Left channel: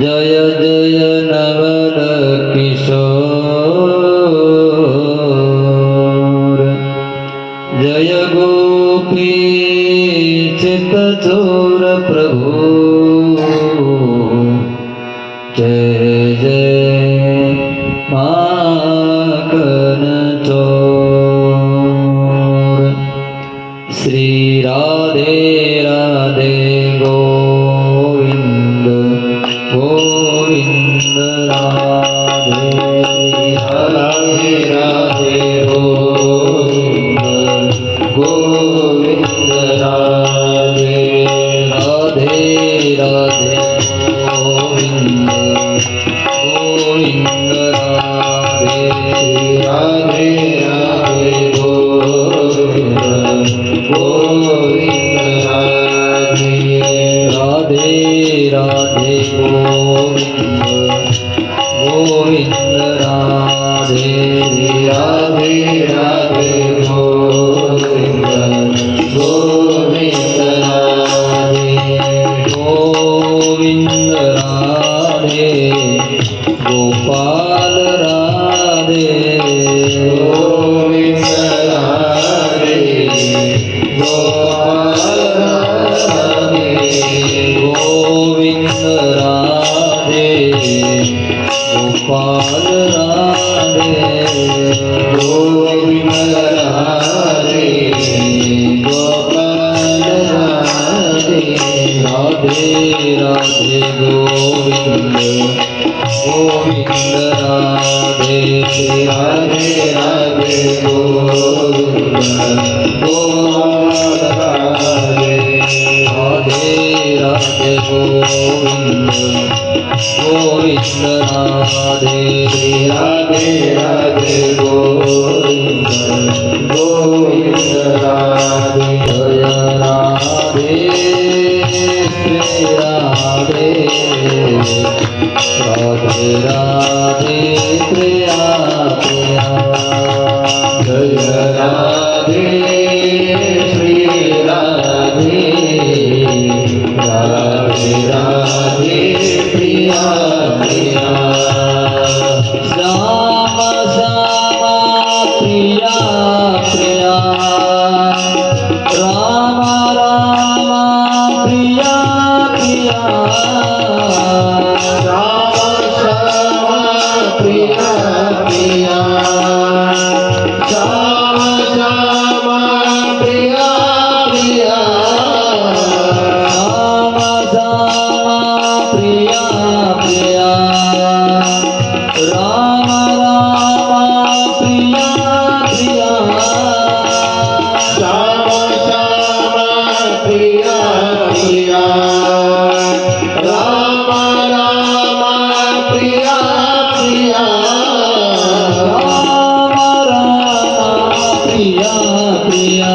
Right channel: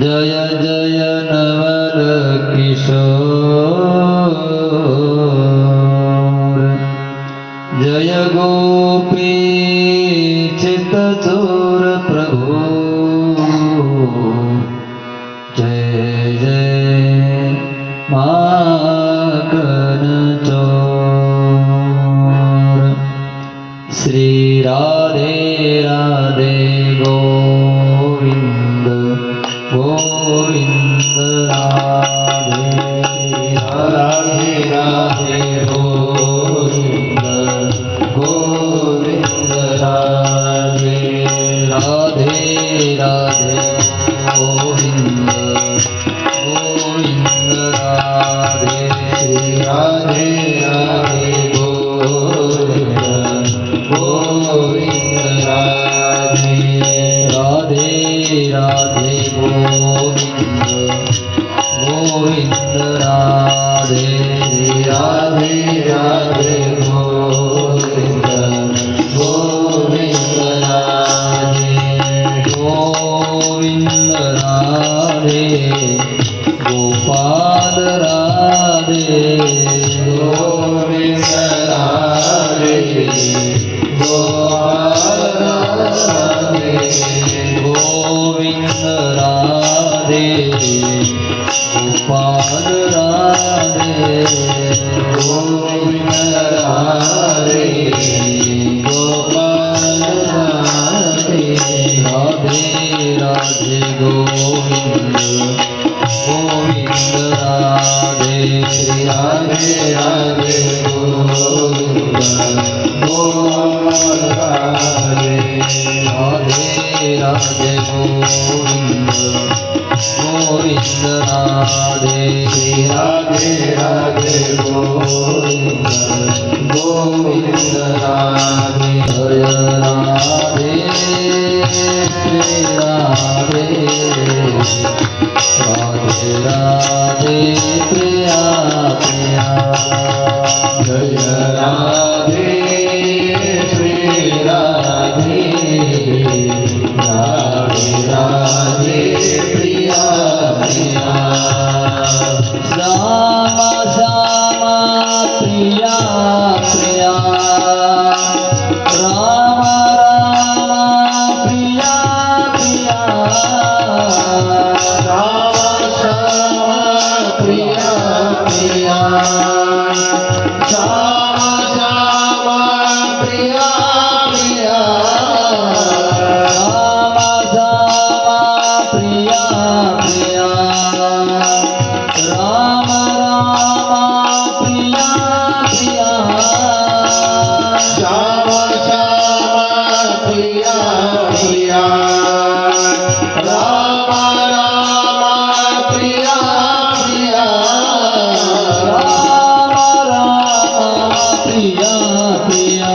जय जय नवल किशोर जय गोपी चित्तचोर प्रभु जय जय माखन चोर श्री राधे राधे गोविंद गोविंद राधे राधे राधे गोविंद गोविंद राधे राधे राधे गोविंद गोविंद राधे राधे राधे गोविंद गोविंद राधे राधे राधे गोविंद गोविंद राधे राधे राधे गोविंद गोविंद राधे गोविंद राधे गोपाल राधे गोविंद राधे गोपाल राधे गोविंद राधे गोपाल राधे गोविंद राधे गोपाल राधे राधे राधे गोविंद गोविंद राधे राधे राधे गोविंद गोपाल राधे राधे राधे गोविंद गोविंद राधे राधे राधे गोविंद गोविंद राधे जय राधे श्री राधे राधे राधे प्रिया प्रिया जय राधे श्री राधे राधे राधे प्रिया प्रिया श्यामा श्यामा प्रिया प्रिया राम राम प्रिया प्रिया राम श्यामा प्रिया प्रिया श्याम श्यामा प्रिया प्रिया श्याम श्यामा प्रिया प्रिया राम राम प्रिया प्रिया श्याम श्यामा प्रिया प्रिया राम राम प्रिया प्रिया राम राम प्रिया प्रिया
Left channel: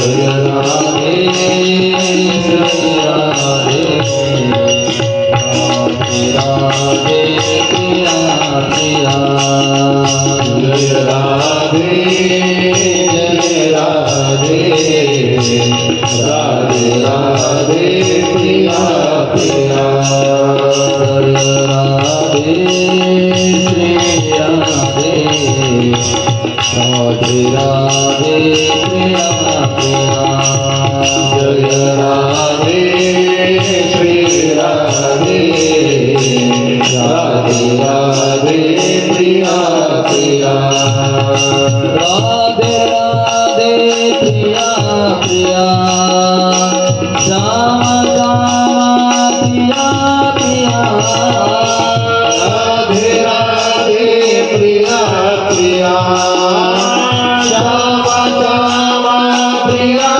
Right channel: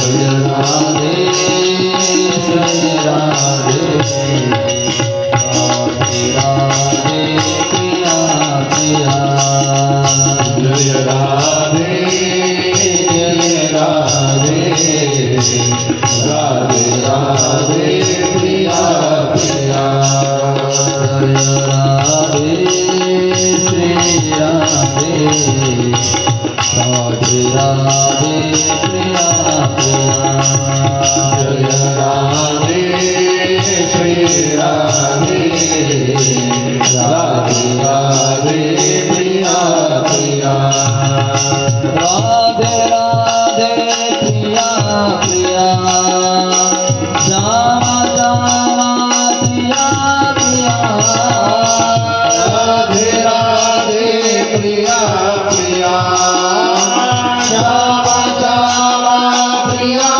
जय राधे जय राधे राधे राधे प्रिया प्रिया जय राधे जय राधे राधे राधे प्रिया प्रिया जय राधे श्री राधे राधे राधे प्रिया प्रिया जय राधे श्री राधे राधे राधे प्रिया प्रिया राधे राधे प्रिया प्रिया श्याम श्याम प्रिया प्रिया राधे राधे प्रिया प्रिया श्याम श्याम प्रिया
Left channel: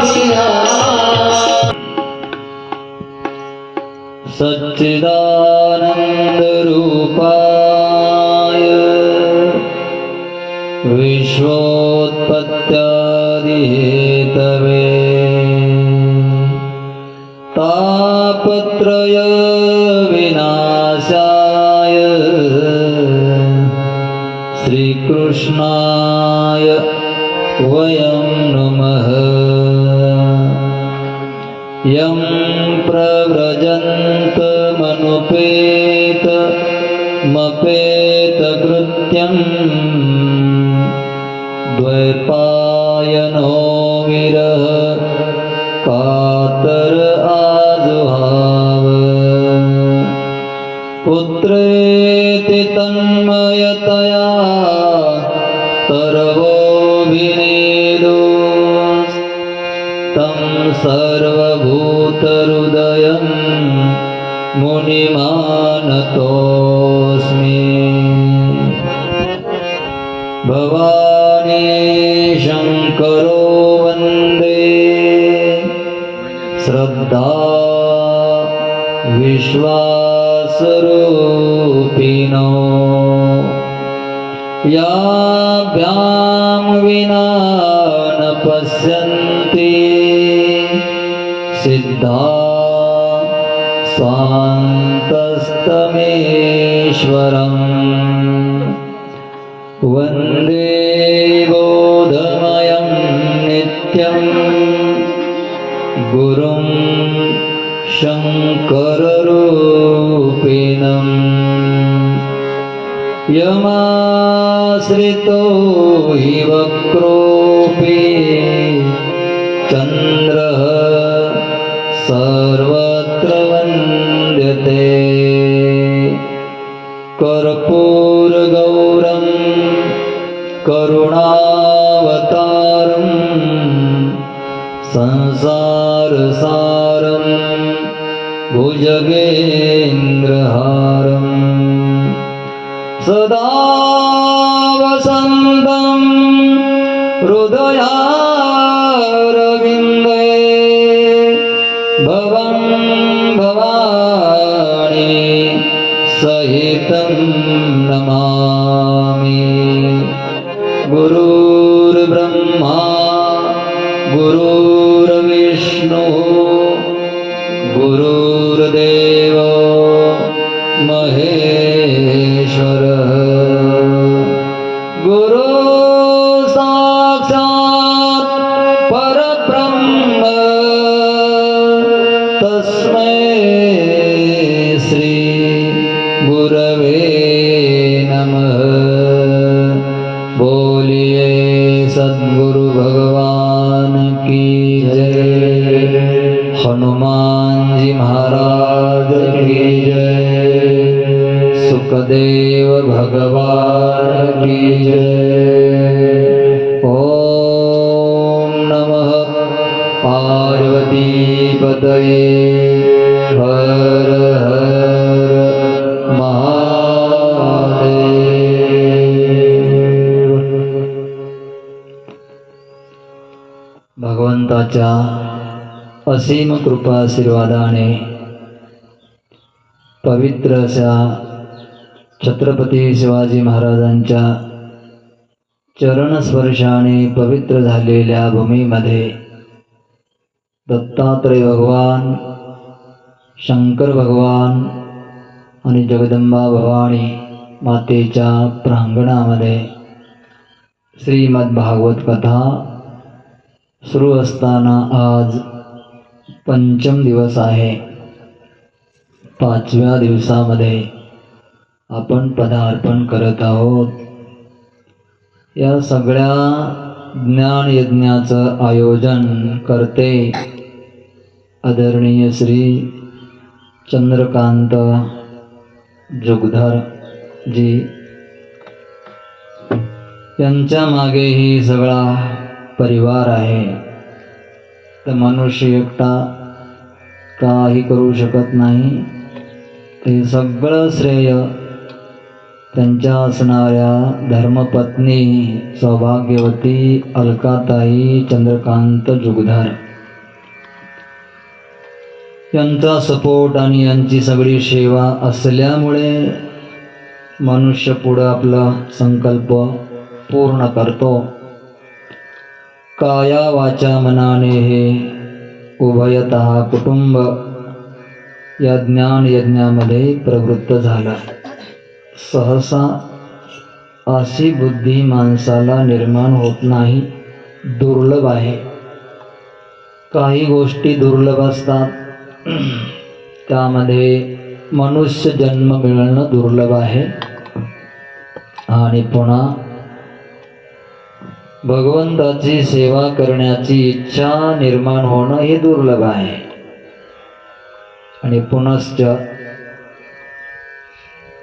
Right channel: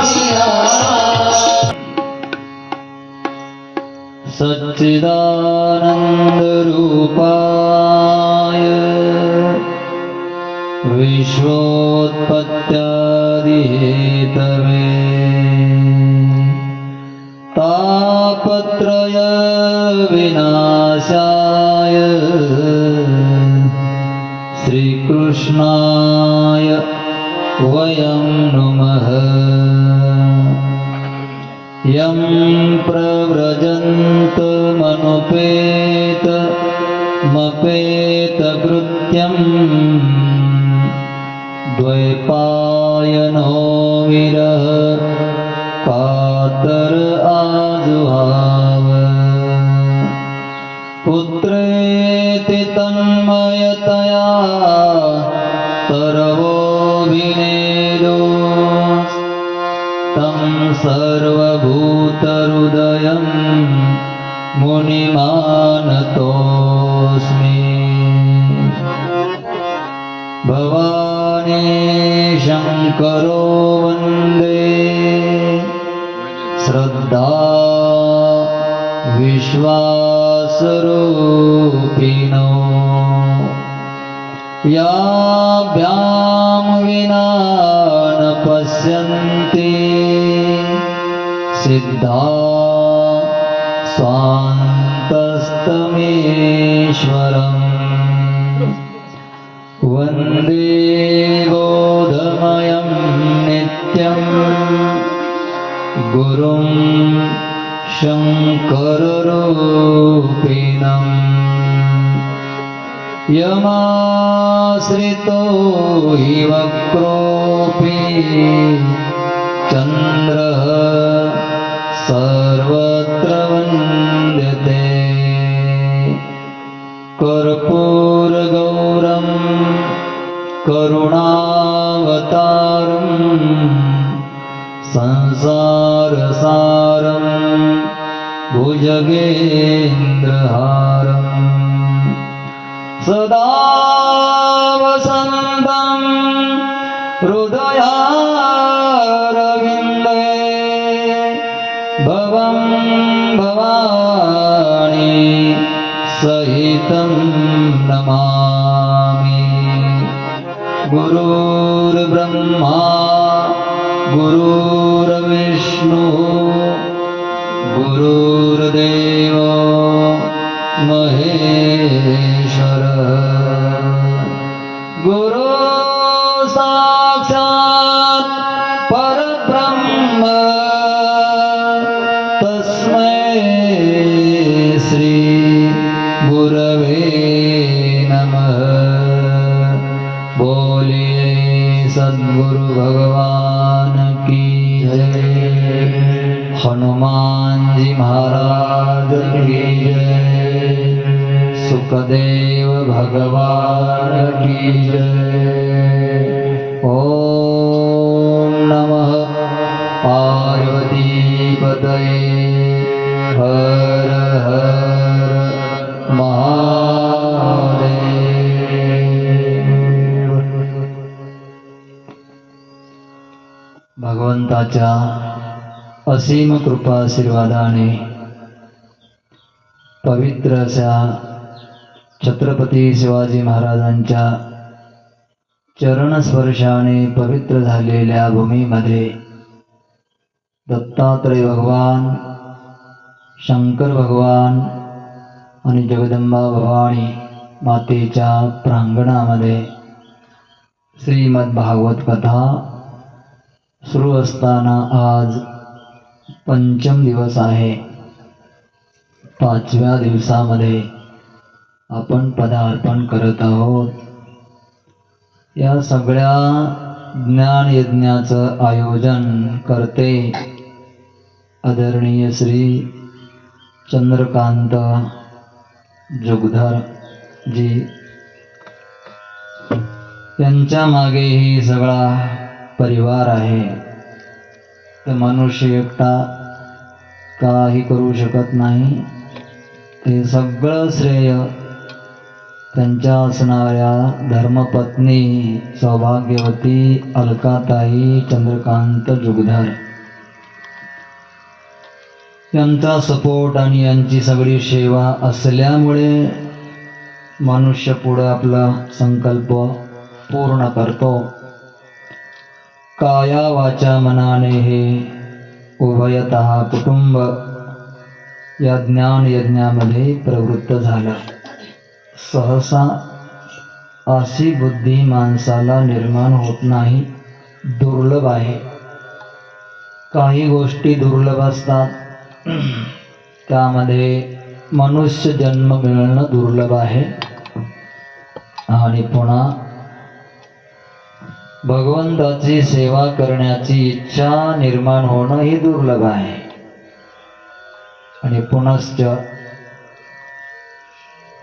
प्रिया सच्चिदानंद रूपाय विश्वोत्पत्त्यादिहेतवे तापत्रय विनाशाय श्रीकृष्णाय वयं नमः यं प्रव्रजन्त कृत्यं द्वैपायनो विरह कातर आजुहाव पुत्रेति तन्मयतया तरवोऽभिनेदो तं सर्वभूतहृदयं मुनिमानतोऽस्मि भवानी शङ्करो वन्दे श्रद्धा विश्वासरूपिणो याभ्यां विना न पश्यन्ति सिद्धा स्वान्तस्तमेश्वरम् वन्दे बोधमयं नित्यं गुरुं शङ्कररूपिणम् यमाश्रितो हि वक्रोऽपि चन्द्रः सर्वत्र वन्द्यते कर्पूरगौरं करुणावतारं संसारसारं भुजगेन्द्रहारं सदा वसन्तं हृदयारविन्दे भवं भवानी सहितं नमामि गुरुर्ब्रह्मा गुरुर्विष्णुः गुरुर्देवो महेश्वरः गुरु साक्षात् परब्रह्म तस्मै श्री गुरवे नमः बोलिए सद्गुरु भगवान की जय हनुमान जी महाराज की जय सुखदेव भगवान की जय ओम नमः पार्वती पतये हर हर महादेव भगवंताच्या असीम कृपा आशीर्वादाने पवित्र अशा छत्रपती शिवाजी महाराजांच्या चरणस्पर्शाने पवित्र झालेल्या भूमीमध्ये दत्तात्रय भगवान, शंकर भगवान आणि जगदंबा भवानी मातेच्या प्रांगणामध्ये श्रीमद भागवत कथा सुरू असताना आज पंचम दिवस आहे. 5व्या दिवसामध्ये आपण पदार्पण करत आहोत. या सगळ्या ज्ञान यज्ञाचं आयोजन करते आदरणीय श्री चंद्रकांत जोगधर जी. यांच्या मागेही सगळा परिवार आहे. तर मनुष्य एकटा काही करू शकत नाही. ते सगळं श्रेय त्यांच्या असणाऱ्या धर्मपत्नी सौभाग्यवती अलकाताई चंद्रकांत जोगधर यांचा सपोर्ट आणि यांची सगळी सेवा असल्यामुळे मनुष्य पुढे आपला संकल्प पूर्ण करतो. काया वाचा मनाने हे उभयतः कुटुंब या ज्ञान यज्ञामध्ये प्रवृत्त झाला. सहसा अशी बुद्धी माणसाला निर्माण होत नाही, दुर्लभ आहे. काही गोष्टी दुर्लभ असतात, त्यामध्ये मनुष्य जन्म मिळणं दुर्लभ आहे. आणि पुन्हा भगवंताची सेवा करण्याची इच्छा निर्माण होणं हे दुर्लभ आहे. आणि पुनश्च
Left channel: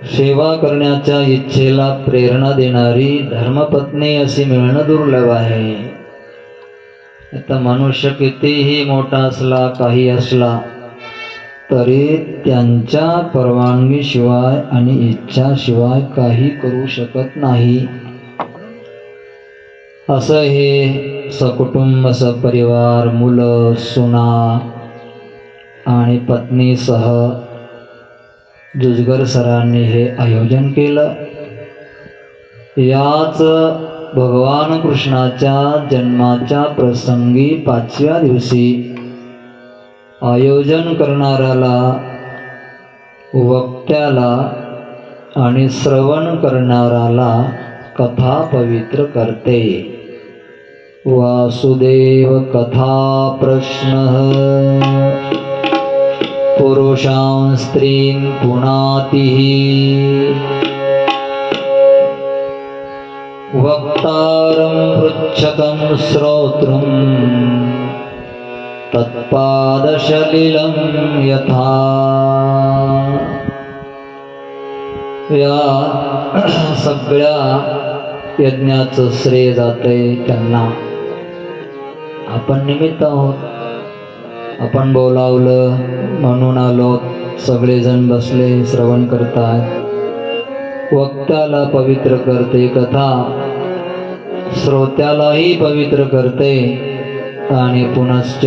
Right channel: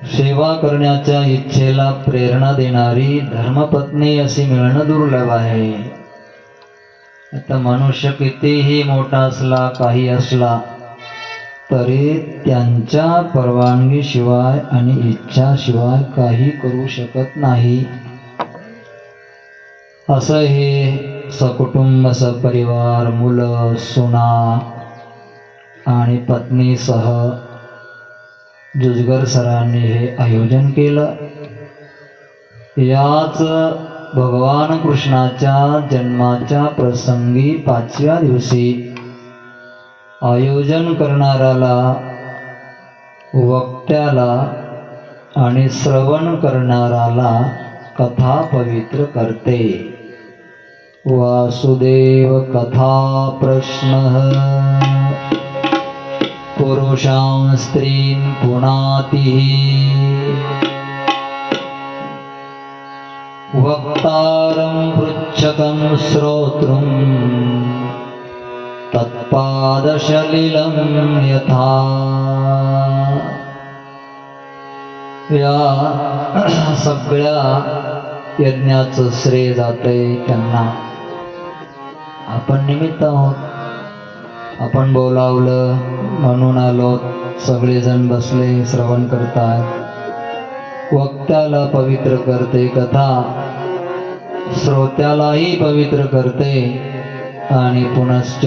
सेवा करण्याच्या इच्छेला प्रेरणा देणारी धर्मपत्नी अशी मिळणं दुर्लभ आहे. आता मनुष्य कितीही मोठा असला, काही असला, तरी त्यांच्या परवानगीशिवाय आणि इच्छाशिवाय काही करू शकत नाही. असं हे सकुटुंब, सपरिवार, मुलं, सुना आणि पत्नीसह जुजगर सरांनी हे आयोजन केलं. याच भगवान कृष्णाच्या जन्माच्या प्रसंगी 5व्या दिवशी आयोजन करणाऱ्याला, वक्त्याला आणि श्रवण करणाऱ्याला कथा पवित्र करते. वासुदेव कथा प्रश्नः पुरुषां स्त्रीं पुनातिः वक्तारं पृच्छकं श्रोतृं तत्पादशलिलं यथा. या सगळ्या यज्ञाचं श्रेय जातंय त्यांना. आपण निमित्त आहोत, आपण बोलावलं म्हणून आलो, सगळेजण बसले श्रवण करतात. वक्त्याला पवित्र करते कथा, श्रोत्यालाही पवित्र करते आणि पुनश्च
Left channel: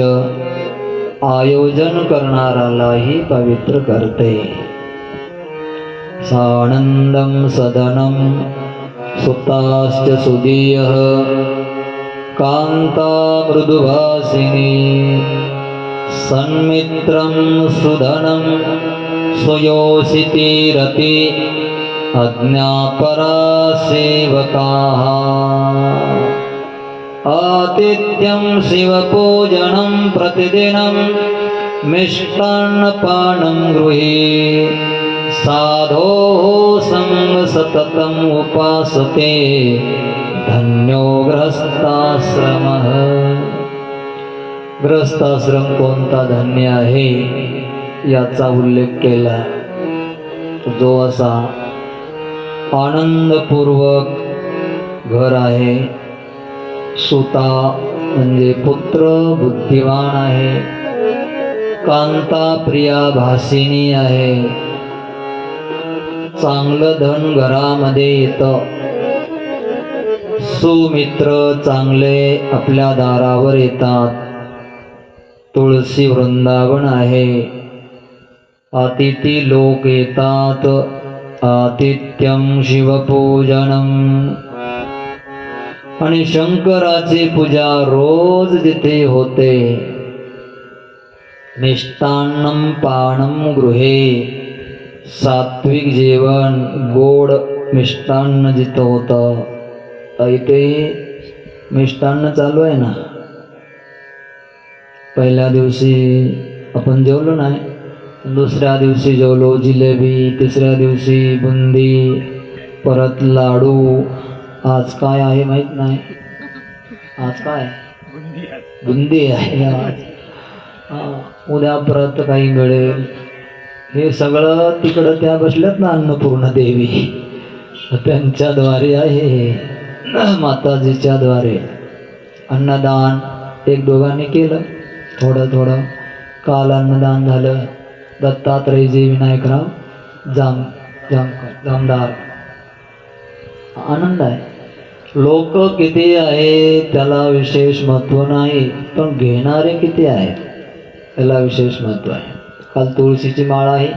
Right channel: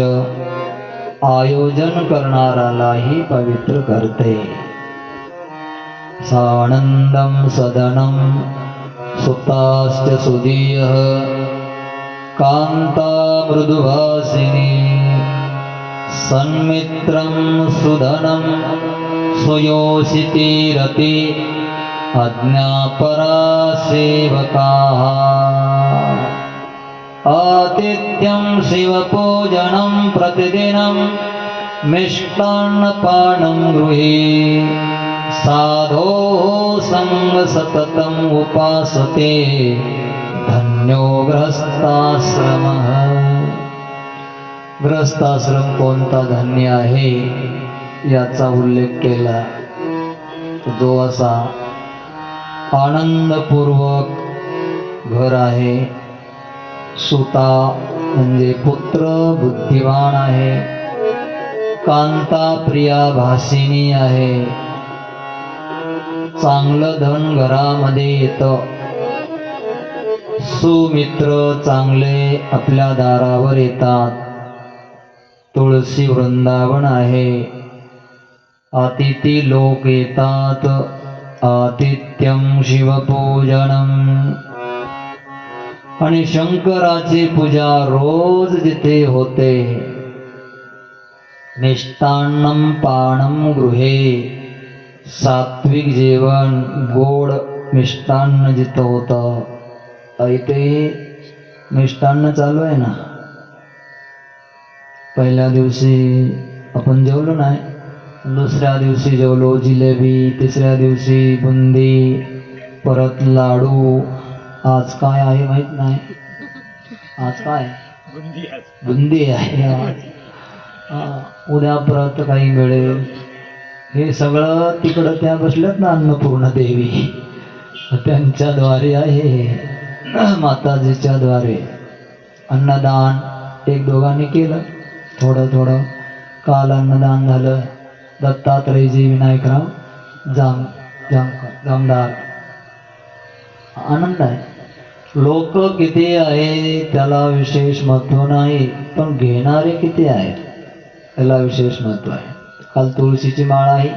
आयोजन करणाऱ्यालाही पवित्र करते. सानंदं सदनं सुताश्च सुदीयः कांता मृदुभासिनी सन्मित्रं सुधनं सुयोषितिरति अज्ञापरा सेवकाः. आतिथ्यं शिवपूजनं प्रतिदिनं मिष्टान्नपानं गृहे साधोः संग सततम् उपासते धन्यो गृहस्थाश्रमः. गृहस्थाश्रम कोणता धन्य आहे याचा उल्लेख केला. जो असा आनंदपूर्वक घर आहे, सुता म्हणजे पुत्र बुद्धिमान आहे, कांता प्रिया भासिनी आहे, चांगलं धन घरामध्ये येतं, सुमित्र चांगले आपल्या दारावर येतात, तुळशी वृंदावन आहे, अतिथी लोक येतात, आतिथ्यं शिवपूजनम. आणि शंकराची पूजा रोज जिथे होते. मिष्टान्नं पानं गृहे, सात्विक जेवण, गोड मिष्टान्न जिथं होतं. इथे मिष्टान्न चालू आहे ना. पहिल्या दिवशी आपण जेवलो नाही, दुसऱ्या दिवशी जेवलो जिलेबी, तिसऱ्या दिवशी बुंदी, परत लाडू. आज काय आहे माहित नाही. आज काय बुंदी आहे. उद्या परत काही मिळेल. हे सगळं तिकडं त्या बसल्यात ना अन्नपूर्णा देवी, त्यांच्याद्वारे आहे. माताजीच्या द्वारे अन्नदान एक दोघांनी केलं, थोडं थोडं. काल अन्नदान झालं. दत्तात्रयजी विनायकराव जामदार. आनंद आहे. लोक किती आहे त्याला विशेष महत्व नाही, पण घेणारे किती आहेत त्याला विशेष महत्व आहे. काल तुळशीची माळ आहे,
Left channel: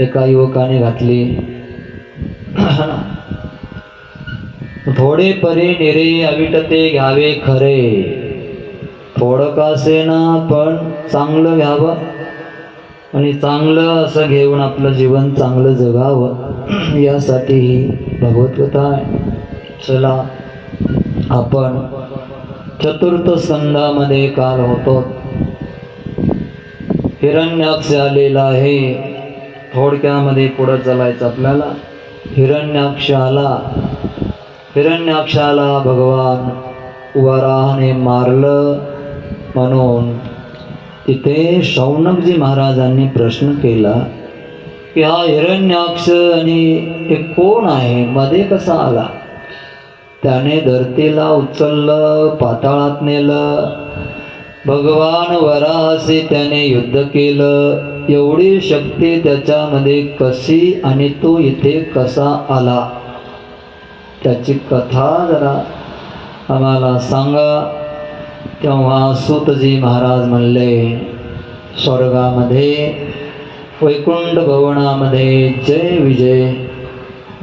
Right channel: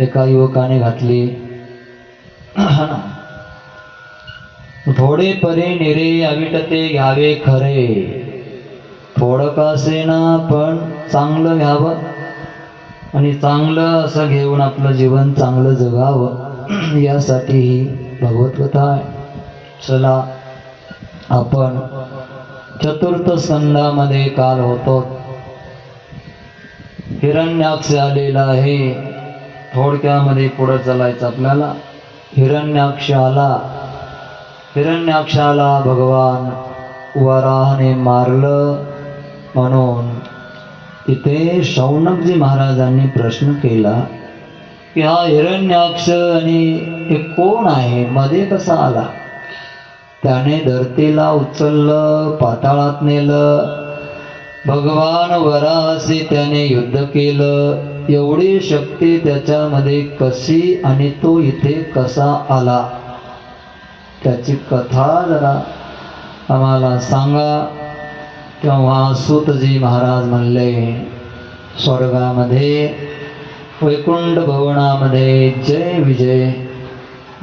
एका युवकाने घातली. थोडे परी निरे अविटते घ्यावे खरे. थोडं का असेना पण चांगलं घ्यावं आणि चांगलं असं घेऊन आपलं जीवन चांगलं जगावं, यासाठी ही भगवत कथा आहे. चला आपण चतुर्थ स्कंदामध्ये काल होतो. हिरण्याक्ष आलेला आहे. थोडक्यामध्ये पुढे चालायचं आपल्याला. हिरण्याक्षाला भगवान वराहाने मारलं म्हणून तिथे शौनकजी महाराजांनी प्रश्न केला की हा हिरण्याक्ष आणि हे कोण आहे, मध्ये कसा आला? त्याने धरतीला उचललं, पाताळात नेलं, भगवान वराहाशी त्याने युद्ध केलं. एवढी शक्ती त्याच्यामध्ये कशी आणि तो इथे कसा आला, त्याची कथा जरा आम्हाला सांगा. तेव्हा सूतजी महाराज म्हणले, स्वर्गामध्ये वैकुंठ भवनामध्ये जय विजय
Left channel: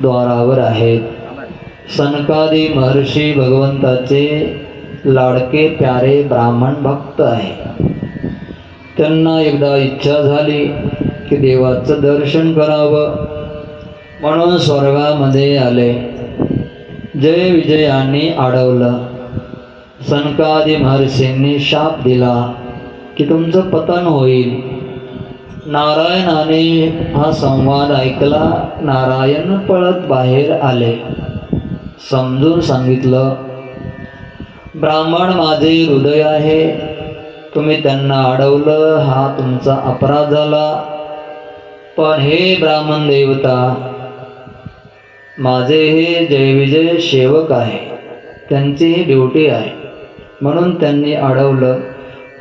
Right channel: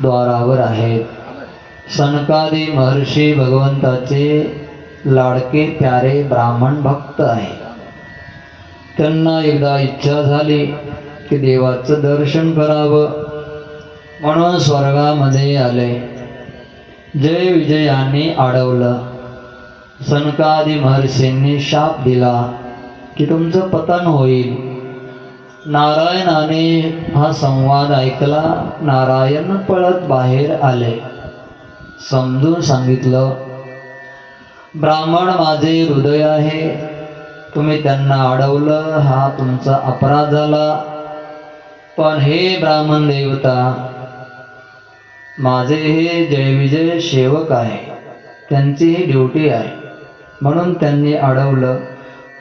द्वारावर आहेत. सनकादी महर्षी भगवंताचे लाडके प्यारे ब्राह्मण भक्त आहेत. त्यांना एकदा इच्छा झाली की देवाचं दर्शन करावं, म्हणून स्वर्गामध्ये आले. जय विजयांनी अडवलं. सनकादी महर्षींनी शाप दिला की तुमचं पतन होईल. नारायणाने हा संवाद ऐकला. नारायण पळत बाहेर आले. समजून सांगितलं, ब्राह्मण माझे हृदय आहे, तुम्ही त्यांना अडवलं, हा तुमचा अपराध झाला. पण हे ब्राह्मण देवता, माझे हे जय विजय सेवक आहे, त्यांची ही ड्युटी आहे, म्हणून त्यांनी अडवलं.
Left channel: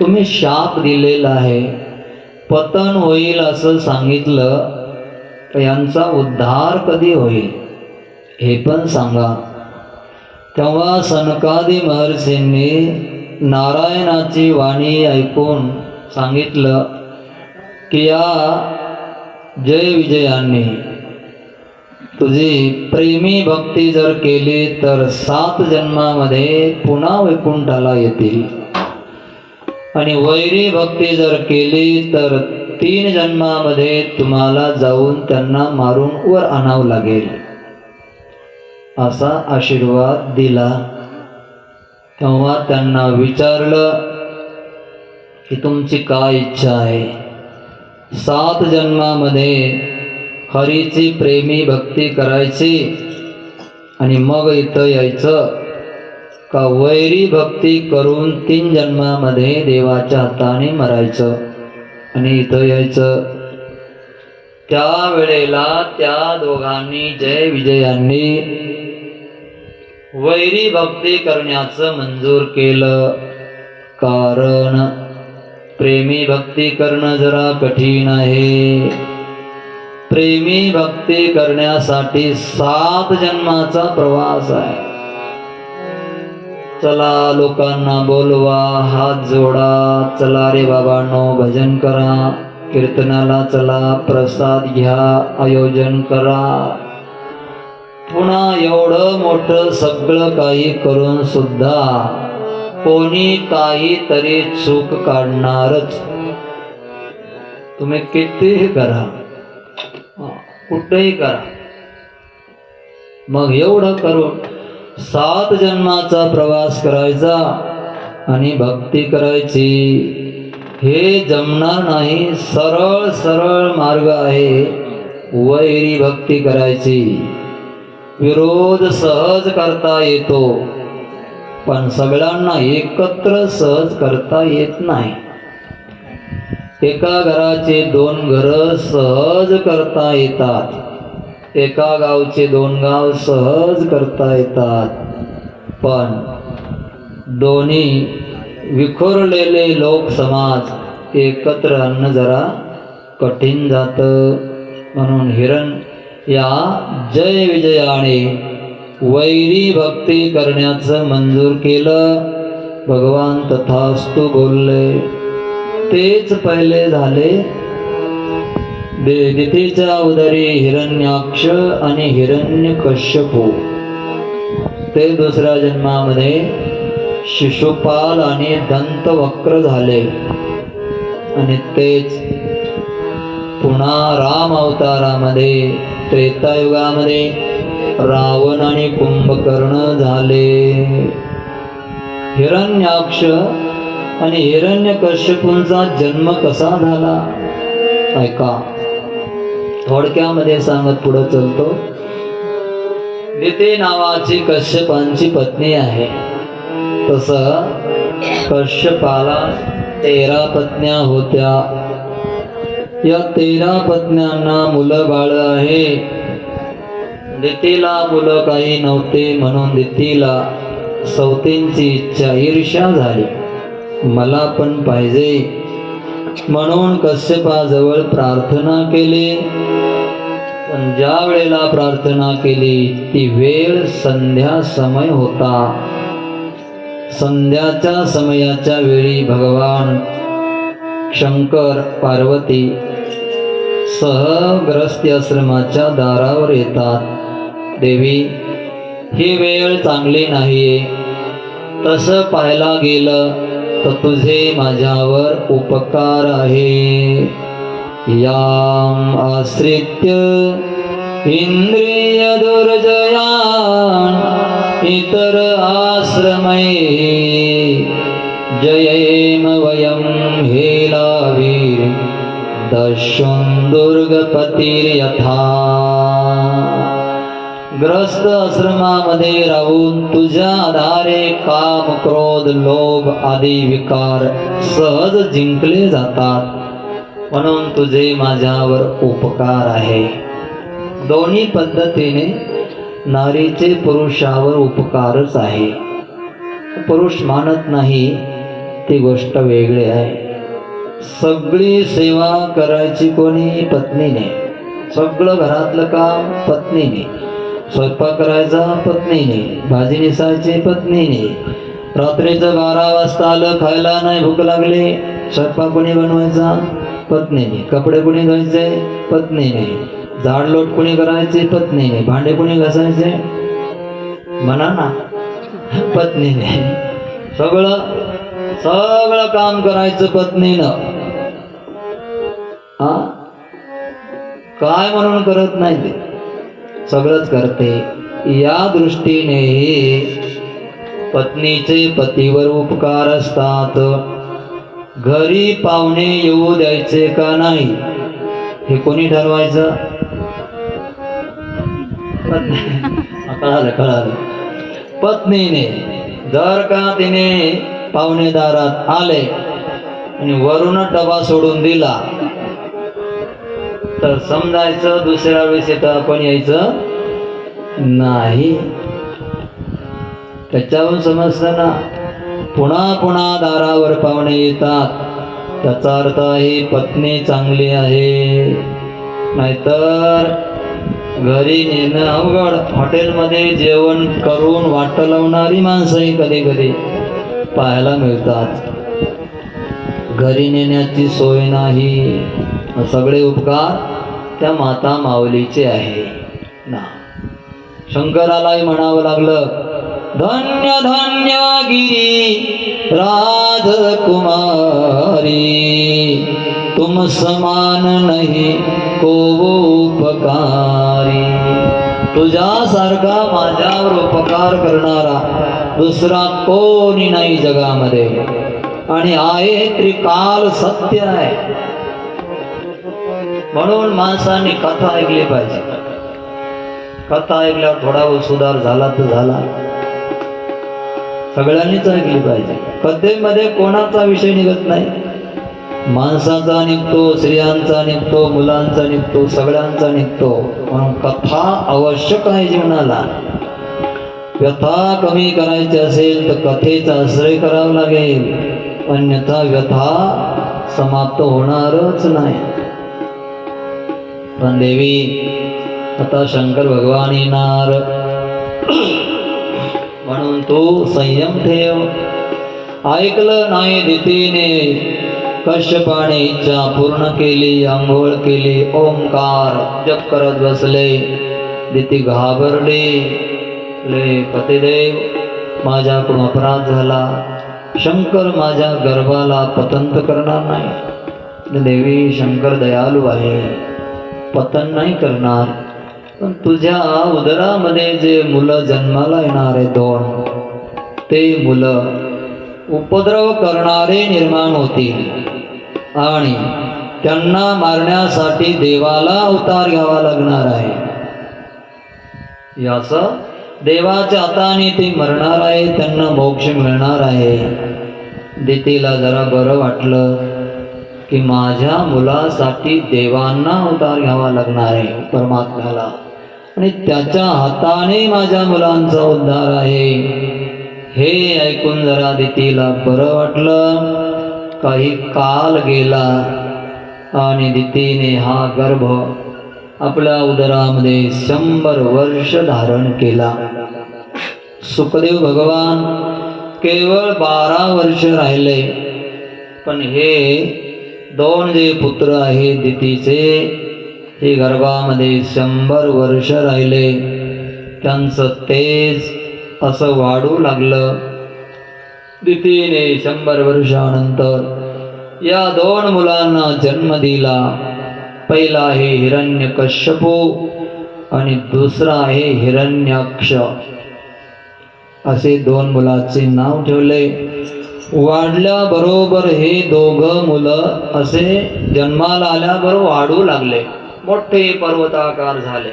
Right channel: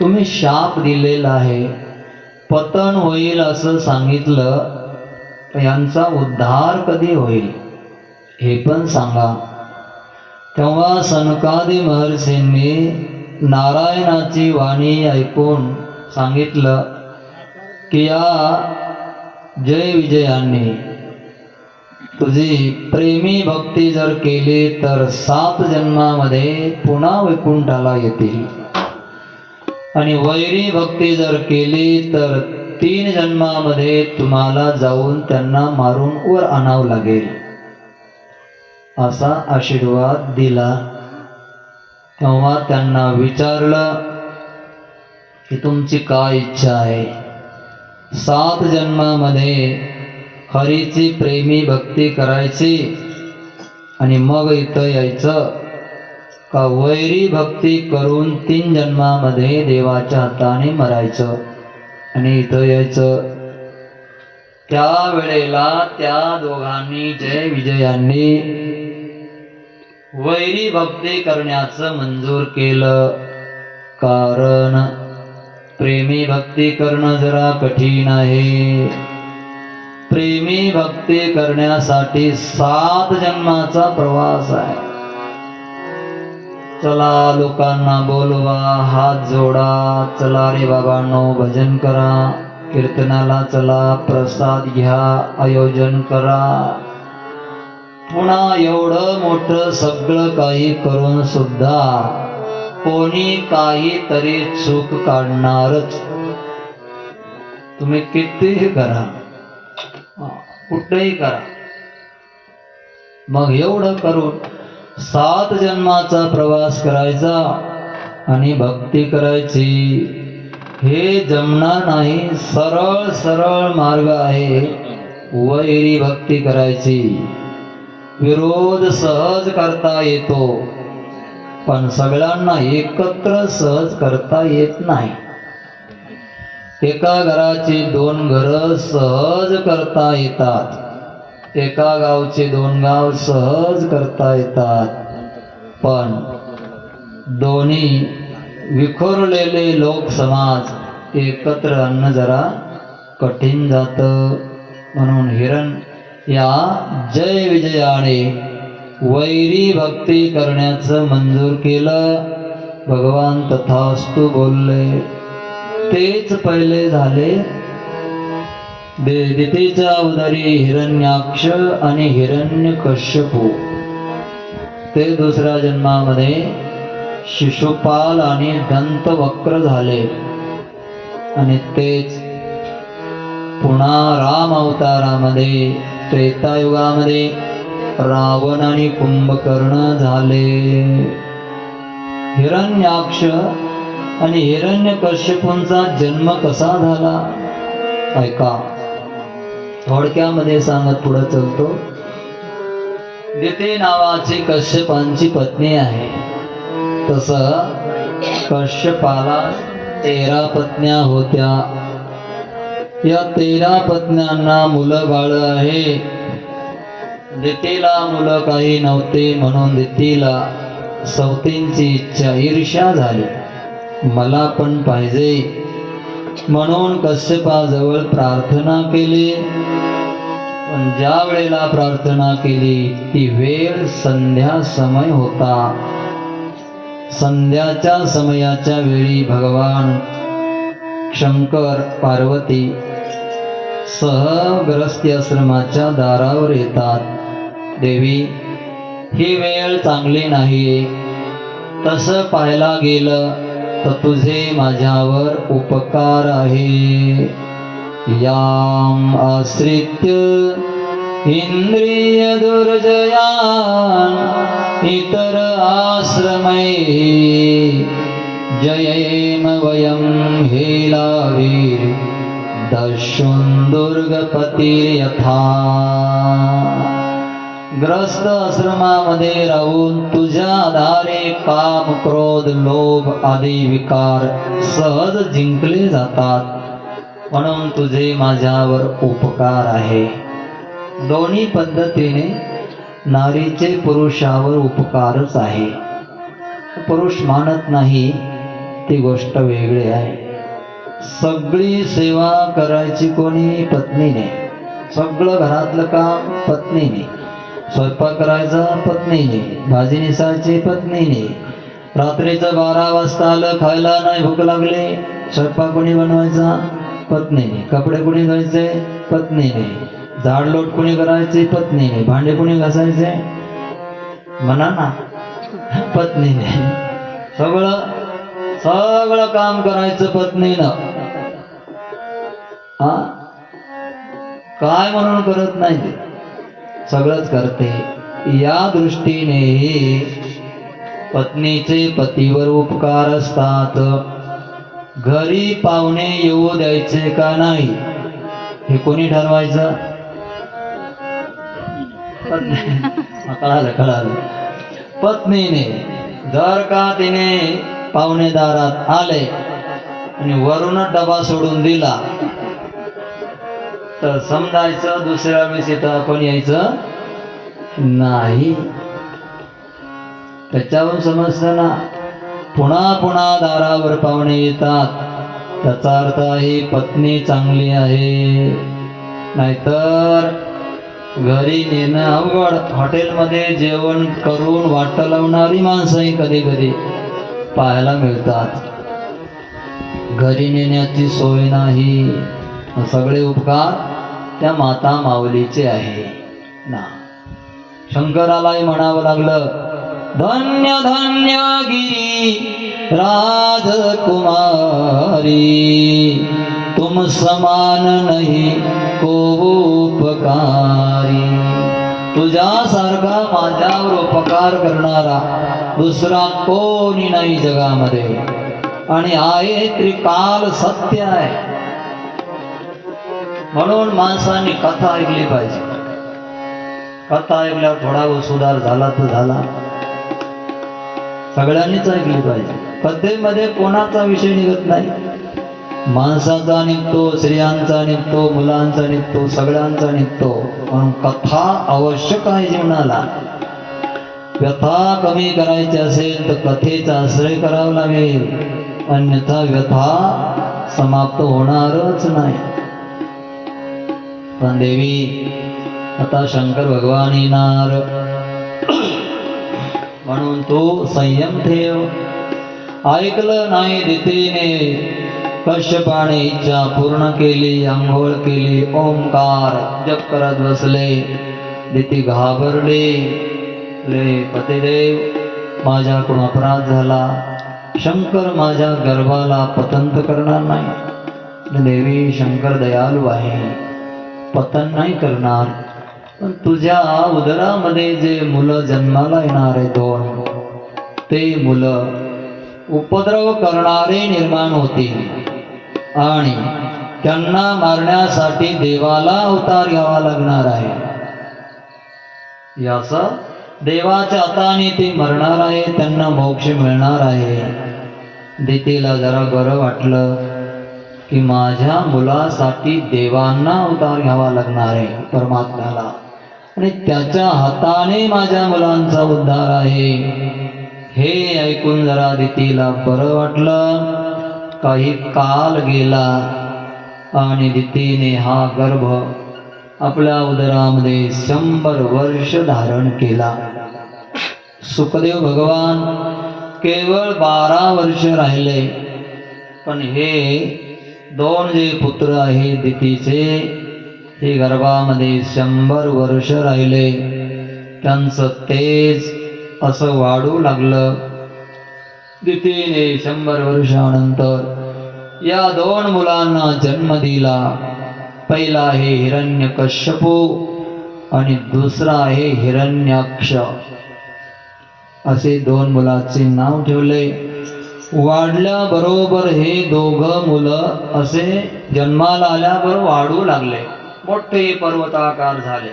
तुम्ही शाप दिलेला आहे, पतन होईल असं सांगितलं, यांचा उद्धार कधी होईल हे पण सांगा. तेव्हा सनकादी महर्षींनी नारायणाची वाणी ऐकून सांगितलं की या जय विजयांनी तुझी प्रेमी भक्ती जर केली तर 7 जन्मामध्ये पुन्हा वैकुंठाला येतील, आणि वैरी भक्ती जर केली तर 3 जन्मामध्ये तुम्हाला जाऊन त्यांना मारून वर आणावं लागेल, असा आशीर्वाद दिला. तेव्हा त्यांना विचारलं की तुमची काय इच्छा आहे? 7 जन्मामध्ये हरीची प्रेमी भक्ती करायची आणि मग इथं यायचं, का वैरी भक्ती करून 3 जन्मामध्ये देवाच्या हाताने मरायचं आणि इथं यायचं? त्या वेळेला त्या दोघांनी जय विजयांनी वैरी भक्ती करण्याचं मंजूर केलं. कारण प्रेमी भक्ती करणं जरा कठीण आहे. प्रेमी भक्ती करण्यासाठी 7 जन्माचा प्रवास आहे. चला लोकांना बोलवा, हात जोडा, चला रे बाबांनो भजन करा, कीर्तनाला चला, प्रसाद घ्या, आयोजन करा. पुन्हा एवढं मोठं सगळं काही करून सुद्धा कोणी काहीतरी चूक काढणारच. तुम्ही कितीही करा, कुठेही करा, मग एवढं करून 7 जन्माचा प्रवास करायचा आणि भक्ती करायची, हे जमणार नाही. सरळ सरळ मार्ग आहे वैरी भक्ती करायची. विरोध सहज करता येतो, पण सगळ्यांना एकत्र सहज करता येत नाही. एका घराचे 2 घरं सहज करता येतात, एका गावचे 2 गाव सहज करता येतात, पण दोन्ही विखुरलेले लोक समाज एकत्र आणणं जरा कठीण जातं. म्हणून या जय विजयाने वैरी भक्ती करण्याचं मंजूर केलं. भगवान तथास्तु बोलले. तेच पहिले झाले. दितीच्या उदरी हिरण्याक्ष आणि हिरण्यकश्यपू, ते दुसऱ्या जन्मामध्ये शिशुपाल आणि दंतवक्र झाले. आणि तेच पुन्हा राम अवतारामध्ये त्रेतायुगामध्ये रावण आणि कुंभकर्ण झाले. हिरण्याक्ष आणि हिरण्यकश्यपूंचा जन्म कसा झाला ऐका. थोडक्यामध्ये सांगत पुढे चलतो. दिती नावाची कश्यपांची पत्नी आहे. तसं कश्यपाला 13 पत्न्या होत्या. या 13 पत्न्यांना मुलं बाळ आहे. दितीला मुलं काही नव्हते म्हणून दितीला सौतींची इच्छा, ईर्ष्या झाली. मला पण पाहिजे म्हणून कश्यपाजवळ प्रार्थना केली. पण ज्या वेळेला प्रार्थना केली ती वेळ संध्या समय होता. संध्याच्या समयाच्या वेळी भगवान शंकर पार्वती सह गृहस्थी आश्रमाच्या दारावर येतात. देवी, ही वेळ चांगली नाहीये. तसं पाहायला गेलं तर तुझे माझ्यावर उपकार आहे. याम आश्रित्य इंद्रिय दुर्जयान इतर आश्रमै जयेम वयम हेलावीर दशुं दुर्गपतिर्यथा. ग्रस्त आश्रमामध्ये राहून तुझ्या आधारे काम, क्रोध, लोभ आदी विकार सहज जिंकले जातात. म्हणून तुझे माझ्यावर उपकार आहे. दोन्ही पद्धतीने नारीचे पुरुषावर उपकारच आहे. पुरुष मानत नाही ती गोष्ट वेगळी आहे. सगळी सेवा करायची कोणी? पत्नीने. सगळं घरातलं काम पत्नीने. स्वयंपाक करायचा पत्नीने, भाजी निसायची पत्नीने. रात्रीचं 12 वाजता आलं, खायला नाही भूक लागली, स्वयंपाक कोणी बनवायचा? पत्नीने. कपडे कोणी धुवायचे? पत्नीने. झाडलोट कोणी करायचे? पत्नीने. भांडे कोणी घासायचे? म्हणा ना, पत्नीने. सगळं काम करायचं पत्नीनं. हा, काय म्हणून करत नाही ते, सगळंच करते. या दृष्टीने पत्नीचे पतीवर उपकार असतात. घरी पाहुणे येऊ द्यायचे का नाही हे कोणी ठरवायचं? कळालं. पत्नीने. जर का तिने पाहुणेदारात आले आणि वरून डबा सोडून दिला तर समजायचं दुसऱ्या वेळेस तर आपण यायचं नाही. त्याच्यावरून समजतं ना, पुन्हा दारावर पाहुणे येतात, त्याचा अर्थ आहे पत्नी चांगली आहे. नाहीतर घरी नेणं अवघड. हॉटेलमध्ये जेवण करून वाट लावणारी माणसंही कधी कधी पाहायला मिळतात. घरी नेण्याची सोय नाही. सगळे उपकार त्या माता माऊलीचे आहे ना. शंकरालाही म्हणावं लागलं, धन्य धन्य गिरी राजकुमारी तुम समान नहीं को उपकारी. तुझ्यासारखा माझ्यावर उपकार करणारा दुसरा कोणी नाही जगामध्ये. आणि आहे त्रिकाल सत्य आहे. म्हणून माणसाने कथा ऐकली पाहिजे. कथा ऐकल्यावर थोडा सुधार झाला तर झाला. सगळ्यांनीच ऐकली पाहिजे. कथेमध्ये कोणाचा विषय निघत नाही. माणसाचा निघतो, स्त्रियांचा निघतो, मुलांचा निघतो, सगळ्यांचा निघतो. म्हणून कथा आवश्यक आहे जीवनाला. व्यथा कमी करायची असेल तर कथेचा आश्रय करावा लागेल. अन्यथा व्यथा समाप्त होणारच नाही. पण देवी, आता शंकर भगवान येणार म्हणून तू संयम ठेव. ऐकलं नाही दितीने. कश्यपाने इच्छा पूर्ण केली, आंघोळ केली, ओंकार जप करत बसले. दिती घाबरले. पतिदेव, माझ्याकडून अपराध झाला. शंकर माझ्या गर्भाला पतंत करणार नाही. देवी, शंकर दयाळू आहे, पतन नाही करणार. पण तुझ्या उदरामध्ये जे मुलं जन्माला येणार आहे 2, ते मुलं उपद्रव करणारे निर्माण होतील आणि त्यांना मारण्यासाठी देवाला अवतार घ्यावा लागणार आहे. याचा देवाच्या हाताने ते मरणार आहे, त्यांना मोक्ष मिळणार आहे. दितीला जरा बरं वाटलं की माझ्या मुलासाठी देवांना अवतार घ्यावा लागणार आहे परमात्म्याला, आणि त्याच्या हाताने माझ्या मुलांचा उद्धार आहे. हे ऐकून जरा दितीला बरं वाटलं. काही काल गेला आणि दितीने हा गर्भ आपल्या उदरामध्ये 100 वर्ष धारण केला. सुखदेव भगवान केवळ 12 वर्ष राहिले, पण हे 2 जे पुत्र आहे दितीचे, हे गर्भामध्ये 100 वर्ष राहिले. त्यांचं तेज असं वाढू लागलं. दितीने 100 वर्षानंतर या 2 मुलांना जन्म दिला. पहिला आहे हिरण्यकश्यपू आणि दुसरा आहे हिरण्याक्ष. असे 2 मुलाचे नाव ठेवले. वाढल्याबरोबर हे 2 मुलं असे जन्माला आल्याबरोबर वाढू लागले, मोठे पर्वताकार झाले.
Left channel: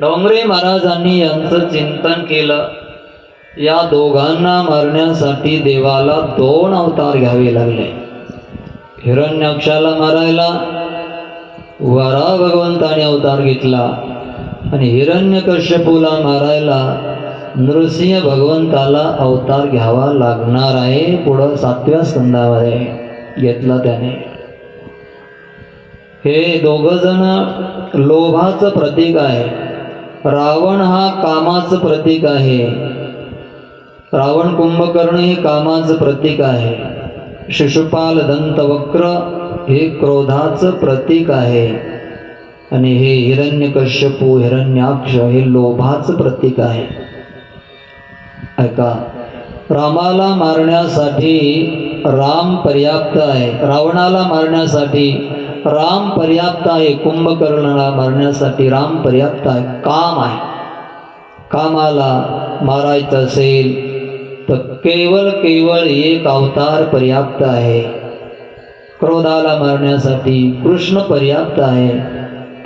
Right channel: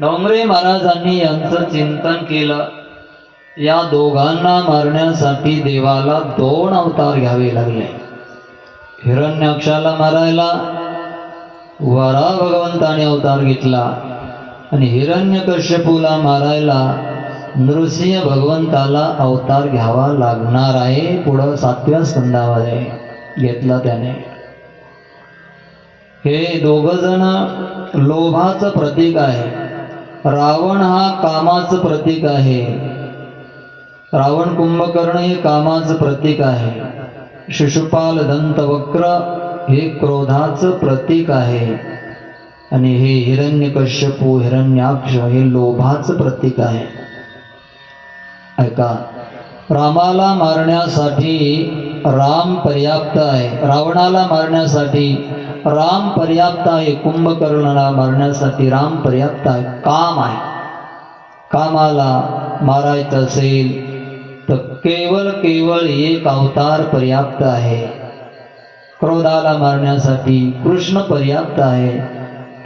डोंगरे महाराजांनी यांचं चिंतन केलं. या दोघांना मारण्यासाठी देवाला 2 अवतार घ्यावे लागले. हिरण्याक्षाला मारायला वराह भगवंताने अवतार घेतला आणि हिरण्यकश्यपूला मारायला नृसिंह भगवंताला अवतार घ्यावा लागणार आहे. पुढं 7व्या स्कंदामध्ये घेतला त्याने. हे 2 जण लोभाचं प्रतीक आहे. रावण हा कामाचं प्रतीक आहे. रावण कुंभकर्ण हे कामाचं प्रतीक आहे. शिशुपाल दंतवक्र हे क्रोधाचं प्रतीक आहे. आणि हे हिरण्यकश्यपू हिरण्याक्ष हे लोभाचं प्रतीक आहे. ऐका, रामाला मारण्यासाठी राम पर्याप्त आहे, रावणाला मारण्यासाठी राम पर्याप्त आहे, कुंभकर्णाला मारण्यासाठी राम पर्याप्त आहे. काम आहे. कामाला मारायचं असेल तर केवळ एक अवतार पर्याप्त आहे. क्रोधाला मारण्यासाठी कृष्ण पर्याप्त आहे,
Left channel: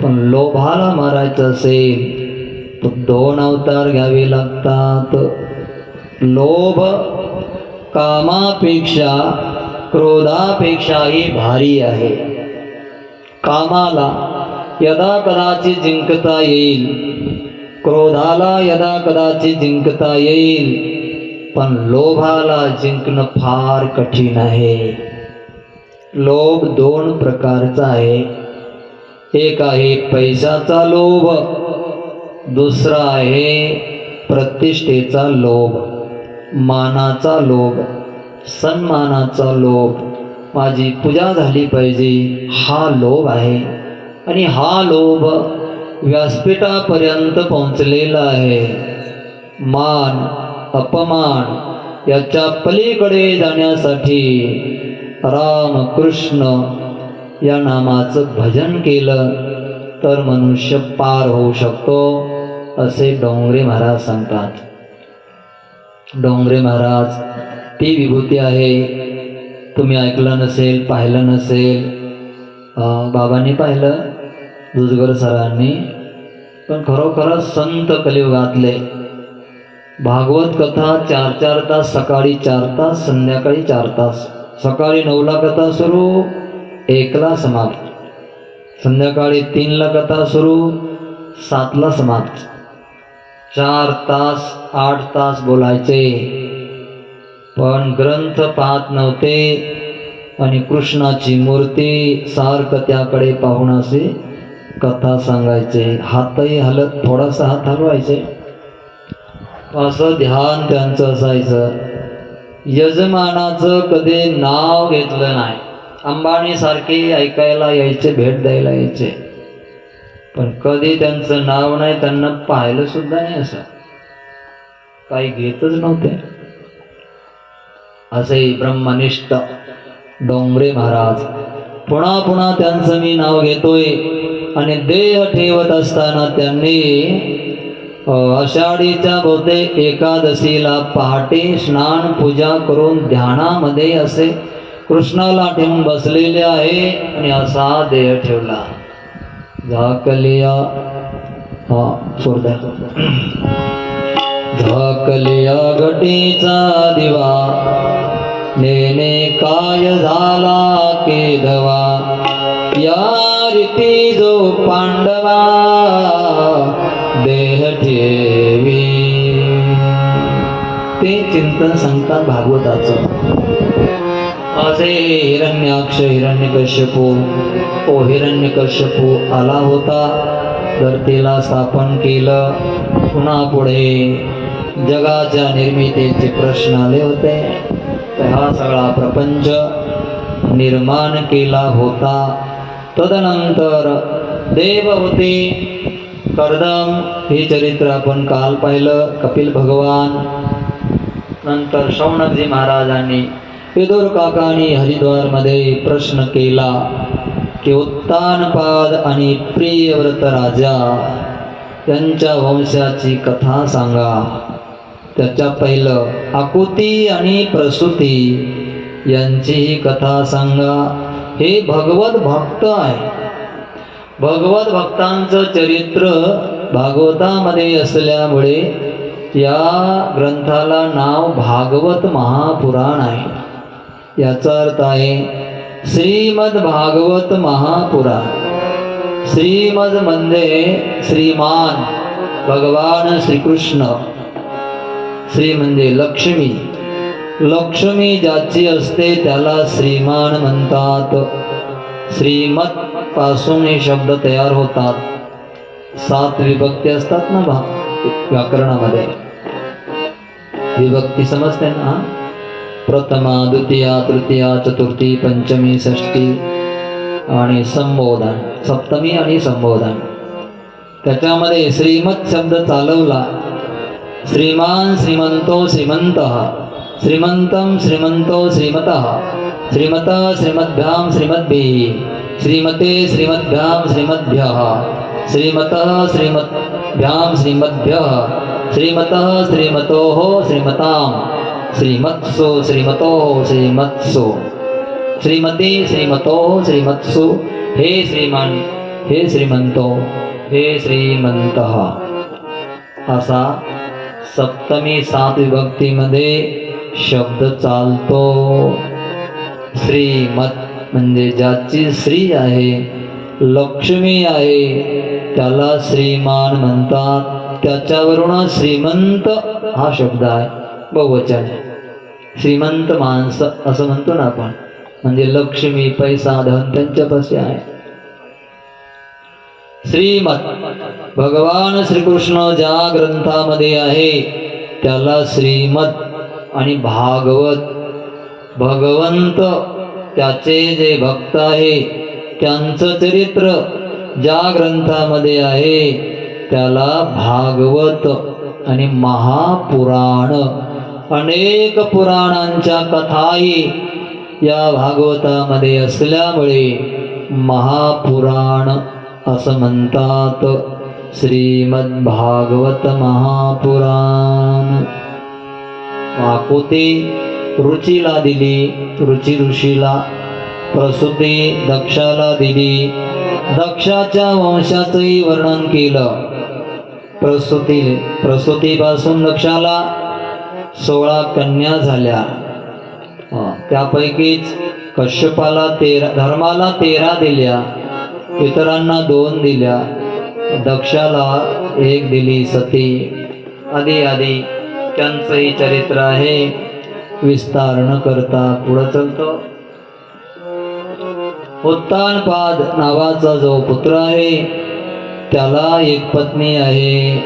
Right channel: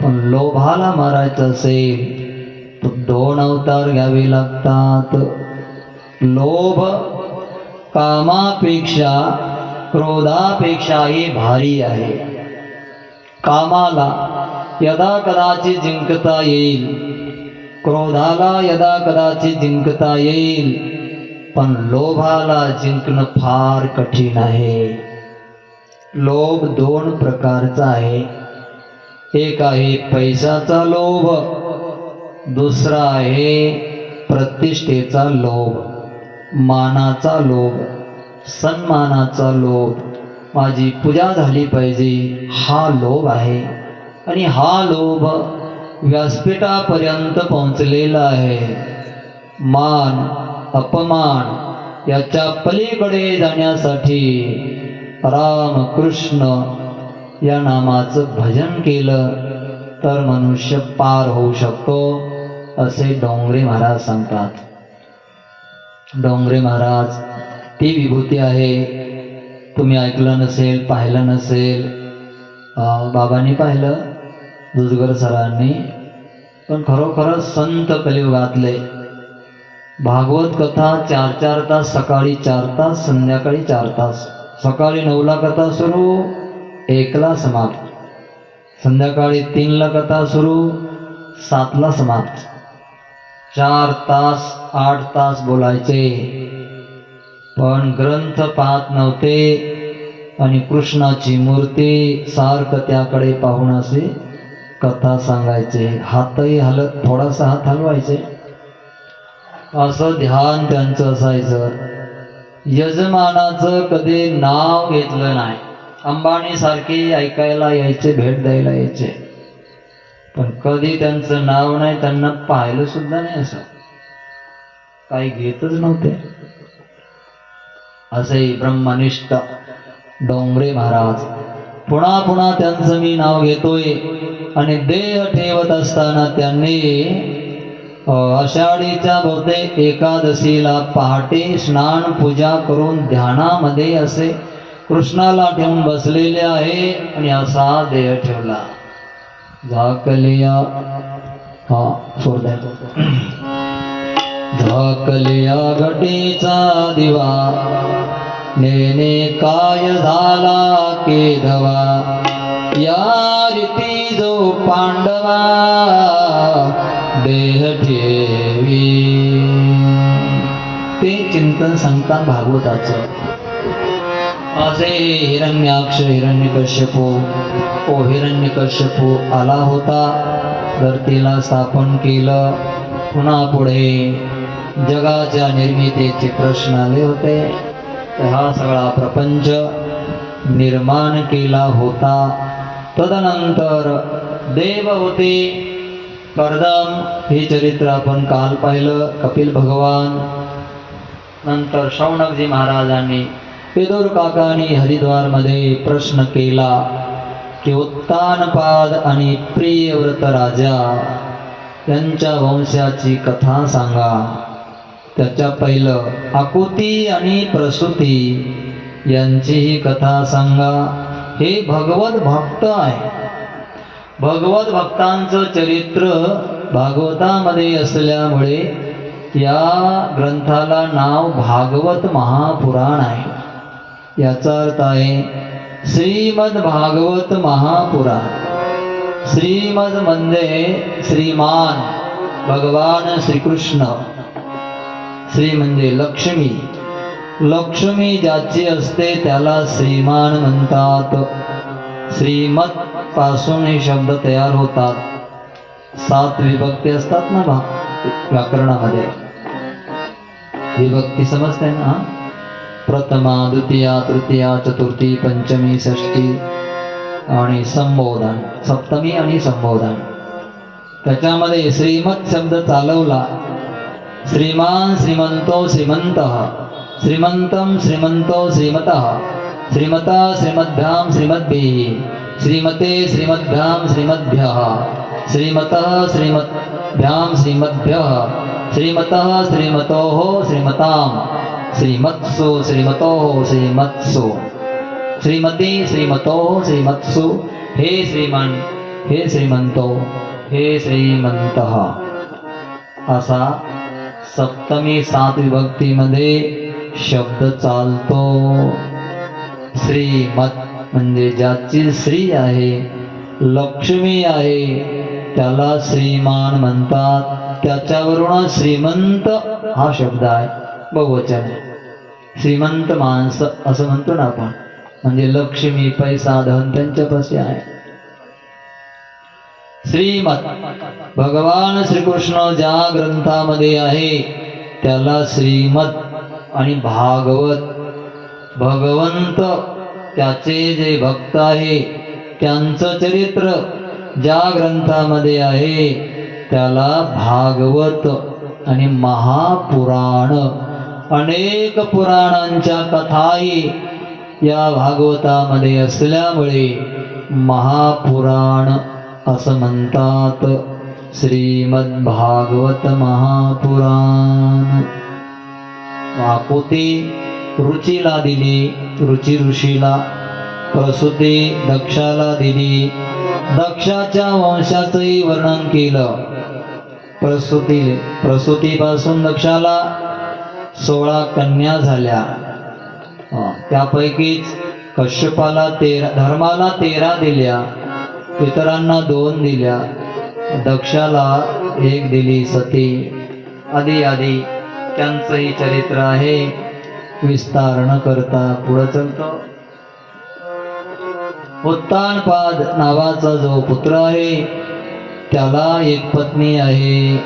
पण लोभाला मारायचं असेल तर 2 अवतार घ्यावे लागतात. लोभ कामापेक्षा क्रोधापेक्षाही भारी आहे. कामाला यदा कदाचित जिंकता येईल, क्रोधाला यदा कदाचित जिंकता येईल, पण लोभाला जिंकणं फार कठीण आहे. लोभ 2 प्रकारचा आहे. एक आहे पैशाचा लोभ, दुसरा आहे प्रतिष्ठेचा लोभ, मानाचा लोभ, सन्मानाचा लोभ. माझी पूजा झाली पाहिजे हा लोभ आहे. आणि हा लोभ व्यासपीठापर्यंत पोहोचलेला आहे. मान अपमान याच्या पलीकडे जाण्यासाठी राम कृष्ण या नामाचं भजन केलं तर मनुष्य पार होऊ शकतो, असे डोंगरे महाराज सांगतात. डोंगरे महाराज ती विभूती आहे. तुम्ही ऐकलं नसेल, पाहिलं नसेल. बाबांनी पाहिलं, दुजगर सरांनी, पण खरोखरच संत कलियुगातले. भागवत कथा 4-4 तास, सकाळी 4 तास, संध्याकाळी 4 तास. सकाळी 9ला कथा सुरू, 1ला समाप्त. संध्याकाळी 3ला कथा सुरू, 7ला समाप्त. 4 तास 8 तास बोलायचे, पण ग्रंथ पाहत नव्हते. आणि कृष्णाची मूर्ती सारखं त्याकडे पाहून असे कथा सांगायचे. हातही हलत, थोडासा हात हलवायचे, असं ध्यान त्यांचं असायचं. यजमानाचं कधी नाव घेतलं नाही. अंबानी सारखे ऐकायला यायचे, भेट द्यायला यायचे, पण कधी त्यांचं नाव नाही, त्यांना पाहिलं सुद्धा नाही. असं काही घेतच नव्हते. असे ब्रह्मनिष्ठ डोंगरे महाराज. पुन्हा पुन्हा त्यांचं मी नाव घेतोय. आणि देह ठेवत असताना त्यांनी आषाढीच्या बहुतेक एकादशीला पहाटे स्नान पूजा करून ध्यानामध्ये असे कृष्णाला ठेवून बसलेले आहे. आणि असा देह ठेवला. झाकलिया हा सोडताय. झाकल्या घटीचा दिवा नेने काय झाला केदवा या रीती जो पांडवा देह ठेवी. ते चिंतन सांगतात भागवताचं. असे हिरण्याक्ष हिरण्यकश्यपू हिरण्यकश्यपू आला होता, धरतीला स्थापन केलं. पुन्हा पुढे जगाच्या निर्मितीचे प्रश्न आले होते. हा सगळा प्रपंच निर्माण केला होता. तदनंतर देव होते कर्दम, हे चरित्र आपण काल पाहिलं. कपिल भगवान, नंतर शौनकजी महाराजांनी विदुर काकांनी हरिद्वारमध्ये प्रश्न केला की उत्तानपाद आणि प्रियव्रत राजा यांच्या वंशाची कथा सांगा. त्याच्या पहिलं आकुती आणि प्रसूती यांचीही कथा सांगा. हे भगवत भक्त आहे. भगवत भक्तांचं चरित्र भागवतामध्ये असल्यामुळे या ग्रंथाला नाव भागवत महापुराण आहे. याचा अर्थ आहे श्रीमद भागवत महापुराण. श्रीमद म्हणजे श्रीमान भगवान श्रीकृष्ण. श्री म्हणजे लक्ष्मी. लक्ष्मी ज्याची असते त्याला श्रीमान म्हणतात. श्रीमत पासून हे शब्द तयार होतात. 7 विभक्ती असतात ना व्याकरणामध्ये. विभक्ती समजते ना? प्रथमा, द्वितीया, तृतीया, चतुर्थी, पंचमी, षष्ठी आणि संबोधन, सप्तमी आणि संबोधन. त्याच्यामध्ये श्रीमत शब्द चालवला. श्रीमान श्रीमंतो श्रीमंतः, श्रीमंतम श्रीमंतो श्रीमतः, श्रीमता श्रीमद्भ्याम श्रीमद्भिः, श्रीमते श्रीमद्भ्याम श्रीमद्भ्यः, श्रीमतः श्रीमद्भ्याम श्रीमद्भ्यः, श्रीमतः श्रीमतोः श्रीमताम्, श्रीमत्सु श्रीमतोः श्रीमत्सु, श्रीमती श्रीमतोः श्रीमत्सु. हे श्रीमान, हे श्रीमंतो, हे श्रीमंतः. असा सप्तमी 7 विभक्तीमध्ये शब्द चालतो. श्रीमत म्हणजे ज्याची श्री आहे, लक्ष्मी आहे, त्याला श्रीमान म्हणतात. त्याच्यावरून श्रीमंत हा शब्द आहे, बहुवचन आहे. श्रीमंत माणसं असं म्हणतो ना आपण, म्हणजे लक्ष्मी पैसा धन त्यांच्यापाशी आहे. श्रीमत भगवान श्रीकृष्ण ज्या ग्रंथामध्ये आहे त्याला श्रीमत. आणि भागवत भगवंत, त्याचे जे भक्त आहे त्यांचं चरित्र ज्या ग्रंथामध्ये आहे त्याला भागवत. आणि महापुराण, अनेक पुराणांच्या कथाही या भागवतामध्ये असल्यामुळे महापुराण असं म्हणतात. श्रीमद भागवत महापुराण. आकुती रुचीला दिली, रुची ऋषीला. प्रसूती दक्षाला दिली, दक्षाच्या वंशाचंही वर्णन केलं. प्रसूतीपासून दक्षाला 16 कन्या झाल्या. त्यापैकीच कश्यपाला 13, धर्माला 13 दिल्या, इतरांना 2 दिल्या. दक्षाला 1 दिली सती. आधी आधी त्यांचंही चरित्र आहे, विस्तार न करता पुढं चलतो. उत्तानपाद नावाचा जो पुत्र आहे त्याला एक पत्नी आहे,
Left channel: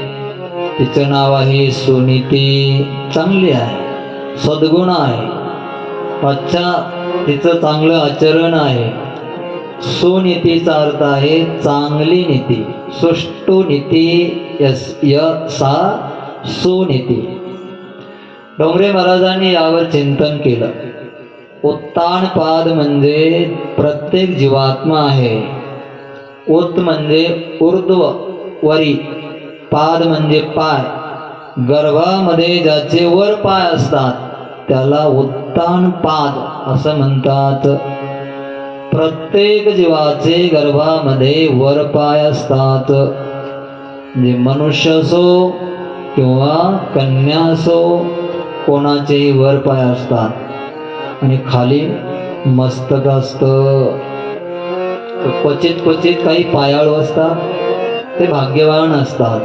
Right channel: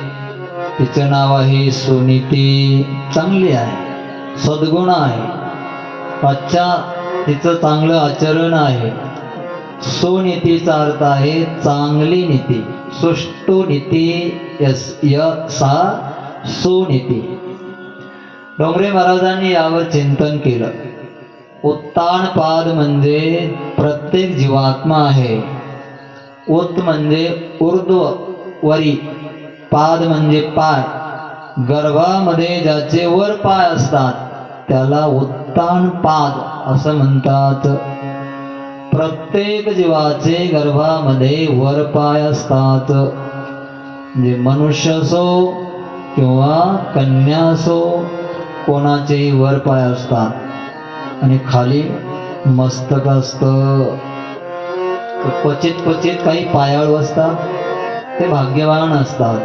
तिचं नाव आहे सुनीती. चांगली आहे, सद्गुण आहे, अच्छा तिचं चांगलं आचरण आहे. सुनीतीचा अर्थ आहे चांगली नीती, सुष्टु नीती, सा सुनीती. डोंगरे महाराजांनी यावर चिंतन केलं. उत्तानपाद म्हणजे प्रत्येक जीवात्मा आहे. उत म्हणजे ऊर्ध्व वरी, पाद म्हणजे पाय. गर्भामध्ये ज्याचे वर पाय असतात त्याला उत्तानपाद असं म्हणतात. प्रत्येक जीवाचे गर्भामध्ये वर पाय असतात. म्हणजे मनुष्य असो किंवा कन्या असो, कोणाचेही वर पाय असतात आणि खाली मस्तक असतं. क्वचित क्वचित काही पायाळू असतात, ते भाग्यवान असतात.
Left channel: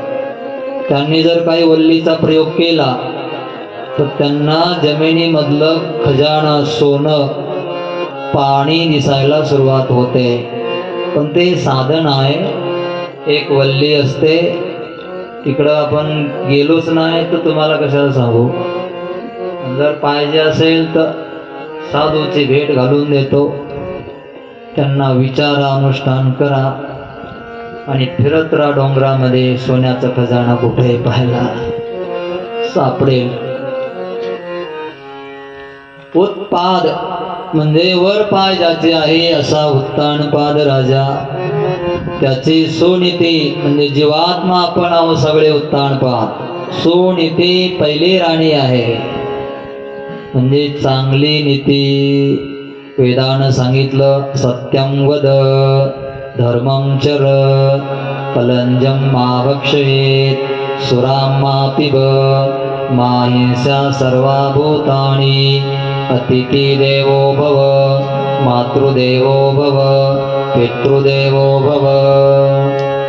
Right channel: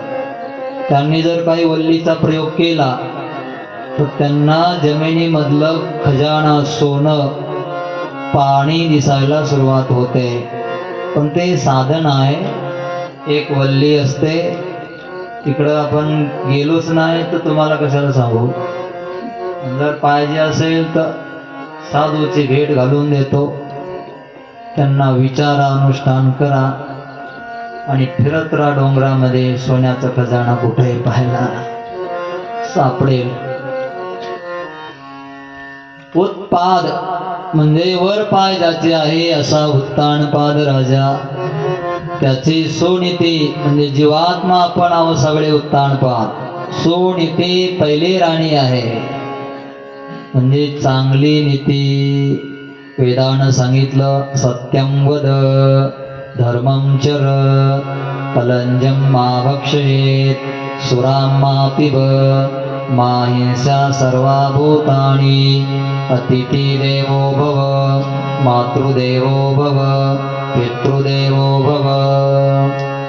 त्यांनी जर काही वल्लीचा प्रयोग केला तर त्यांना जमिनीमधलं खजाना सोनं पाणी दिसायला सुरुवात होते. पण ते साधन आहे. एक वल्ली असते, तिकडं आपण गेलोच नाही तर तुम्हाला कशाला सांगू. जर पाहिजे असेल तर साधूची भेट घालून देतो. त्यांना विचारा, अनुष्ठान करा आणि फिरत राहा डोंगरामध्ये. सोन्याचा खजाना कुठे पाहायला सापडेल. उत्पाद म्हणजे वर पाय ज्याचे आहे असा उत्तानपाद राजा. त्याची सोनीती म्हणजे जीवात्मा आपण आहो सगळे उत्तानपाद. सोनीती पहिली राणी आहे म्हणजे चांगली नीती. वेदानं सांगितलं सत्यं वद धर्मं चर कलंजं मा भक्षयेत् सुरां मा पिब मा हिंसा सर्वा भूतानि अतिथी देवो भव मातृदेवो भव पितृदेवो भव.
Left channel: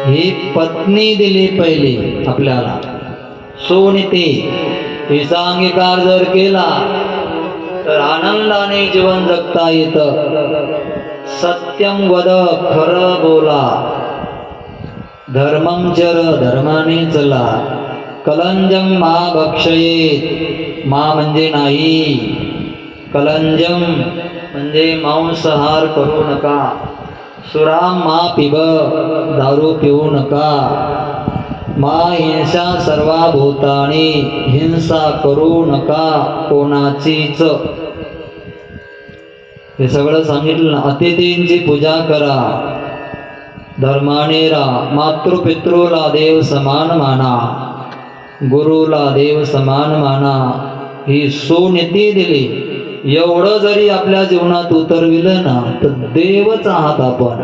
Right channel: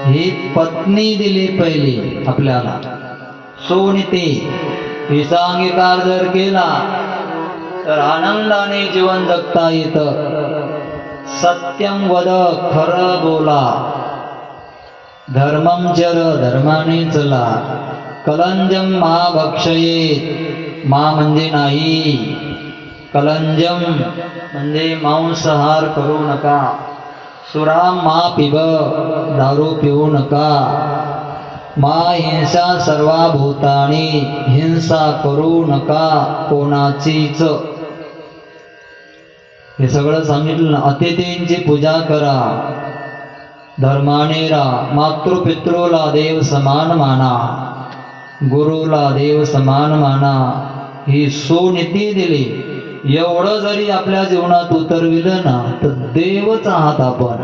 ही पत्नी दिली पहिली आपल्याला सोनीती. हिचा अंगीकार जर केला तर आनंदाने जीवन जगता येतं. सत्यं वद खरं बोला, धर्मं चर धर्माने चला, कलंजं मा भक्षयेत् मा म्हणजे नाही, कलंजम म्हणजे मांसाहार करू नका, सुरा मा पिब दारू पिऊ नका, मा हिंसा सर्वा भूतानी हिंसा करू नका कोणाचीच. हे सगळं सांगितलं. अतिथींची पूजा करा, धर्माने राहा, मातृपितृला देव समान माना, गुरुला देव समान माना. ही सुनीती दिली. एवढं जरी आपल्या जीवनात उतरविलं ना तर देवच आहात आपण.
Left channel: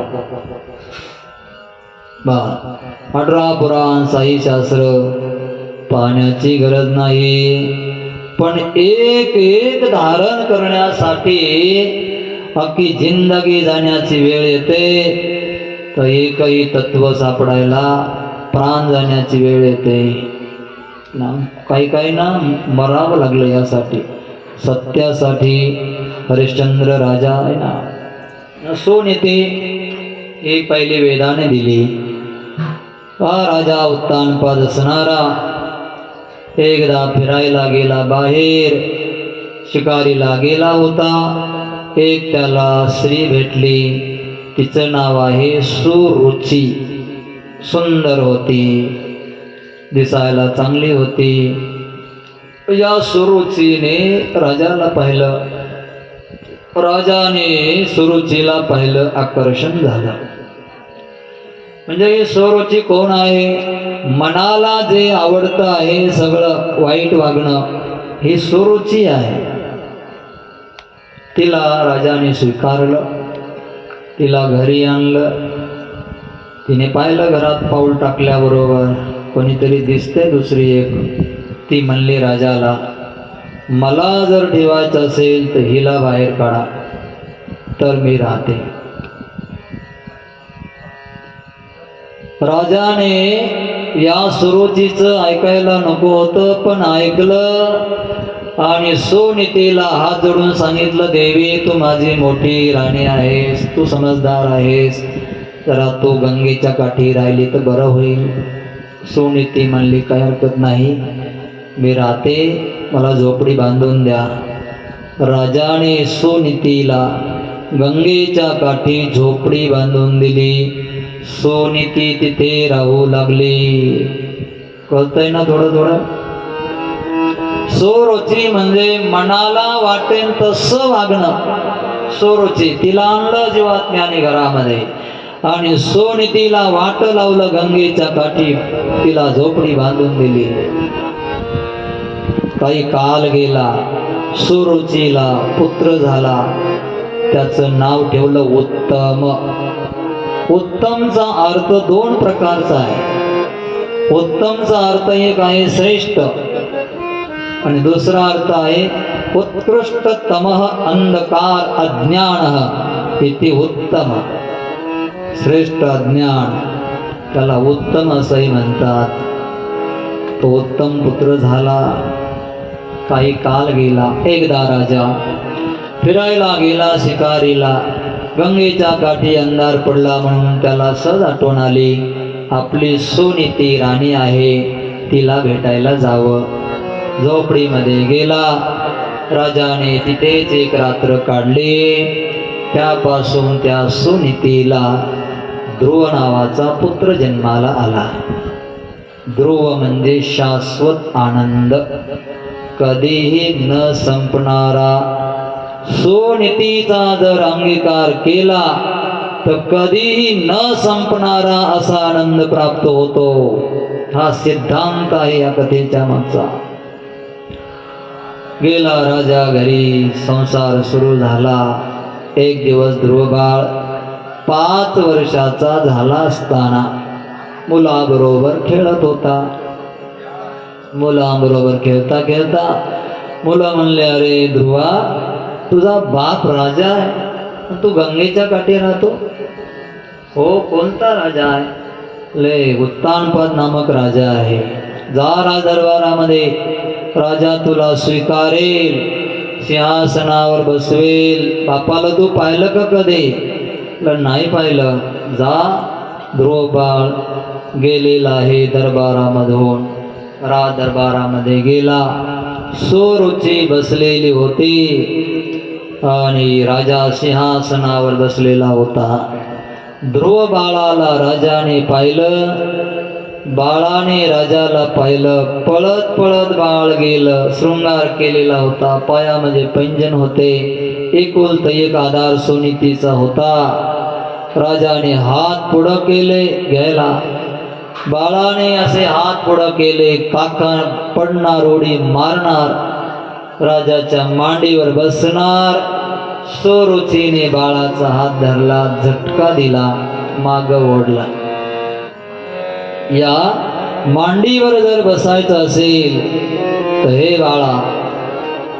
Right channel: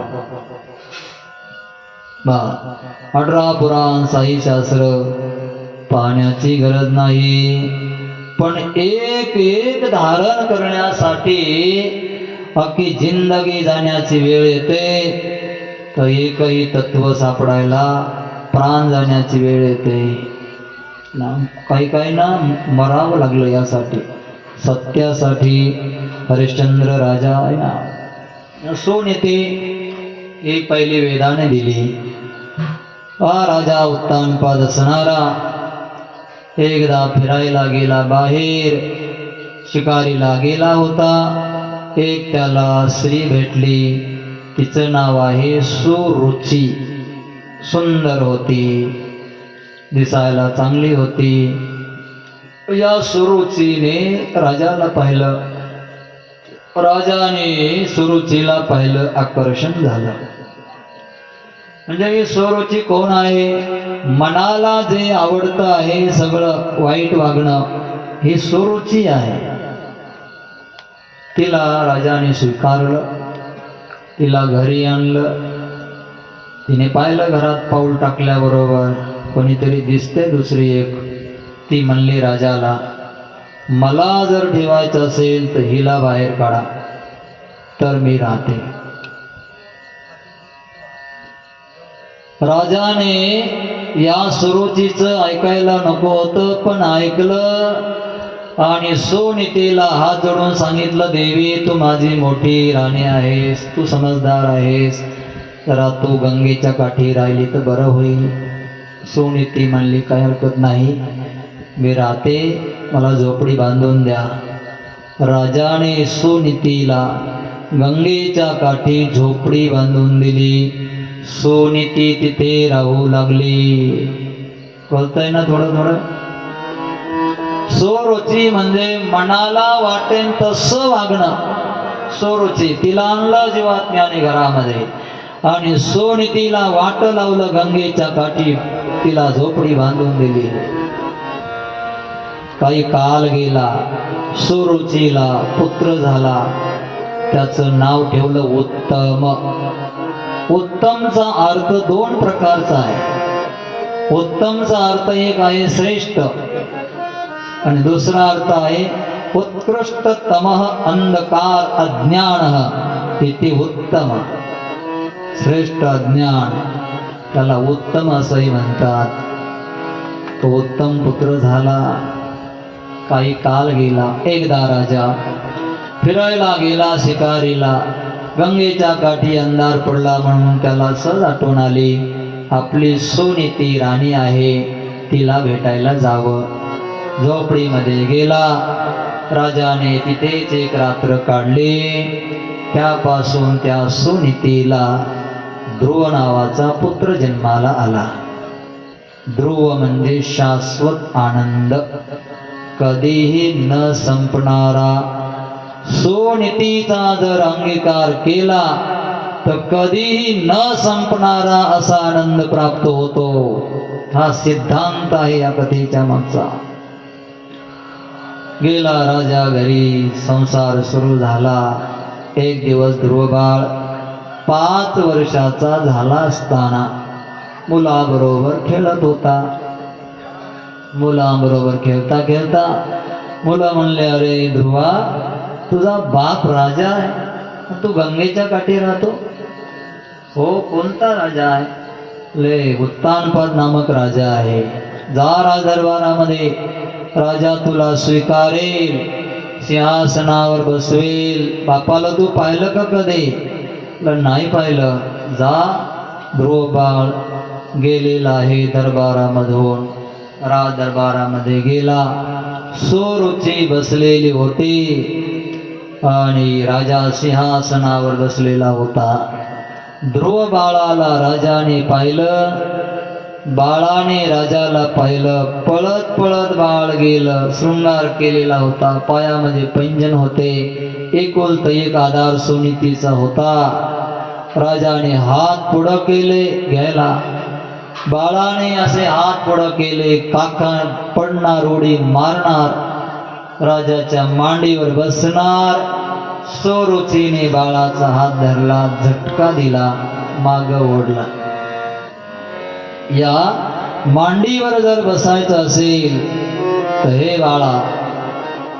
18 पुराण साई शास्त्र पाहण्याची गरज नाही, पण एक एक धारण करण्यासाठी अख्खी जिंदगी जाण्याची वेळ येते तर एकही तत्व सापडायला प्राण जाण्याची वेळ येते ना. काही ना मरावं लागलं यासाठी, सत्यासाठी. हरिश्चंद्र राजा आहे ना, सोनीती ही पहिली वेदाने दिली. हा राजा उत्तानपाद असणारा एकदा फिरायला गेला बाहेर, शिकारीला गेला होता. एक त्याला स्त्री भेटली, तिचं नाव आहे सुरुची. सुंदर होती, दिसायला चांगली होती. या सुरुचीने राजाला पाहिलं, राजाने सुरुचीला पाहिलं, आकर्षण झालं. म्हणजे ही सुरुची कोण आहे? मनाला जे आवडतं आहे सगळं वाईट वागणं, ही सुरुची आहे. तिला राजाने स्वीकारलं, तिला घरी आणलं. तिने पाहिलं घरात पाऊल टाकल्याबरोबर कोणीतरी दिसते दुसरी एक. ती म्हणली राजाला, मला जर ठेवायचं असेल तर हिला बाहेर काढा तर मी राहते. राजाने या सुरुचीचं ऐकायला नको होतं, पण ऐकलं आणि सोनीतीला हात जोडून सांगितलं, देवी तू माझी मोठी राणी आहेस, तू समजदार आहेस, जरा तू गंगेच्या काठी राहिली तर बरं होईल. सोनीती म्हणली, काही हरकत नाही, मी राहते, मला झोपडी बांधून द्या. राजाने सोनीतीला गंगेच्या काठी झोपडी बांधून दिली. सोनीती तिथे राहू लागली. कळतंय ना थोडं थोडं? सुरुची म्हणजे मनाला वाटेल तसं वागणं. सुरुची तिला आणलं जीवात्म्याने घरामध्ये आणि सोनीतीला वाट लावलं गंगेच्या काठी, तिला झोपडी बांधून दिली. काही काल गेला, सुरुचीला पुत्र झाला. त्याचं नाव ठेवलं उत्तम. उत्तमचा अर्थ दोन प्रकारचा आहे. उत्तमचा अर्थ एक आहे श्रेष्ठ, आणि दुसरा अर्थ आहे उत्कृष्टतम अंधकार अज्ञान इति उत्तम. श्रेष्ठ अज्ञान त्याला उत्तम असंही म्हणतात. तो उत्तम पुत्र झाला. काही काल गेला. एकदा राजा फिरायला गेला शिकारीला. गंगेच्या काठी अंधार पडला म्हणून त्याला सहज आठवण आली, आपली सुनीती राणी आहे, तिला भेटायला जावं. झोपडीमध्ये गेला. राजाने तिथेच एक रात्र काढली. त्यापासून त्या सुनीतीला ध्रुव नावाचा पुत्र जन्माला आला. ध्रुव म्हणजे शाश्वत आनंद, कधीही न संपणारा. सुनीतीचा जर अंगीकार केला तर कधीही न संपणारा असा आनंद प्राप्त होतो. हा सिद्धांत आहे या कथेच्या मागचा. गेला राजा घरी. संसार सुरू झाला. एक दिवस ध्रुव बाळ 5 वर्षाचा झाला असताना मुलाबरोबर खेळत होता. मुलाबरोबर खेळता खेळता मुलं म्हणले, अरे ध्रुवा, तुझा बाप राजा आहे, तू गंगेच्या काठी राहतो. हो, कोणता राजा आहे? ले उत्तानपाद नामक राजा आहे. जा राजदरबारामध्ये, राजा तुला स्वीकारेल, सिंहासनावर बसवेल. बापाला तू पाहिलं का कधी? नाही पाहिलं. जा. ध्रुव बाळ गेलेला आहे दरबारामधून. राज दरबारामध्ये गेला. सुरुची बसलेली होती आणि राजा सिंहासनावर बसलेला होता. ध्रुव बाळाला राजाने पाहिलं. बाळाने राजाला पाहिलं. पळत पळत बाळ गेलं. शृंगार केलेला होता. पायामध्ये पैंजण होते. एकुलता एक आधार सुनीतीचा होता. राजाने हात पुढं केले घ्यायला. बाळाने असे हात पुढं केले, काका पडणार, उडी मारणार, राजाच्या मांडीवर बसणार. सुरुचीने बाळाचा हात धरला, झटका दिला, माग ओढला. या मांडीवर जर बसायचं असेल तर हे बाळा,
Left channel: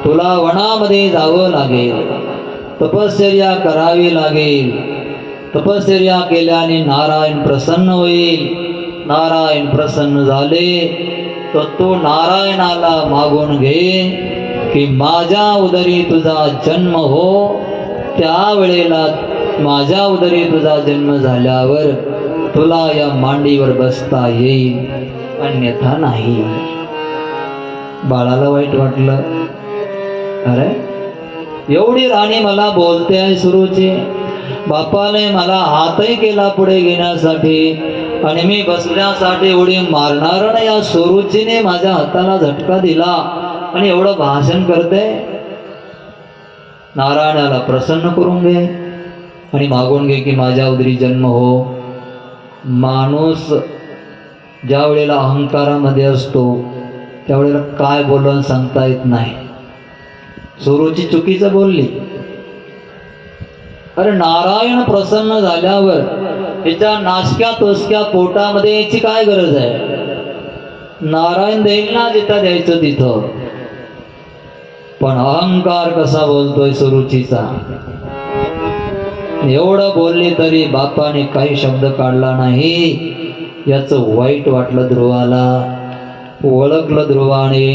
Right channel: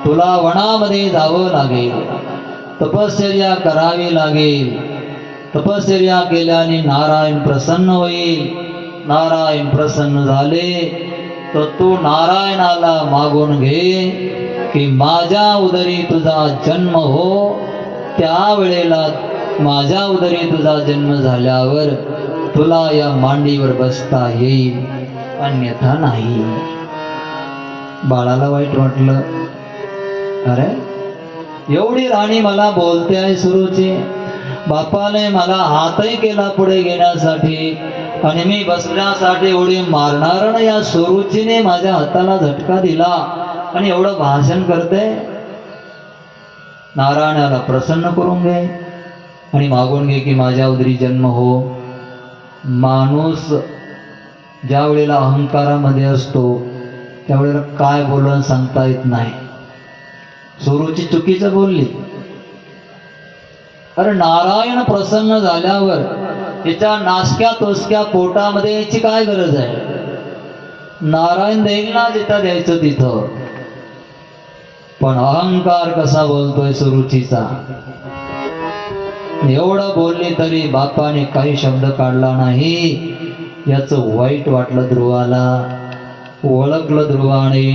तुला वनामध्ये जावं लागेल, तपश्चर्या करावी लागेल. तपश्चर्या केल्याने नारायण प्रसन्न होईल. नारायण प्रसन्न झाले तर तू नारायणाला मागून घे की माझ्या उदरी तुझा जन्म हो. त्यावेळेला माझ्या उदरी तुझा जन्म झाल्यावर तुला या मांडीवर बसता येईल, अन्यथा नाही. बाळाला वाईट वाटलं. अरे एवढी राणी मला बोलते आहे सुरुची, बापाने मला हातही केला पुढे घेण्यासाठी आणि मी बसण्यासाठी उडी मारणार ना, या सुरुचीने माझ्या हाताला झटका दिला आणि एवढं भाषण करते. नारायणाला प्रसन्न करून घे आणि मागून घे की माझ्या उदरी जन्म हो. माणूस ज्या वेळेला अहंकारामध्ये असतो त्यावेळेला काय बोलून सांगता येत नाही. सुरुची चुकीचं बोलली. अरे नारायण प्रसन्न झाल्यावर त्याच्या नासक्या तोसक्या पोटामध्ये याची काय गरज आहे? नारायण देईल ना जिथं द्यायचं तिथं. पण अहंकार कसा बोलतोय सुरुचीचा. एवढं बोलली तरी बापाने काही शब्द काढला नाही. याचं वाईट वाटलं ध्रुवाला. ओळखलं ध्रुवाने,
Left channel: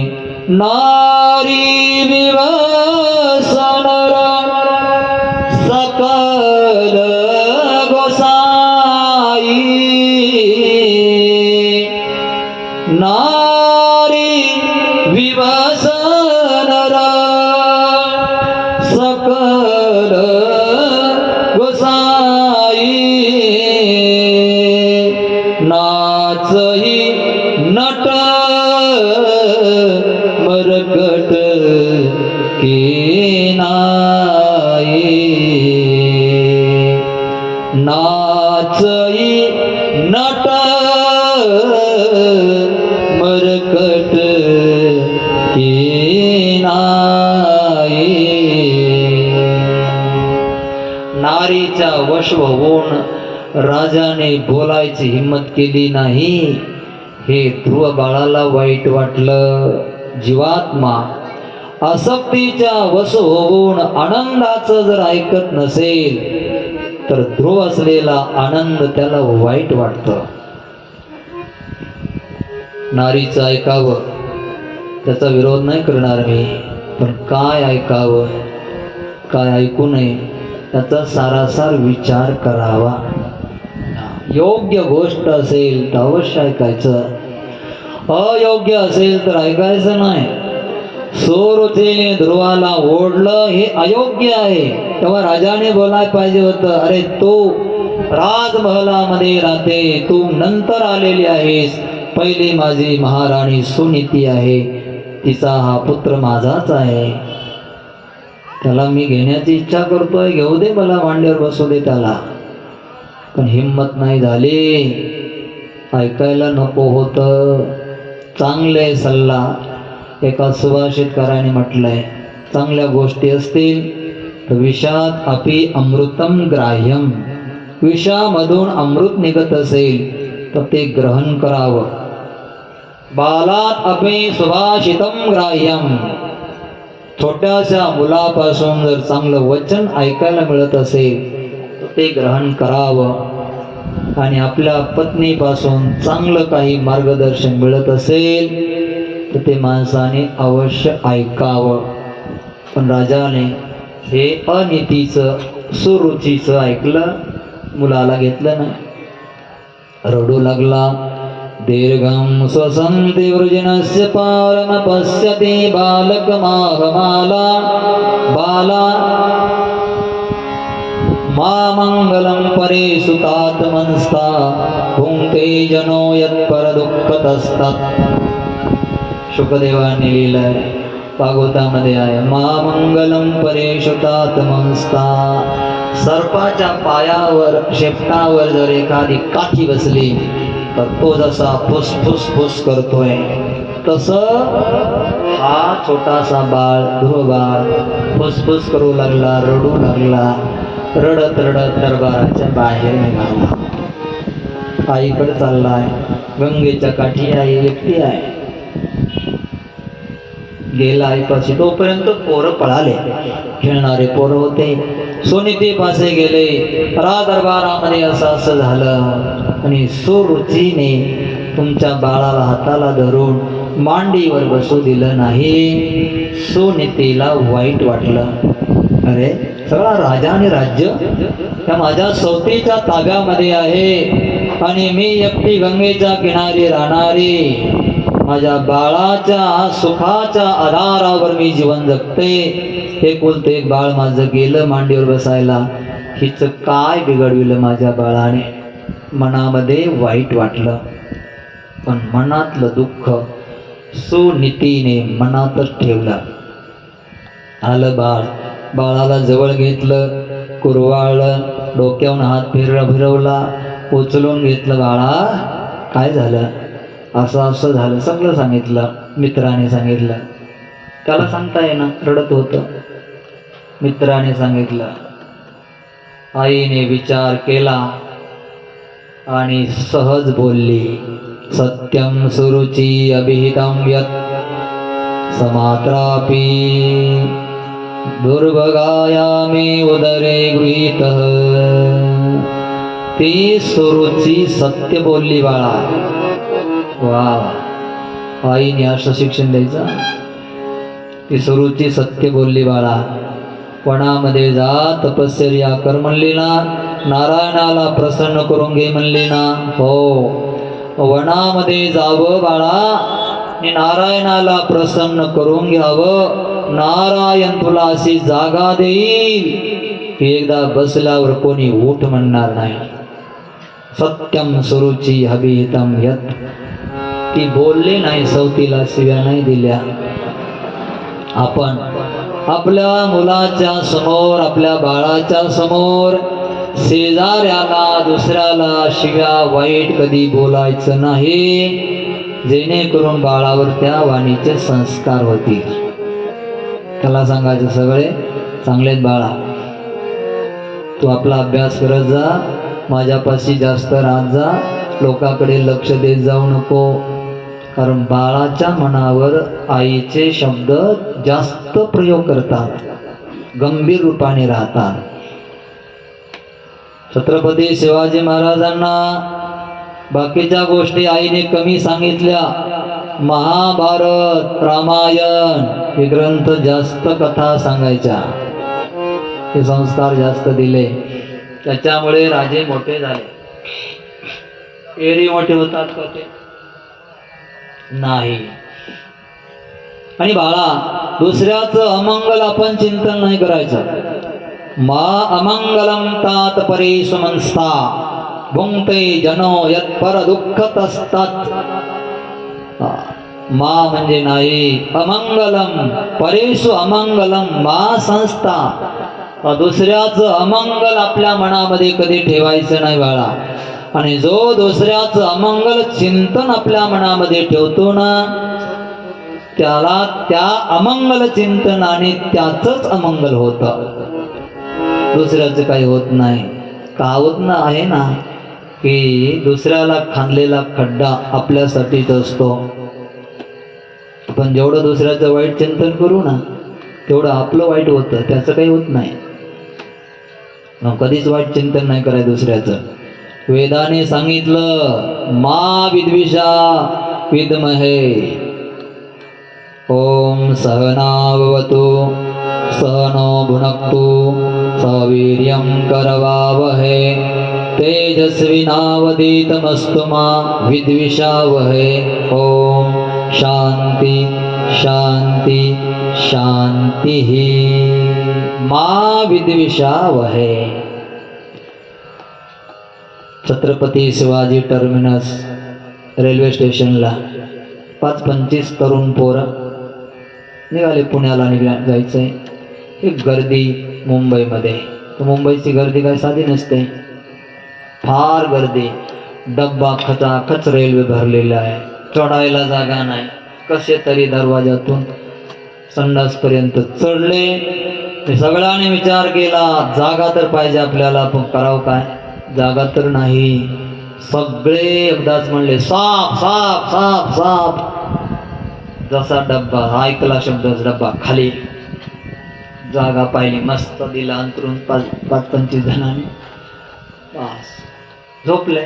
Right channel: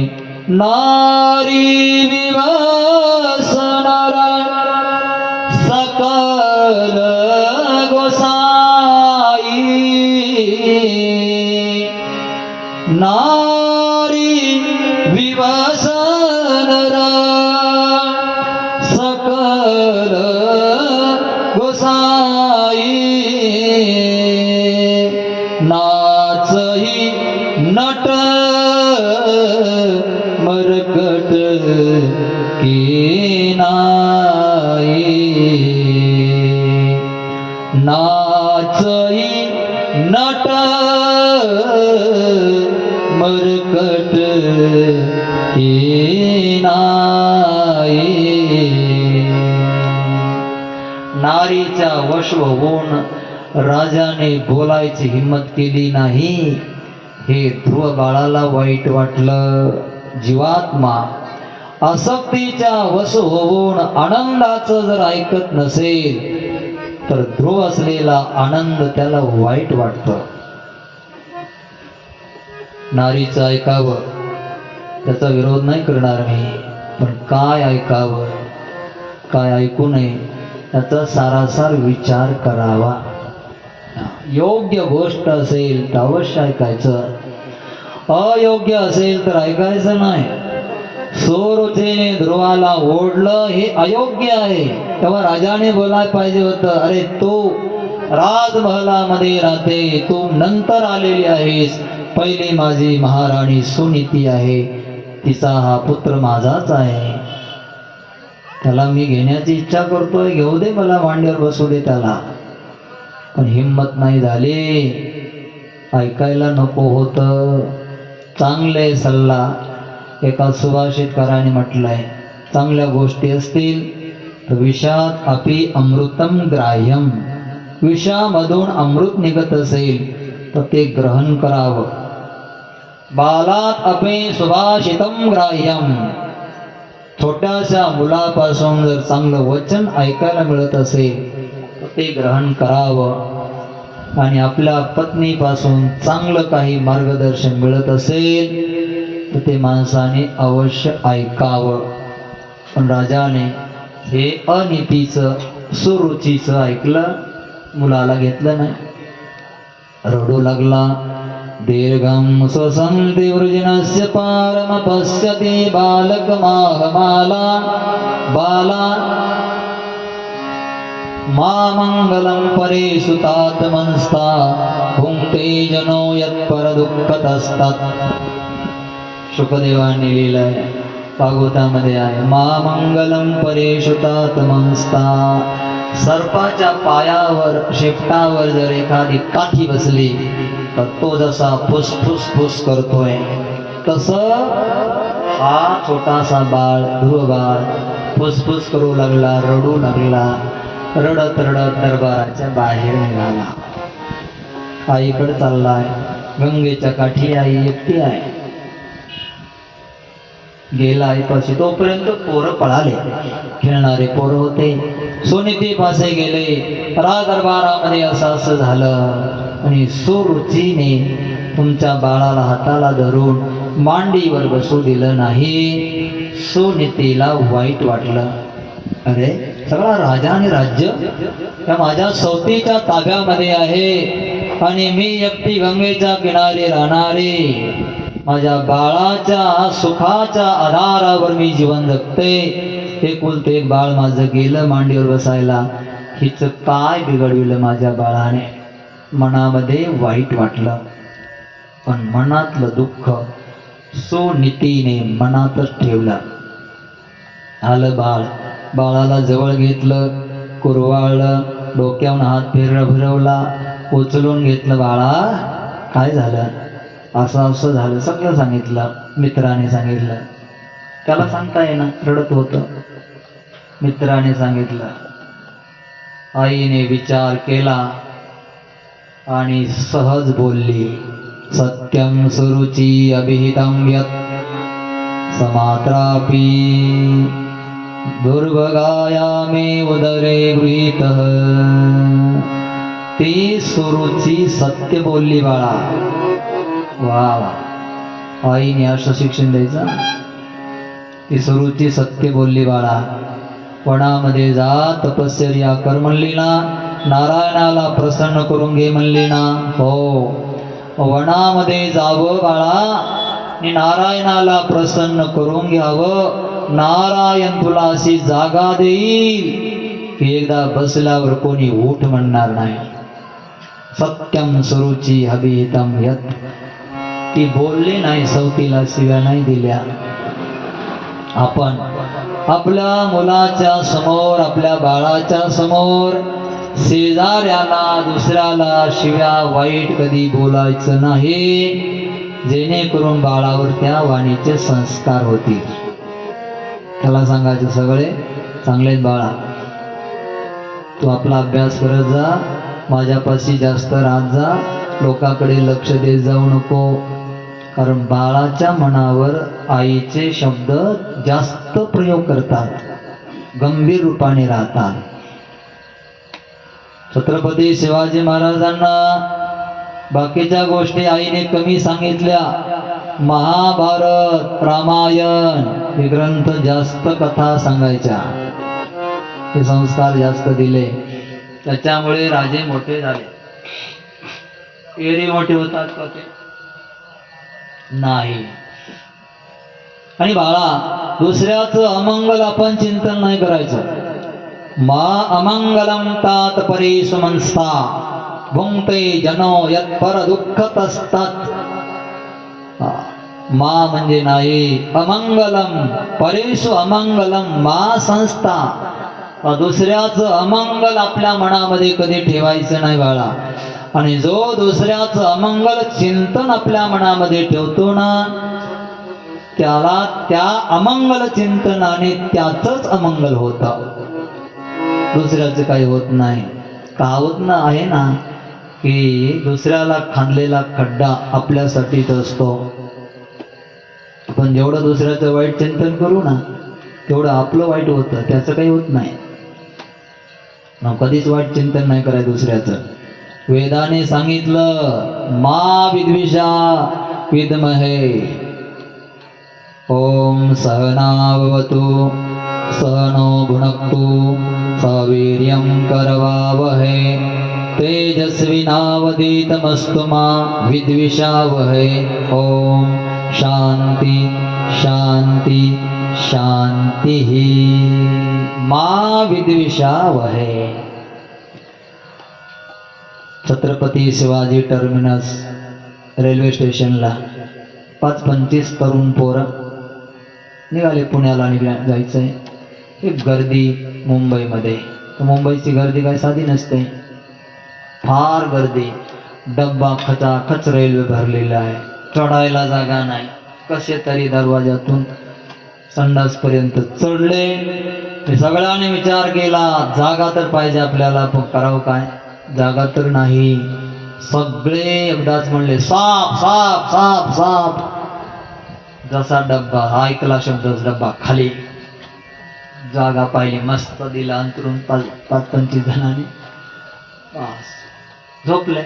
नारी विवसन सकल गोसाई. नारी विवसन सकल गोसाई. नाचही नट मरकट की नाई. नाचही नट मरकट की नाई. नारीच्या वश होऊन राजाने बोलायची हिम्मत केली नाही. हे ध्रुव बाळाला वाईट वाटलं. जीवात्मा आसक्तीच्या वश होऊन आनंदाचं जर ऐकत नसेल तर ध्रुव असलेला आनंद त्याला वाईट वाटतं. नारीचं ऐकावं त्याचा विरोध नाही करणार मी, पण काय ऐकावं काय ऐकू नये त्याचा सारासार विचार करावा. योग्य गोष्ट असेल तर अवश्य ऐकायचं, अयोग्य असेल तर ऐकायचं नाही. सुरुचीने ध्रुवाला ओढलं हे अयोग्य आहे. तेव्हा राजाने बोलायला पाहिजे होतं, अरे तू राजमहलामध्ये राहते, तू नंतर आलेली आहेस, पहिली माझी महाराणी सुनीती आहे, तिचा हा पुत्र माझाच आहे, त्याला मी घेण्याची इच्छा करतोय, घेऊ दे मला, मांडीवर बसू दे त्याला. पण हिम्मत नाही झाली, ऐकायला नको होतं. चांगले सल्ला एका सुभाषितकाराने म्हटलंय, चांगल्या गोष्टी असतील तर विषात अपि अमृतम ग्राह्यम, विषामधून अमृत निघत असेल तर ते ग्रहण करावं. बालात अपि सुभाषितम ग्राह्यम, छोट्याशा मुलापासून जर चांगलं वचन ऐकायला मिळत असेल तर ते ग्रहण करावं. आणि आपल्या पत्नीपासून चांगलं काही मार्गदर्शन मिळत असेल तर ते माणसाने अवश्य ऐकावं. पण राजाने हे अनितीचं सुरुचीचं ऐकलं, मुलाला घेतलं नाही. रडू लागला. दीर्घं स्वसन्ति वृजनस्य पारम पश्यति बालकमाहमाला बाला मामंगलम परेषु तात्मंस्ता भुंक्ते जनो यत्परदुःखतस्तात. शुकदेवाने लिहिलंय, भागवतामध्ये आहे, मामंगलम परेषु तात्मंस्ता. सर्पाच्या पायावर शेपटावर जर एखादी काठी बसली तर तो जसा फुसफुस फुस करतोय तसं हा छोटासा बाळ ध्रुव बाळ फुसफुस करू लागला, रडू लागला. रडत रडत दरबाराच्या बाहेर निघाला. आईकडे चाललाय, गंगेच्या काठी आई एकटी आहे. गेला आईपाशी, तोपर्यंत पोरं पळाले, खेळणारे पोरं होते. सुनीती पासे गेले, दरबारामध्ये असं झालं. आणि सुरुचीने तुमच्या बाळाला हाताला धरून मांडीवर बसू दिलं नाही. सुनीतीला वाईट वाटलं, अरे सगळा राजा आणि राज्य त्या माझ्या सवतीच्या ताब्यामध्ये आहे आणि मी एकटी गंगेच्या किनारी राहणारी, माझ्या बाळाच्या सुखाच्या आधारावर मी जीवन जगते. हे कुलते एक बाळ माझं गेलं मांडीवर बसायला, हिच काय बिघडविलं माझ्या बाळाने. मनामध्ये वाईट वाटलं, पण मनातलं दुःख सुनीतीने मनातच ठेवलं. आलं बाळ, बाळाला जवळ घेतलं, कुरवाळलं, डोक्यावरून हात फिरवला, उचलून घेतलं. बाळा काय झालं, असं असं झालं, सगळं सांगितलं. मित्राने सांगितलं, त्याला सांगता येईना, रडत होतं. मित्राने सांगितलं. आईने विचार केला आणि सहज बोलली, सत्यम सुरुची अभिहितं यत् समात्रापि दुर्भगायामे उदरे गृहीतः. ती सुरुची सत्य बोलली बाळा. वा, आईने असं शिक्षण द्यायचं. ती सुरुची सत्य बोलली बाळा. वनामध्ये जा, तपश्चर्या कर म्हणली ना, नारायणाला प्रसन्न करून घे म्हणली ना. हो, वनामध्ये जावं बाळा आणि नारायणाला प्रसन्न करून घ्यावं. नारायण तुला अशी जागा देईल की एकदा बसल्यावर कोणी उठ म्हणणार नाही. सत्यम सुरुची अभिहितं यत्. ती बोलली नाही, सवतीला शिव्या नाही दिल्या. आपण आपल्या मुलाच्या समोर, आपल्या बाळाच्या समोर शेजाऱ्याला दुसऱ्याला शिव्या वाईट कधी बोलायचं नाही, जेणेकरून बाळावर त्या वाणीचे संस्कार होतील. त्याला सांगायचं सगळे चांगलेच बाळा, तू आपला अभ्यास करत जा, माझ्यापाशी जास्त राहत जा, लोकांकडे लक्ष देत जाऊ नको, कारण बाळाच्या मनावर आईचे शब्द जास्त प्रयोग करतात, गंभीर रूपाने राहतात. छत्रपती शिवाजी महाराजांना बाकीच्या गोष्टी आईने कमी सांगितल्या. महाभारत, रामायण हे ग्रंथ जास्त कथा सांगायच्या, हे संस्कार जास्त दिले. त्याच्यामुळे राजे मोठे झाले. एरी मोठे होतात का ते? नाही. आणि बाळा, दुसऱ्याचं अमंगल आपण चिंतन नाही करायचं. मा अमंगलम तात परेषु मनस्ता भुंक्ते जनो यत्पर दुःखतस्तात. मा म्हणजे नाही, अमंगलम परेषु अमंगलम मा संस्था. दुसऱ्याचं अमंगल आपल्या मनामध्ये कधी ठेवायचं नाही बाळा. आणि जो दुसऱ्याचं अमंगल चिंतन आपल्या मनामध्ये ठेवतो ना, त्याला त्या अमंगल चिंतनाने त्याचंच अमंगल होतं, दुसऱ्याचं काही होत नाही. कावतनं आहे ना की दुसऱ्याला खांदलेला खड्डा आपल्यासाठीच असतो. आपण जेवढं दुसऱ्याचं वाईट चिंतन करू ना, तेवढं आपलं वाईट होतं, त्याचं काही होत नाही. कधीच वाईट चिंतन नाही करायचं दुसऱ्याचं. वेदाने सांगितलं, मा विद्विषा विद्महे. ओम सहनावतु सहनो भुनक्तु सवीर्यं करवावहै तेजस्विनावधीतमस्तु मा विद्विषावहै. ओम शांति शांति शांति. मा विद्विषावहै. छत्रपती शिवाजी टर्मिनस रेल्वे स्टेशनला 25 तरुण पोरं निघाले, पुण्याला जायचंय. एक गर्दी मुंबईमध्ये. मुंबईची गर्दी काय साधी नसते, फार गर्दी. डब्बा खचाखच रेल्वे भरलेला आहे, चढायला जागा नाही. कसे तरी दरवाजातून संडासपर्यंत चढले. सगळ्यांनी विचार केला, जागा तर पाहिजे आपल्याला, पण करावं काय, जागा तर नाही. सगळे एकदाच म्हणले, साप साप साप साप. जसा डब्बा ऐकला शब्द, डब्बा खाली. जागा पाहिली, मस्त दिला अंतरून 25 जणांनी. बस झोपले.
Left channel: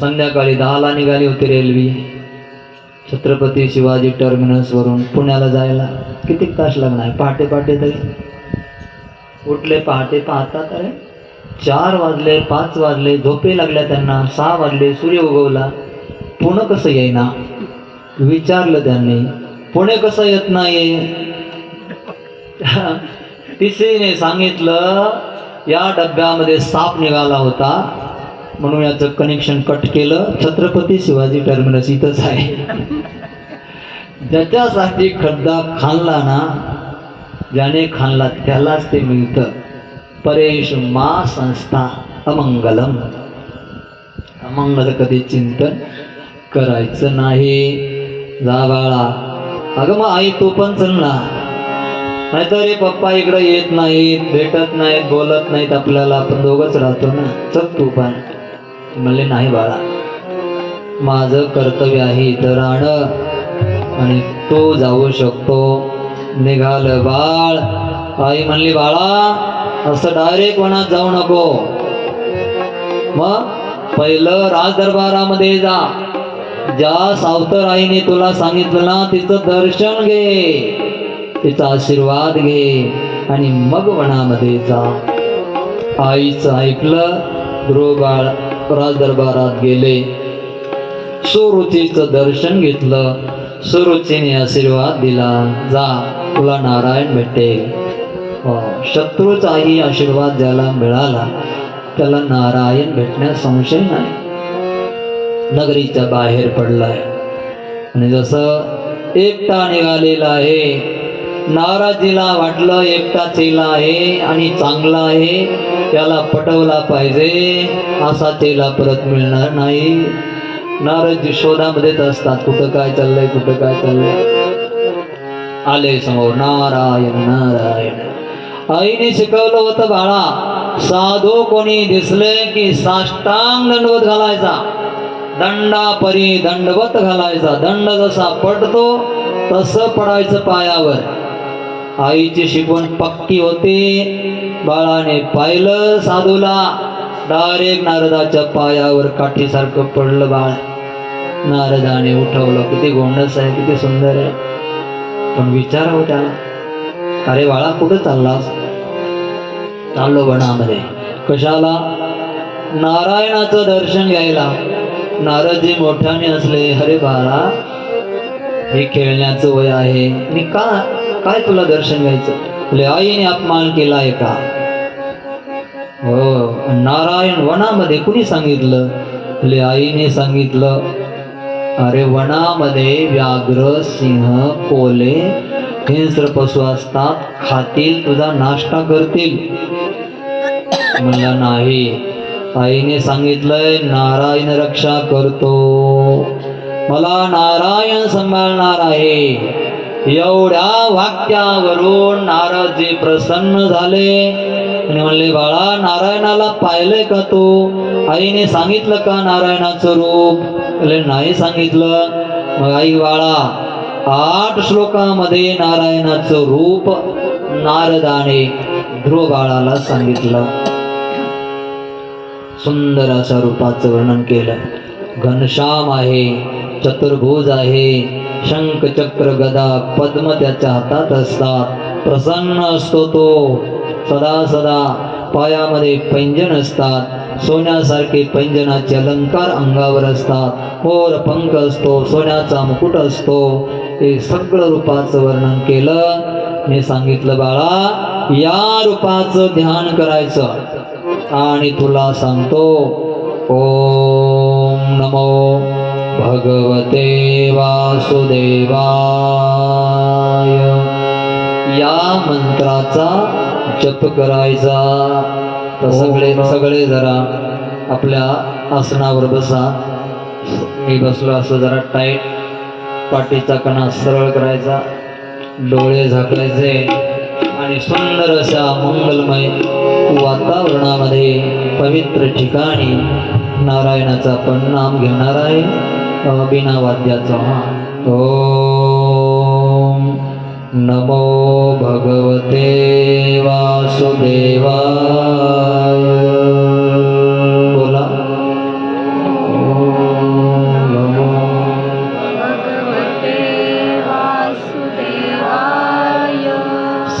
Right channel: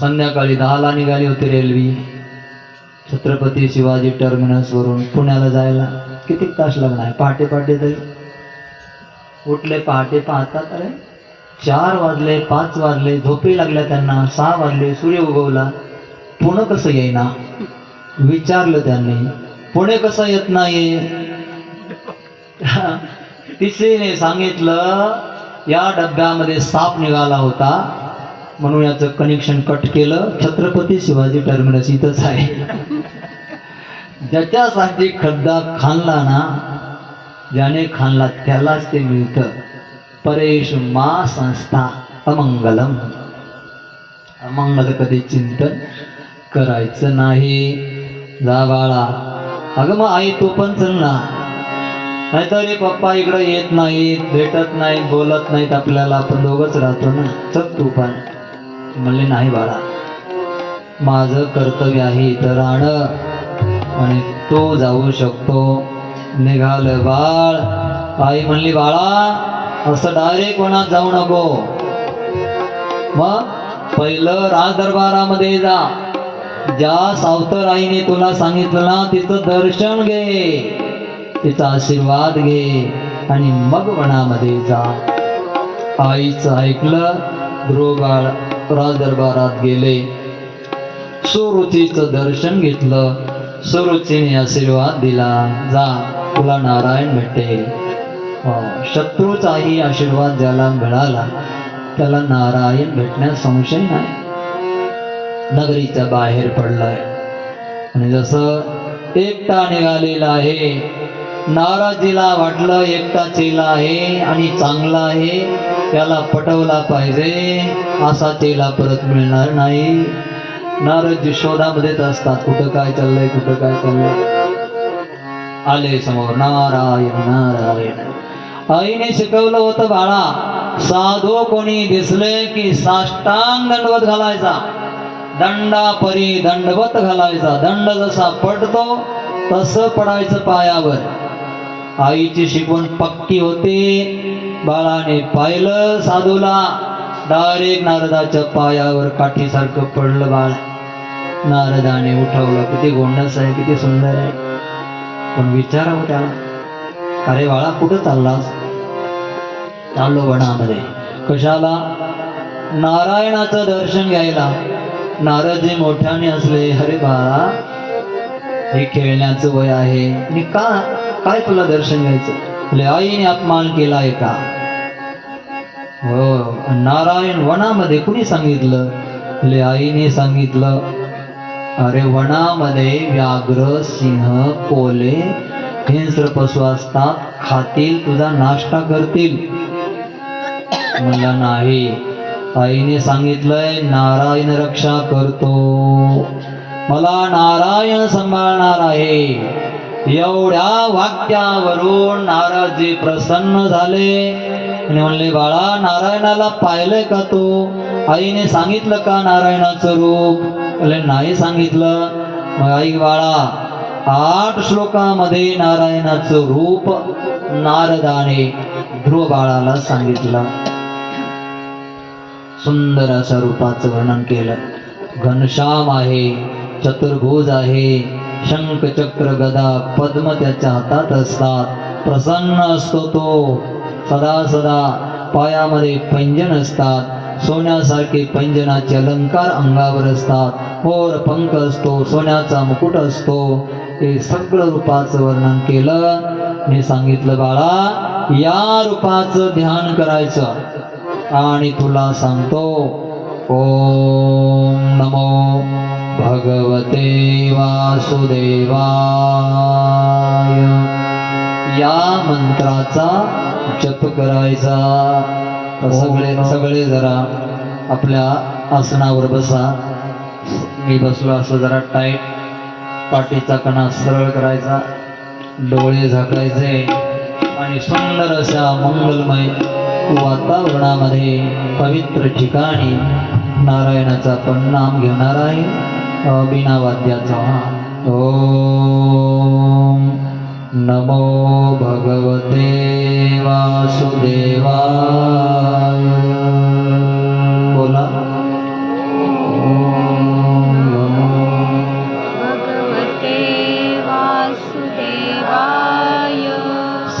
संध्याकाळी 10ला निघाली होती रेल्वे छत्रपती शिवाजी टर्मिनस वरून पुण्याला जायला. किती तास लागणार? पहाटे पहाटे तरी उठले. पहाटे पाहतात, अरे 4 वाजले, 5 वाजले. झोपे लागल्या त्यांना. 6 वाजले, सूर्य उगवला. पुणे कसं येईना विचारलं त्यांनी. पुणे कसं येत नाही? तिसरीने सांगितलं, या डब्यामध्ये साप निघाला होता, म्हणून याचं कनेक्शन कट केलं. छत्रपती शिवाजी टर्मिनस इथंच आहे. ज्याच्यासाठी खड्डा खाल्ला ना, ज्याने खाल्ला त्यालाच ते मिळतं. परेषु मा संस्था अमंगलम. अमंगल कधी चिंतन करायचं नाही. जा बाळा. अगं मग आई तू पण चल ना, नाहीतरी पप्पा इकडं येत नाहीत, भेटत नाहीत, बोलत नाहीत आपल्याला, आपण दोघंच राहतो ना, चल तू पण. म्हणले, नाही बाळा, माझं कर्तव्य आहे इथं राहणं आणि तू जाऊ शकतो. निघालं बाळ. आई म्हणली, बाळा असं डायरेक्ट वनात जाऊ नको, मग पहिलं राज दरबारामध्ये जा. ज्या सावतर आईने तुला सांगितलं ना, तिचं दर्शन घे, तिचा आशीर्वाद घे आणि मग वनामध्ये जा. आईचं ऐकलं. ध्रुव बाळ राज दरबारात गेले. सुरुचीचं दर्शन घेतलं. सुरुचीने आशीर्वाद दिला, जा तुला नारायण भेटेल. शत्रूचाही आशीर्वाद ज्याला मिळाला त्याला नारायण भेटण्यास संशय नाही. नगरीच्या बाहेर पडलाय आणि जसं एकटा निघालेला आहे, नाराजीला वाटलं एकटा चेला आहे आणि चांगला आहे, त्याला पटवला पाहिजे, असा चेला परत मिळणार नाही. नारद शोधामध्येच असतात, कुठं काय चाललंय, कुठं काय चाललंय. आले समोर, नारायण नारायण. आईने शिकवलं होतं बाळा, साधू कोणी दिसले की साष्टांग दंडवत घालायचा, दंडापरी दंडवत घालायचा, दंड जसा पडतो तसं पडायचं पायावर। आईची शिकवण पक्की होती। बाळाने पाहिलं साधूला, डायरेक्ट नारदाच्या पायावर काठीसारखं पडलं बाळ। नारदाने उठवलं, किती गोंडस आहे, किती सुंदर आहे, पण विचारावं त्याला, अरे बाळा कुठं चाललास? चाललो वनामध्ये। कशाला? नारायणाचं दर्शन घ्यायला। नारदजी मोठ्याने असले, अरे बाळा हे खेळण्याचं वय आहे, मी काय तुला दर्शन घ्यायचं? आईने अपमान केलाय का? हो, नारायण वनामध्ये कुणी सांगितलं? आईने सांगितलं। अरे वनामध्ये व्याघ्र, सिंह, कोल्हे, हिंस्र पशु असतात, खातील, तुझा नाश्ता करतील। मला नाही, आईने सांगितलंय नारायण रक्षा करतो, मला नारायण सांभाळणार आहे। एवढ्या वाक्यावरून नारदजी प्रसन्न झाले आणि म्हणले, बाळा नारायणाला पाहिलंय का तू? आईने सांगितलं का नारायणाचं रूप? नाही सांगितलं। मग आई बाळा 8 श्लोकामध्ये नारायणाचं रूप नारदाने ध्रुव बाळाला सांगितलं। सुंदर अशा रूपाचं वर्णन केलं। घनश्याम आहे, चतुर्भुज आहे, शंख चक्र गदा पद्म त्याच्या हातात असतात, प्रसन्न असतो तो सदा सदा। पायामध्ये पैंजण असतात, सोन्यासारखे पैंजनाचे अलंकार अंगावर असतात, मोर पंख असतो, सोन्याचा मुकुट असतो। हे सगळं रूपाचं वर्णन केलं। मी सांगितलं बाळा या रूपाचं ध्यान करायचं। आणि तुला सांगतो, ओम नमो भगवते वासुदेवाय, या मंत्राचा जप करायचा। तर सगळे जरा आपल्या आसनावर बसा। मी बसलो असं जरा टाईट, पाठीचा कणा सरळ करायचा, डोळे झाकायचे आणि सुंदर अशा मंगलमय वातावरणामध्ये पवित्र ठिकाणी नारायणाचा आपण नाम घेणार आहे बिना वाद्याचा। ओम नमो भगवते वासुदेवाय, बोला। ओम नमो भगवते वासुदेवाय,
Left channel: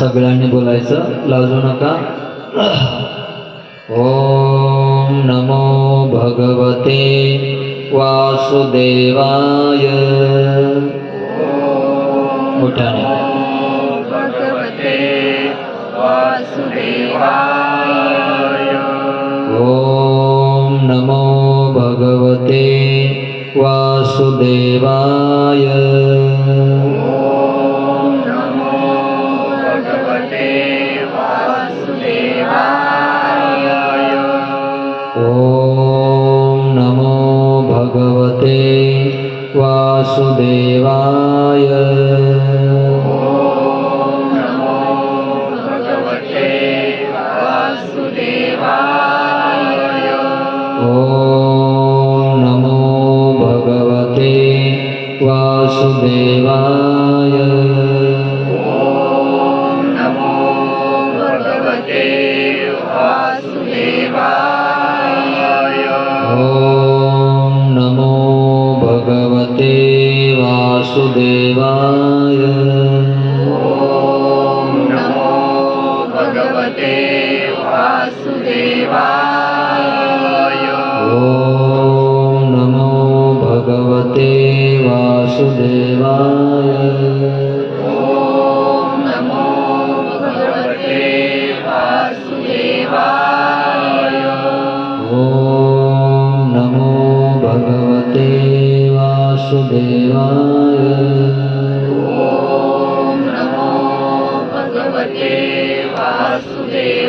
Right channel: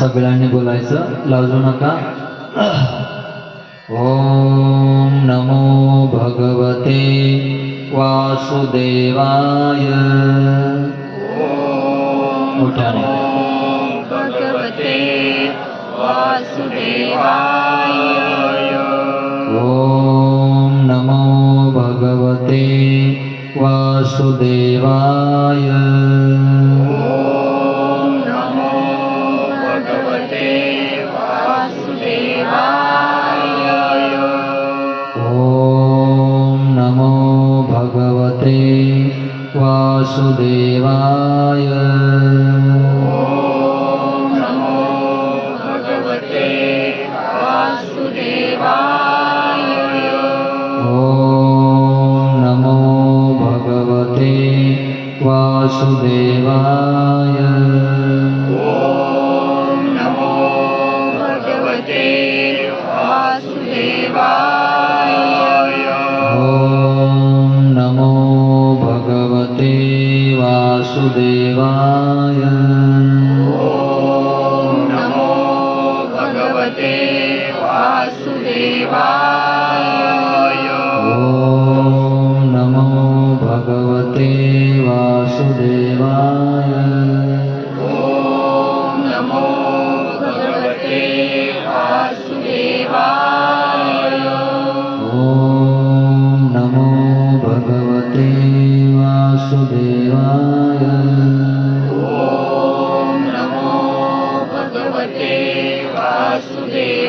सगळ्यांनी बोलायचं, लाजू नका। ओम नमो भगवते वासुदेवाय, मोठ्याने। भगवते वासुदेवाय, ओम नमो भगवते वासुदेवाय, ओम नमो भगवते वासुदेवाय, ओम नमो भगवते वासुदेवाय, ओम नमो भगवते वासुदेवाय, ओम नमो भगवते वासुदेवाय, ओम नमो भगवते वासुदेवाय, ओम नमो भगवते वासुदेवाय, ओम नमो भगवते वासुदेवाय, ओम नमो भगवते वासुदेवाय, ओम नमो भगवते वासुदेवाय, ओम नमो भगवते वासुदेवाय, ओम नमो भगवते वासुदेवाय।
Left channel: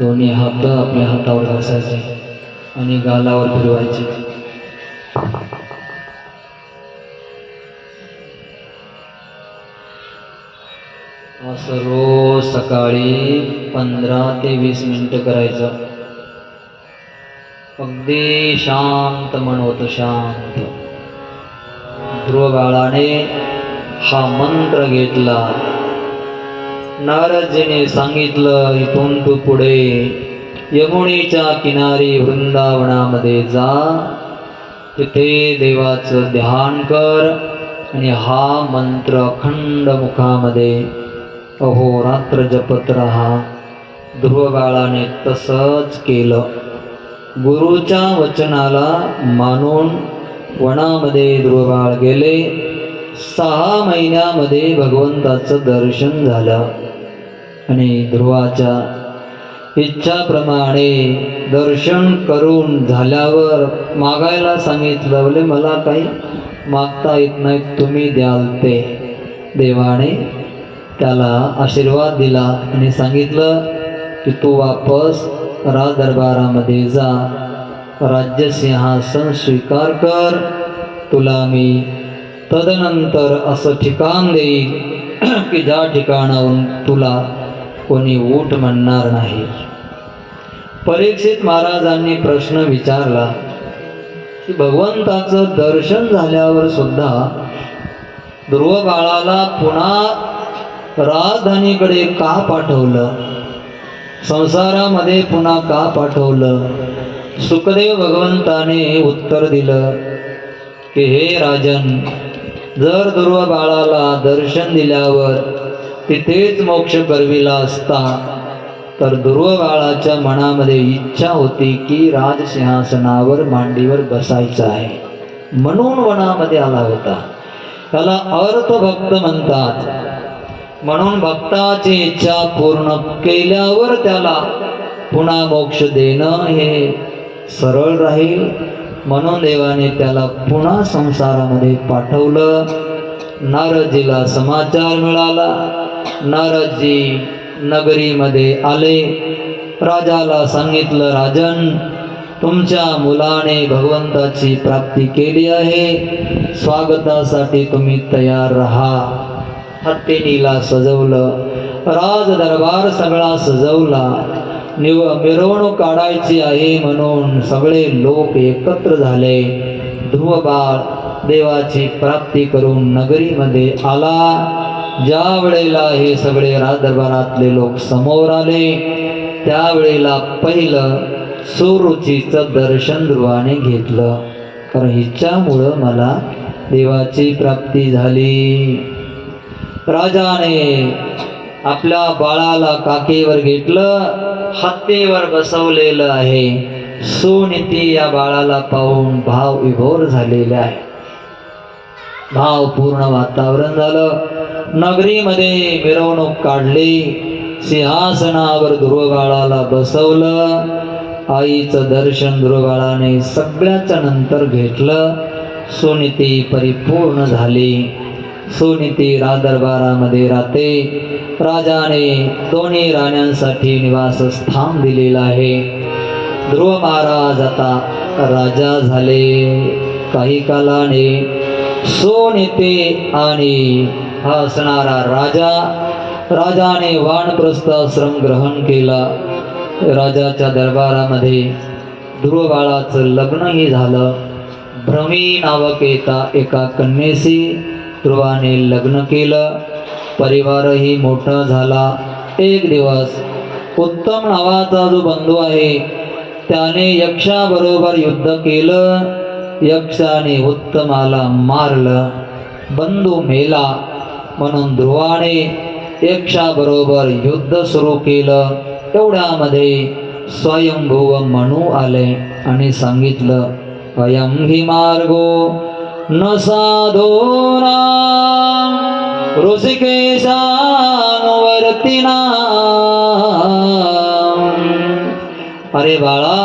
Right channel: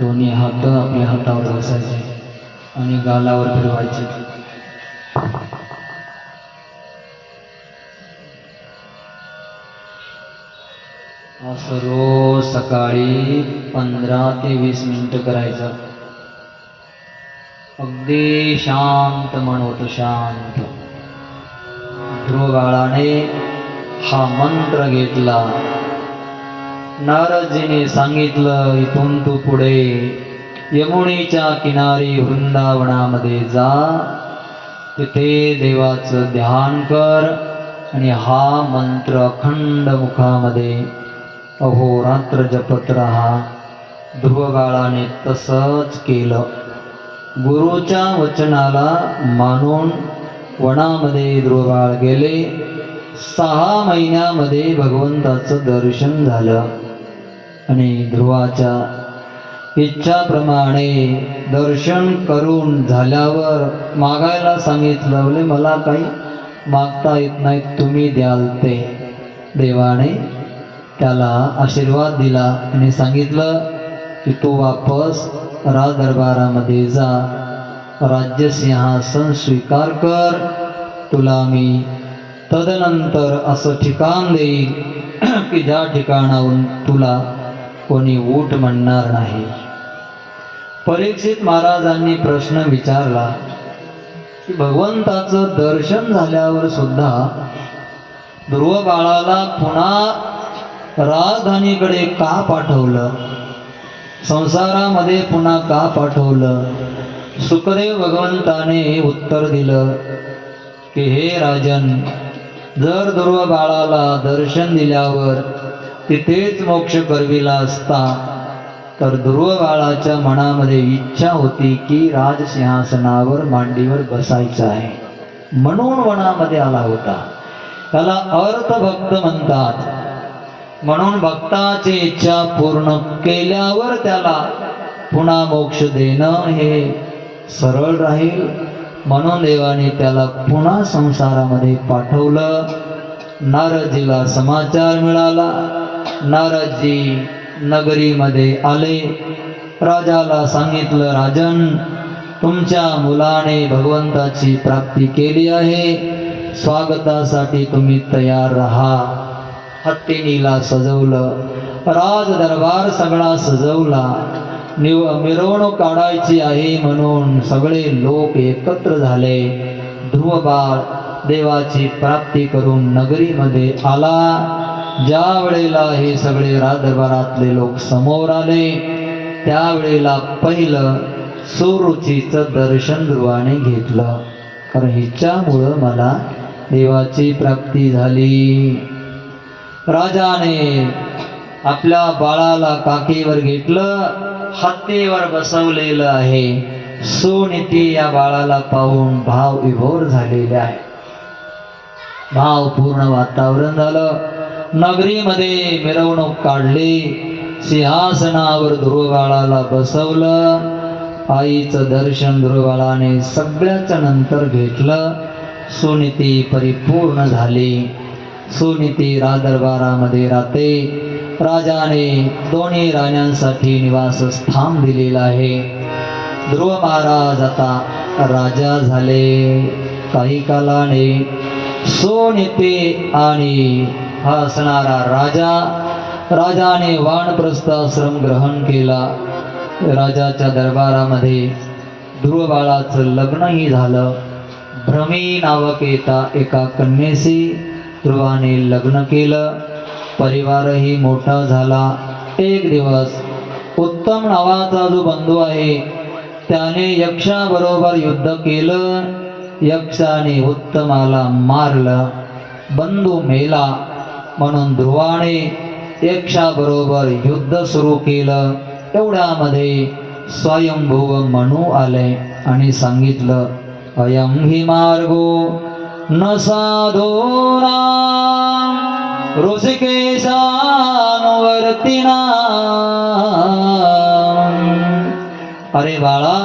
दोन्ही हात आपल्या हातावर घासायचे आणि गालावर फिरवायचे। असं रोज सकाळी 15 ते 20 मिनिटं करायचं. अगदी शांत मन होतं, शांत. ध्रुव बाळाने हा मंत्र घेतला. नारदजीने सांगितलं, इथून तू पुढे यमुनेच्या किनारी वृंदावनामध्ये जा, तिथे देवाचं ध्यान कर आणि हा मंत्र अखंड मुखामध्ये अहोरात्र जपत राहा. ध्रुव बाळाने तसंच केलं. गुरुच्या वचनाला मानून वनामध्ये ध्रुव बाळ गेले. 6 महिन्यामध्ये भगवंताचं दर्शन झालं आणि ध्रुवाच्या इच्छाप्रमाणे दर्शन करून झाल्यावर मागायला सांगितलं. बोले मला काही मागता येत नाही, तुम्ही द्याल ते. देवाने त्याला आशीर्वाद दिला आणि सांगितलं की तू वापस राजदरबारामध्ये जा, राज्य सिंहासन स्वीकार कर. तुला मी तदनंतर असं ठिकाण देईल की ज्या ठिकाणाहून तुला कोणी ऊठ म्हणणार नाही. परीक्षित महाराजांनी प्रश्न विचारला की भगवंताचं दर्शन झाल्यावर सुद्धा ध्रुव बाळाला पुन्हा राजधानीकडे का पाठवलं, संसारामध्ये पुन्हा का पाठवलं? सुखदेव भगवंताने उत्तर दिलं की हे राजन, जर ध्रुव बाळाला दर्शन दिल्यावर तिथेच मोक्ष करविला असता तर ध्रुव बाळाच्या मनामध्ये इच्छा होती की राजसिंहासनावर मांडीवर बसायचं आहे, म्हणून वनामध्ये आला होता. त्याला अर्थभक्त म्हणतात. म्हणून भक्ताची इच्छा पूर्ण केल्यावर त्याला पुन्हा मोक्ष देणं हे सरळ राहील. म्हणून देवाने त्याला पुन्हा संसारामध्ये पाठवलं. नारदजीला समाचार मिळाला. नारदजी नगरीमध्ये आले. राजाला सांगितलं, राजन, तुमच्या मुलाने भगवंताची प्राप्ती केली आहे, स्वागतासाठी तुम्ही तयार राहा. हत्तीनीला सजवलं. राज दरबार सगळा सजवला. मिरवणूक काढायची आहे म्हणून सगळे लोक एकत्र झाले. ध्रुव बाळ देवाची प्राप्ती करून नगरीमध्ये आला. ज्या वेळेला हे सगळे राजदरबारातले लोक समोर आले त्यावेळेला पहिलं सुरुचीचं दर्शन ध्रुवाने घेतलं, कारण हिच्यामुळं मला देवाची प्राप्ती झाली. राजाने आपल्या बाळाला काकेवर घेतलं, हत्तीवर बसवलेलं आहे. सुनीती या बाळाला पाहून भाव विभोर झालेले आहे. भावपूर्ण वातावरण झालं. नगरीमध्ये मिरवणूक काढली. सिंहासनावर ध्रुव बाळाला बसवलं. आईचं दर्शन ध्रुव बाळाने सगळ्याच्या नंतर घेतलं. सुनीती परिपूर्ण झाली. सुनीती राजदरबारामध्ये राहते. राजाने दोन्ही राण्यांसाठी निवासस्थान दिलेलं आहे. ध्रुव महाराज आता राजा झाले. काही कालाने सुनीती आणि हा असणारा राजाने वानप्रस्थाश्रम ग्रहण केला. राजाच्या दरबारामध्ये ध्रुव बाळाचं लग्नही झालं. भ्रमी नावक एका कन्येशी ध्रुवाने लग्न केलं. परिवारही मोठा झाला. एक दिवस उत्तम नावाचा जो बंधू आहे त्याने यक्षाबरोबर युद्ध केलं. यक्षाने उत्तमाला मारलं. बंधू मेला म्हणून ध्रुवाने यक्षाबरोबर युद्ध सुरू केलं. एवढ्यामध्ये स्वयंभुव मनू आले आणि सांगितलं, अयं हि मार्गो न साधूनां ऋषिकेशानुवर्तिनां. अरे बाळा,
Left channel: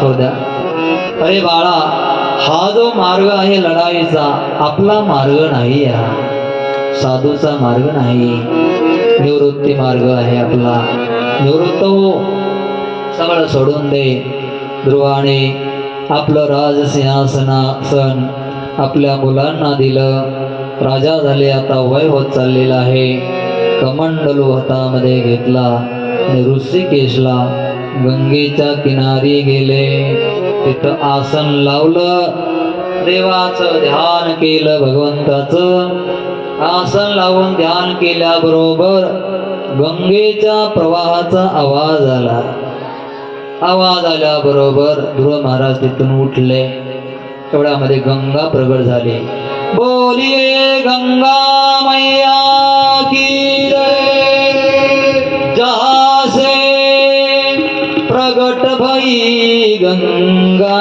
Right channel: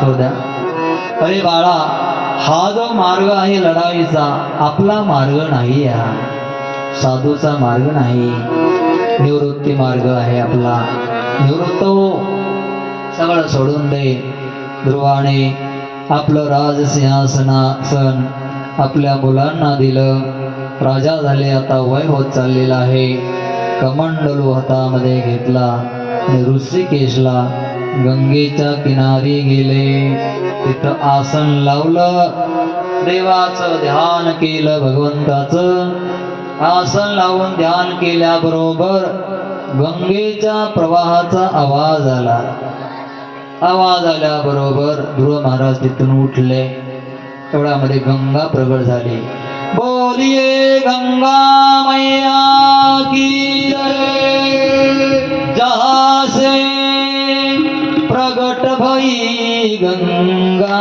शोध्या, अरे बाळा, हा जो मार्ग आहे लढाईचा आपला मार्ग नाही, हा साधूचा मार्ग नाही, निवृत्ती मार्ग आहे आपला. निवृत्त हो, सगळं सोडून दे. ध्रुवाने आपलं राजसिंहासन आपल्या मुलांना दिलं. राजा झाले. आता वय होत चाललेलं आहे. कमंडलू हातामध्ये घेतला आणि ऋषिकेशला गंगेच्या किनारी गेले. तिथं आसन लावलं, देवाचं ध्यान केलं. भगवंताचं आसन लावून ध्यान केल्याबरोबर गंगेच्या प्रवाहाचा आवाज आला. आवाज आल्याबरोबर ध्रुव महाराज तिथून उठले. एवढ्यामध्ये गंगा प्रगट झाली. बोलिये गंगा मैया की जय. जहाँ से प्रगट भई गंगा,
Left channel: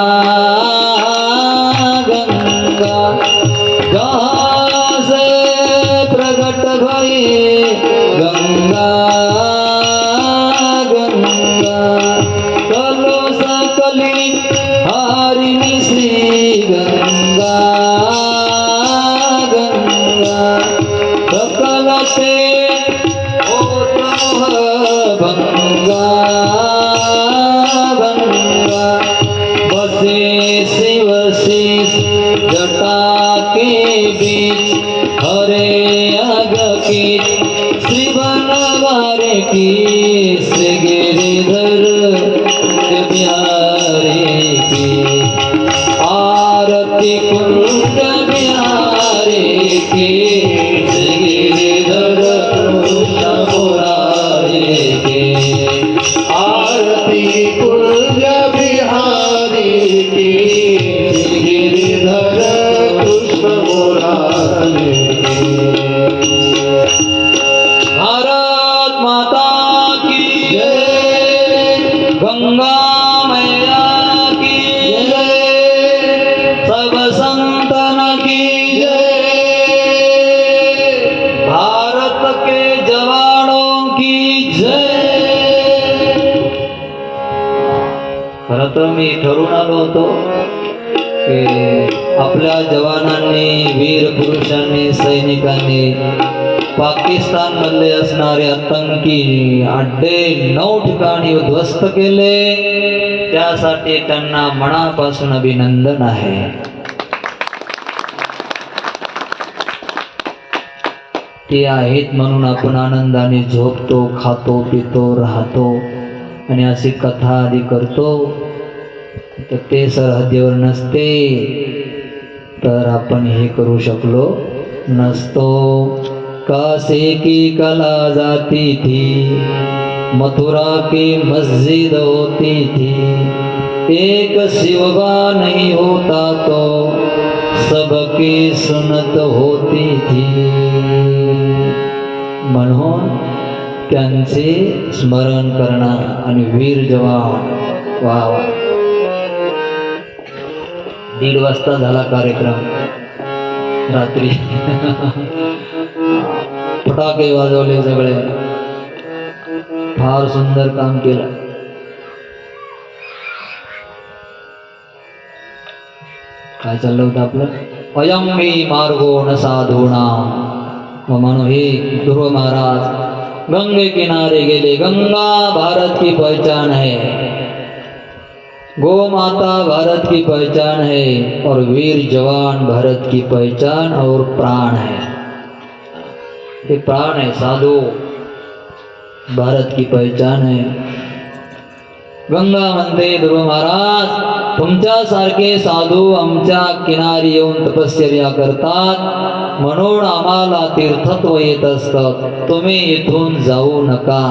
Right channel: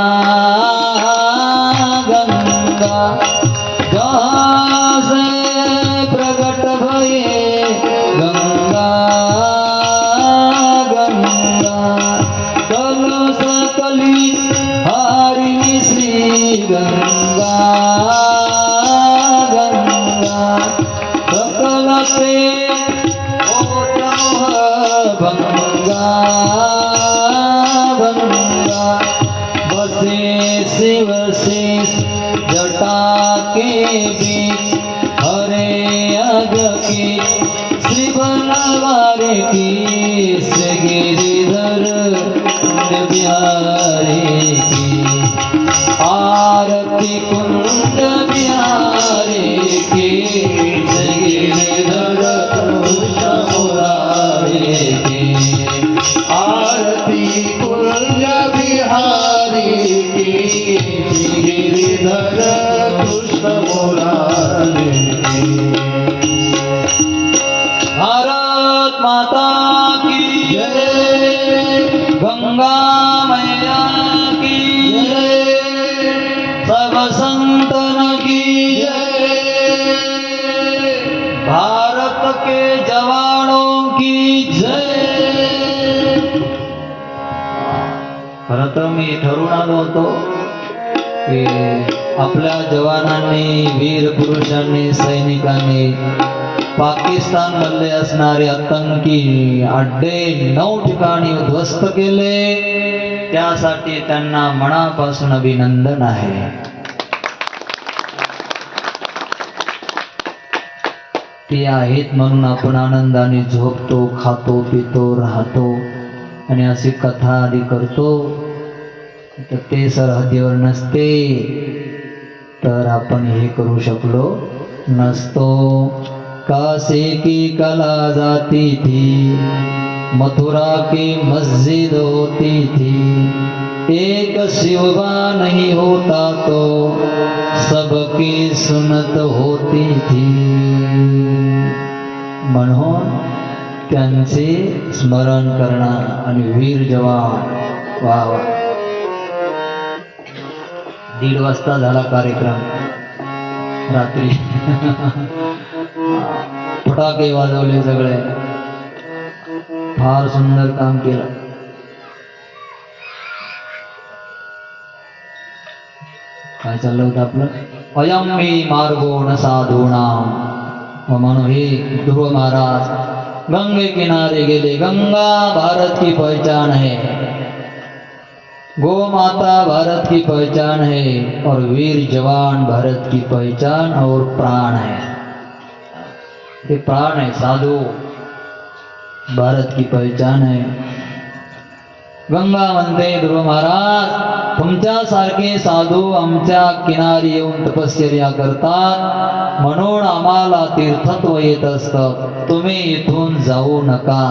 गंगा जहाँ से प्रगट भई गंगा, गंगा कलो सकली हारिणी श्री गंगा, गंगा सकल से ओतमोह गंगा, गंगा बसे शिव शेष जटा के बीच, हरे अग की श्री बनवारे की, श्री गिरिधर बिहारी की, आरती कुंज बिहारी की, श्री गिरिधर कृष्ण मुरारी की, आरती कुंज बिहारी की, श्री गिरिधर कृष्ण मुरारी की. भारत माता की जय. गंगा मैया की जय. सब संतन की जय. भारत के जवानों की जय. खरं तर मी ठरवून आलो होतो की आपल्या जवानांनी, वीर पुरुषांनी, सैनिकांनी पाकिस्तान मधले असणारे आतंकी अड्डे 9 ठिकाणी उद्ध्वस्त केले. त्यासाठी त्यांना मनापासून अभिनंदन आहे. ते आहेत म्हणून आपण आनंदाने झोपतो, खातो, पितो, राहतो आणि अशी कथा आदी करतो. तर ते सरहद्दीवर नसते तर आपण हे करू शकलो नसतो. काशी की कला जाती थी, मथुरा की मस्जिद होती थी, एक शिवबा नहीं होता तो सबकी सुनत होती थी. म्हणून त्यांचे स्मरण करणं आणि वीर जवान. वा वा. 1:30 वाजता झाला कार्यक्रम. रात्री फटाके वाजवले सगळे. फार सुंदर काम केलं. काय चाललं होतं आपलं? अयम मी मार्गो न साधूनाम. म्हणून हे ध्रुव महाराज गंगे किनारे गेले. गंगा भारत की पहचान है, गौ माता भारत की पहचान है और वीर जवान भारत की पहचान और प्राण है. ये प्राण है. साधू भारत की पहचान है. गंगा म्हणते ध्रुव महाराज, तुमच्यासारखे साधू आमच्या किनारी येऊन तपश्चर्या करतात म्हणून आम्हाला तीर्थत्व येत असतं. तुम्ही इथून जाऊ नका,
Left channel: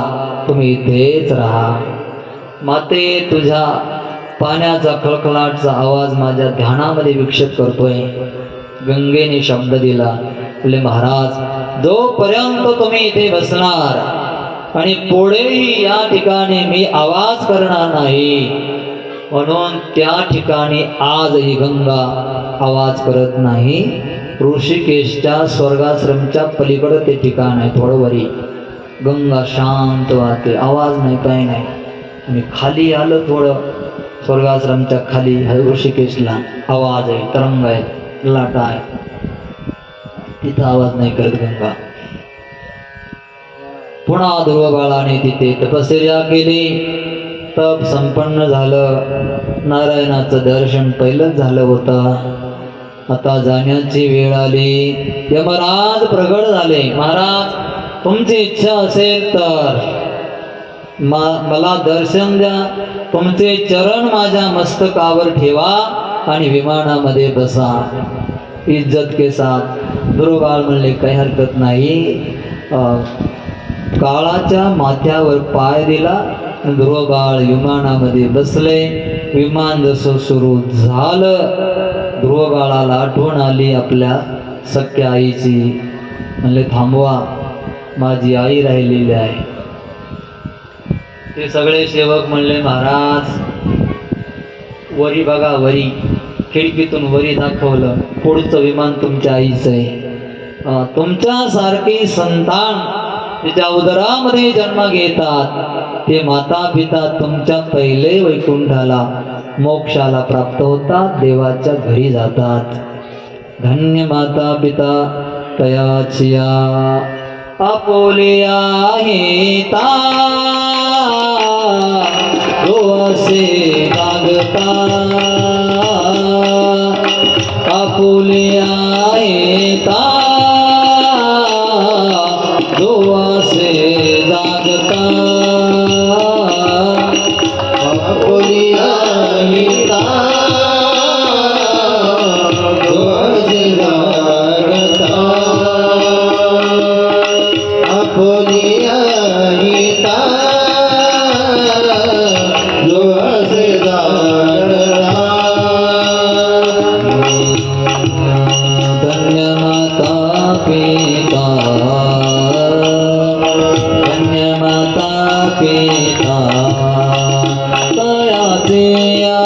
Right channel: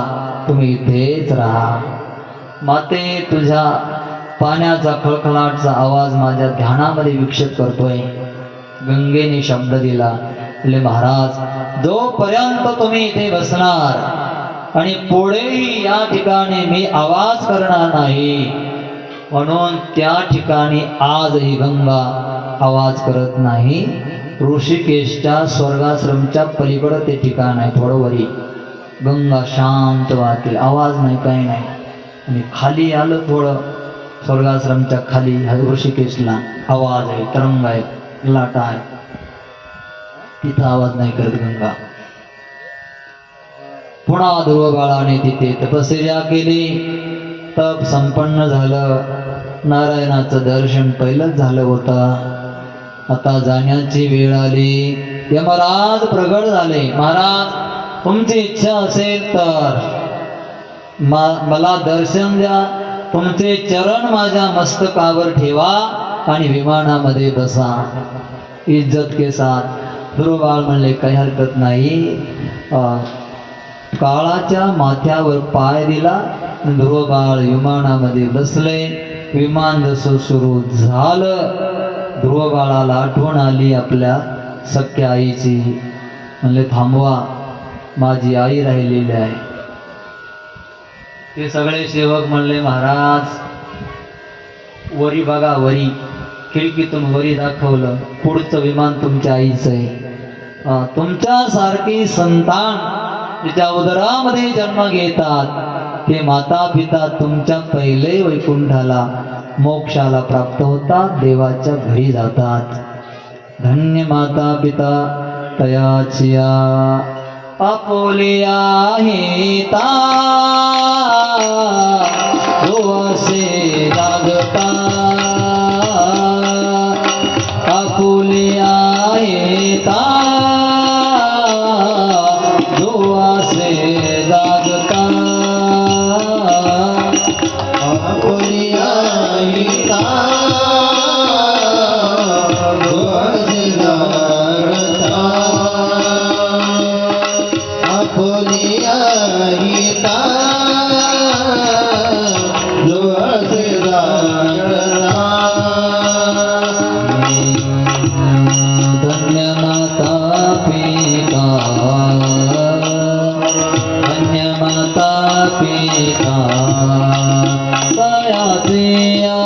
तुम्ही इथेच राहा. माते, तुझ्या पाण्याचा खळखळाटचा आवाज माझ्या ध्यानामध्ये विक्षेप करतोय. गंगेने शब्द दिला, तुले महाराज, जोपर्यंत तुम्ही इथे बसणार आणि पुढेही या ठिकाणी मी आवाज करणार नाही, म्हणून त्या ठिकाणी आजही गंगा आवाज करत नाही. ऋषिकेशच्या स्वर्गाश्रमच्या पलीकडे ते ठिकाण आहे. थोडं वरी गंगा शांत वाहते, आवाज नाही, काही नाही. आणि खाली आलं थोडं, स्वर्गाश्रमच्या खाली ऋषिकेशला आवाज आहे, तरंग आहे, लाटा आहे. तिथं आवाज नाही करत गंगा. पुन्हा ध्रुव बाळाने तिथे तपश्चर्या केली. तप संपन्न झालं. नारायणाचं दर्शन पहिलंच झालं होतं. आता जाण्याची वेळ आली. यमराज प्रगट झाले. महाराज, तुमची इच्छा असेल तर मला दर्शन द्या, तुमचे चरण माझ्या मस्तकावर ठेवा आणि विमानामध्ये बसा इज्जत के साथ. ध्रुवबाळ म्हणले काही हरकत नाही. काळाच्या माथ्यावर पाय दिला, ध्रुवबाळ विमानामध्ये बसले. विमान जसं सुरू झालं, ध्रुवबाळाला आठवण आली आपल्या सख्या आईची. म्हणले थांबवा, माझी आई राहिलेली आहे. ते सगळे सेवक म्हणले महाराज वरी बघा, वरी खिडकीतून वरी दाखवलं, पुढचं विमान तुमच्या आईचं आहे. तुमच्यासारखी संतान तिच्या उदरामध्ये जन्म घेतात ते माता पिता तुमच्या पहिले वैकुंठाला मोक्षाला प्राप्त होतात, देवाच्या घरी जातात. धन्य माता पिता तयाचिया आपोलिया हेता जो असे लागता. आपोलिया हेता जो असे जागता. आपोलिया हेता जो असे जागता. आपोलिया हेता जो असे जागता. धन्य माता पिता, धन्य माता पिता तयाचिया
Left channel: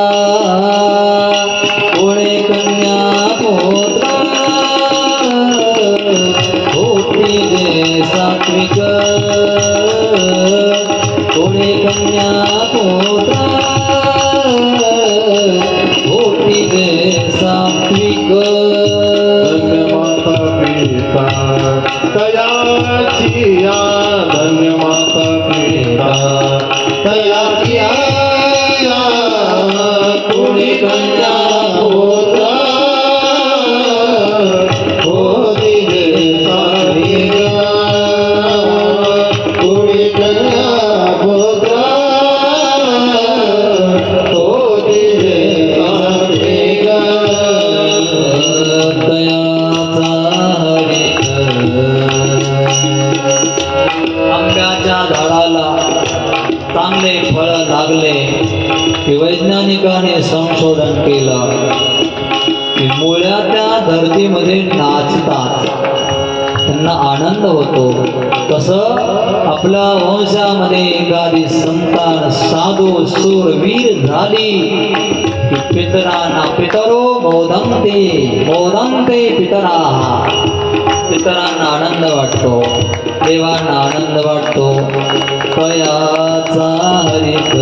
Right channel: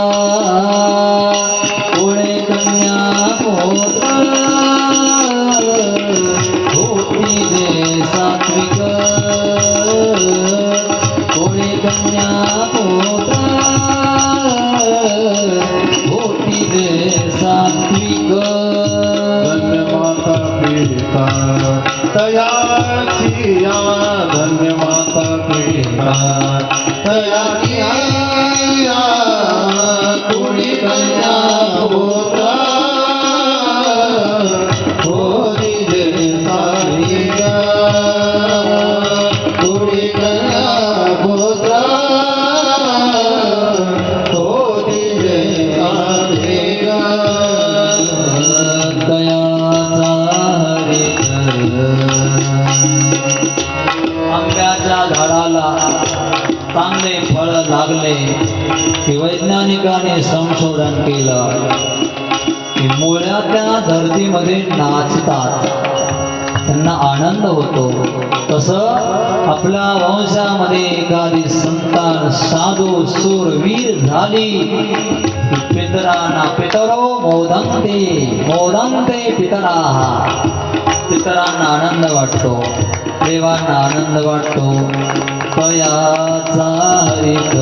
पुढे कन्या पुत्र होती जे सात्विक. पुढे कन्या पुत्र होती जे सात्विक. धन्य माता पिता तयाचिया, धन्य माता पिता तयाचिया. पुढे कन्या पुत्र होती जे सात्विक. पुढे कन्या पुत्र होती जे सात्विक. दयाचा आंब्याच्या झाडाला चांगले फळ लागले की वैज्ञानिकाने संशोधन केलं की मुळ्या त्या धरतीमध्ये नाचतात, त्यांना आनंद होतो. तसं आपल्या वंशामध्ये एखादी संतान साधू सूरवीर झाली की पितरांना पितरो मोदंते मोदंते पितराः. पितरांना आनंद वाटतो, देवांना आनंद वाटतो. तयाचा हरित,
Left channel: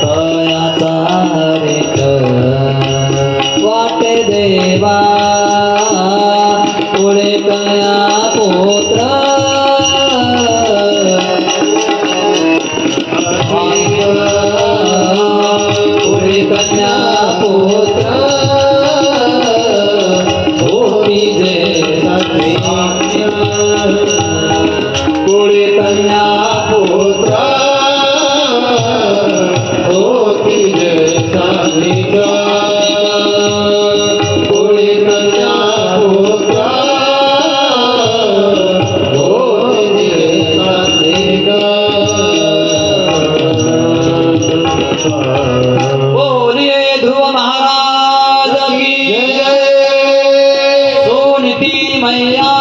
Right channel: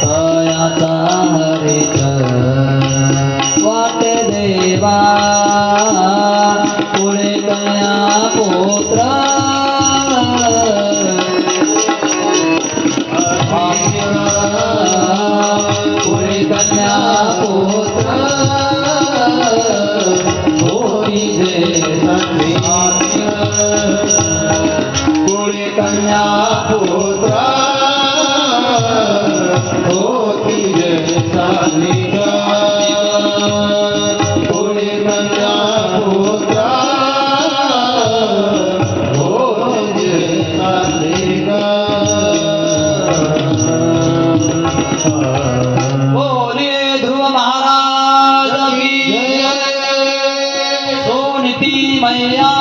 तयाचा हरित वाटे देवा. पुढे कन्या पुत्र पुढे कन्या पुत्र होती जे सात्विक. पुढे कन्या पुत्र होती जे सात्विक. पुढे कन्या पुत्र होती जे सात्विक. बोलिए ध्रुव महाराज की जय, सोनिती मैया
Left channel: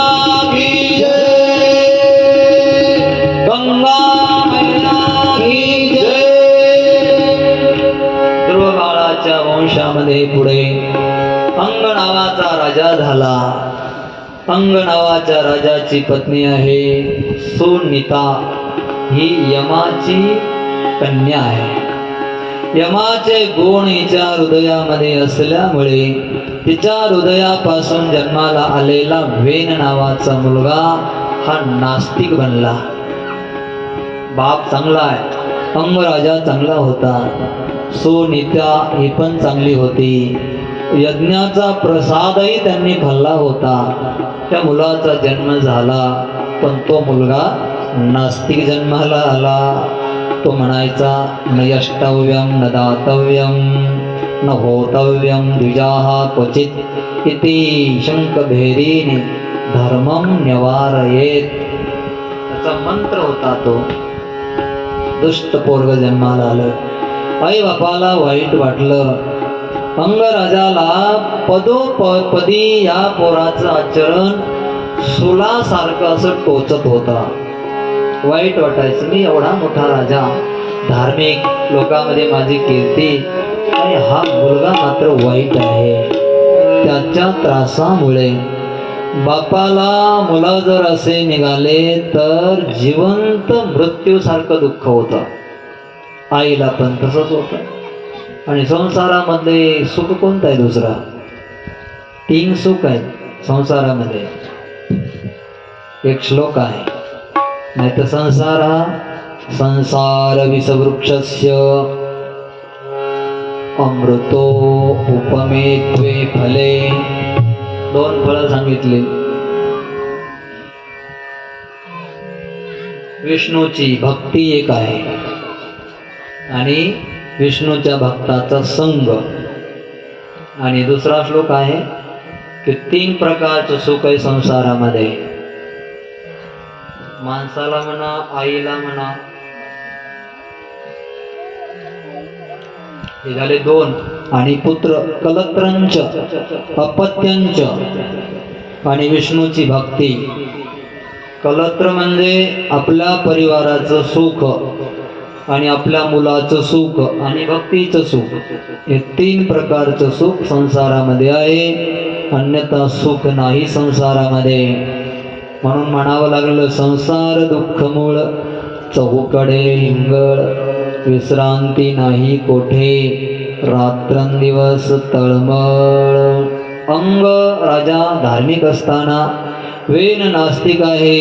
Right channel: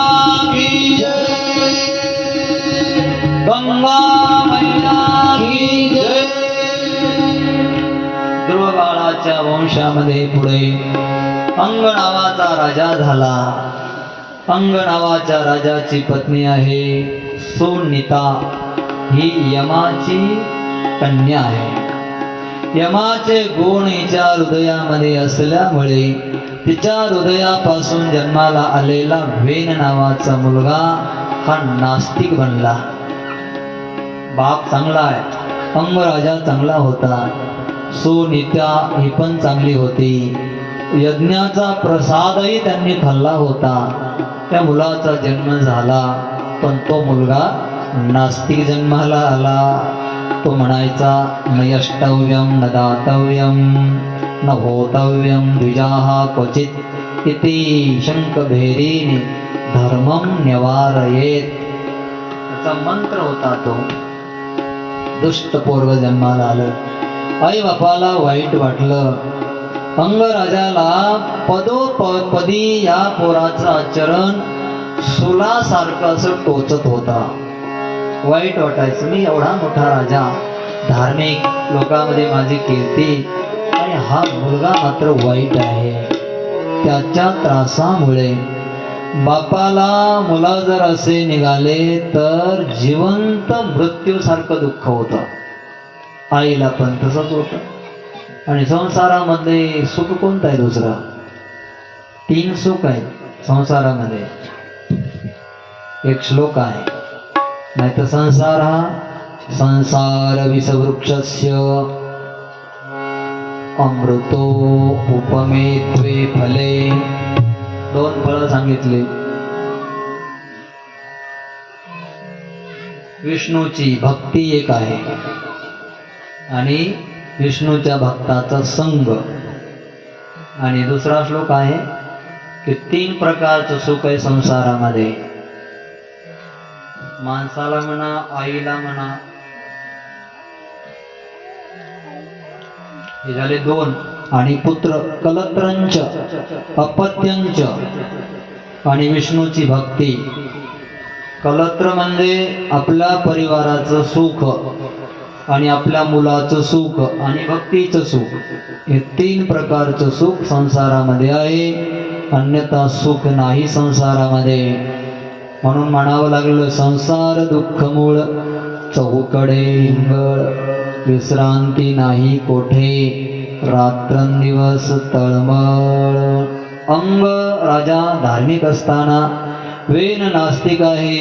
की जय, गंगा मैया की जय. ध्रुव बाळाच्या वंशामध्ये पुढे अंग नावाचा राजा झाला. अंग नावाच्या राजाची पत्नी आहे सुनीता. ही यमाची कन्या आहे. यमाचे गुण हिच्या हृदयामध्ये असल्यामुळे तिच्या हृदयापासून जन्माला आलेला वेन नावाचा मुलगा हा नास्तिक बनला. बाप चांगला आहे, अंग राजा चांगला होता, सुनीता ही पण चांगली होती. यज्ञाचा प्रसादही त्यांनी खाल्ला होता. त्या मुलाचा जन्म झाला, पण तो मुलगा नास्तिक जन्माला आला. तो म्हणायचा न यष्टव्यम न दातव्यम न होतव्यम द्विजाः क्वचित इति शंखभेरीने धर्मम निवारयेत. त्याचा मंत्र होता तो. दुष्ट पोरग जन्माला आलं. आई बापाला वाईट वाटलं. अंगराजाला पदोपदी या पोराचं आचरण सुलासारखं असं टोचत होता. वाईट वाटायचं, मी एवढा मोठा राजा, धार्मिक लोकांमध्ये माझी कीर्ती, आणि हा मुलगा मात्र वाईट आहे. त्याच्या त्रासामुळे बापाला मुला जर असे निघाले तर जिवंत मृत्यूसारखं दुःख होतं. आईला पण तसंच होतं. आणि संसारामध्ये सुख कोणतं आहे? दुसरा 3 सुख आहेत संसारामध्ये. एक श्लोक आहे, नाही तर संसार हा संसार विषवृक्षस्य अमृतो उपमेत्वे फले. 2 फळं सांगितली. विष्णूची भक्ती एक आहे आणि विष्णूच्या भक्ताचा संग. आणि दुसरा श्लोक आहे की 3 प्रकारचं सुख आहे संसारामध्ये. माणसाला म्हणा, आईला म्हणा, हे झाले 2. आणि पुत्र कलत्रंच अपत्यांच. आणि विष्णूची भक्ती. कलत्र म्हणजे आपल्या परिवाराचं सुख आणि आपल्या मुलाचं सुख आणि भक्तीचं सुख. हे 3 प्रकारचं सुख संसारामध्ये आहे, अन्यथा सुख नाही संसारामध्ये. म्हणून म्हणावं लागलं संसार दुःख मूळ चहूकडे हिंगळ, विश्रांती नाही कोठे रात्रंदिवस तळमळ. अंग राजा धार्मिक असताना वेन नास्तिक आहे.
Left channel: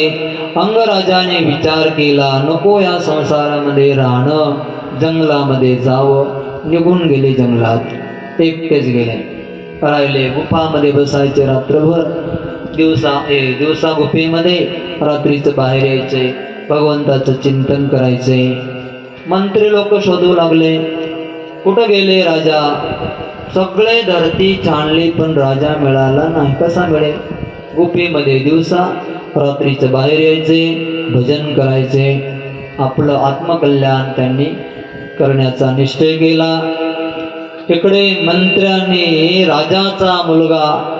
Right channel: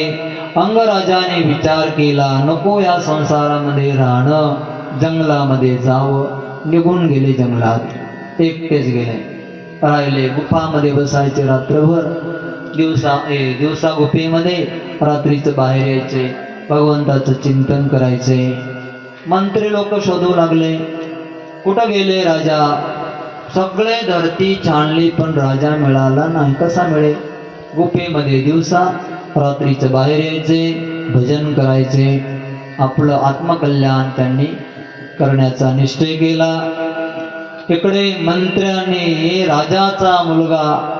अंगराजाने विचार केला नको या संसारामध्ये राहणं, जंगलामध्ये जावं. निघून गेले जंगलात, एकटेच गेले. राहिले गुफामध्ये बसायचे रात्रभर. दिवसा गुफेमध्ये, रात्रीचं बाहेर यायचे, भगवंताचं चिंतन करायचे. मंत्री लोक शोधू लागले, कुठं गेले राजा? सगळे धरती छानली पण राजा मिळाला नाही. कसा मिळेल? गुफेमध्ये दिवसा, रात्रीचं बाहेर यायचे, भजन करायचे. आपलं आत्मकल्याण त्यांनी करण्याचा निश्चय केला. इकडे मंत्र्याने राजाचा मुलगा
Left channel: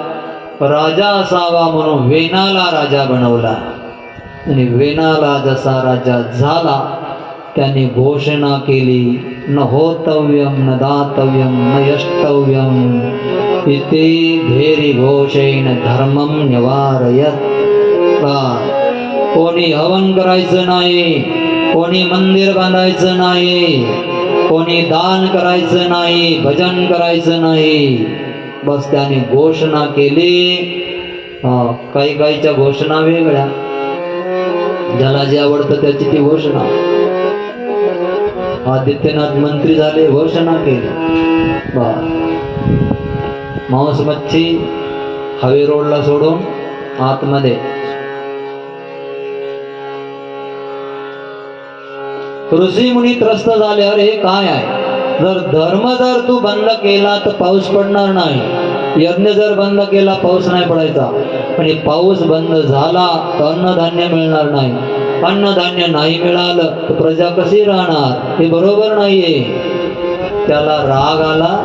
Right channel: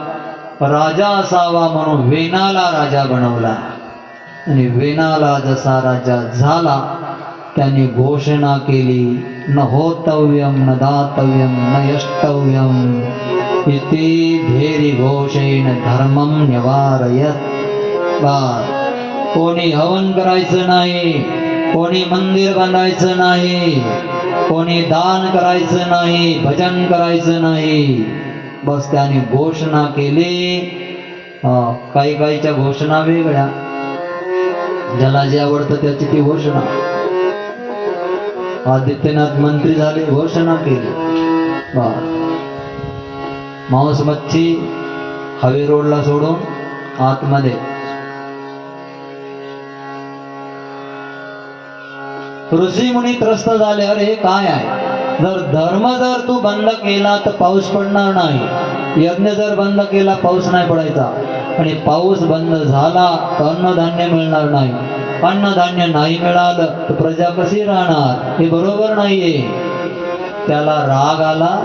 राजा असावा म्हणून वेनाला राजा बनवला. आणि वेनाला जसा राजा झाला त्याने घोषणा केली न होतव्यम न दातव्यम न यष्टव्यम इति भेरी घोषेन धर्मम निवारयत. कोणी हवन करायचं नाही, कोणी मंदिर बांधायचं नाही, कोणी दान करायचं नाही, भजन करायचं नाही. बस त्याने घोषणा केली. काही काहीच्या घोषणा वेगळ्या, ज्याला जे आवडतं त्याची ती घोषणा. आदित्यनाथ मंत्री झाले, घोषणा केली. मांस मच्छी हवे रोडला सोडून आतमध्ये. ऋषी मुनी त्रस्त झाले, अरे हे काय आहे? जर तू बंद केला तर पाऊस पडणार नाही. यज्ञ जर बंद केला पाऊस नाही पडायचा. आणि पाऊस बंद झाला तर अन्नधान्य मिळणार नाही. अन्नधान्य नाही मिळालं तर प्रजा कशी राहणार? हे बरोबर नाहीये. त्याला राग आला,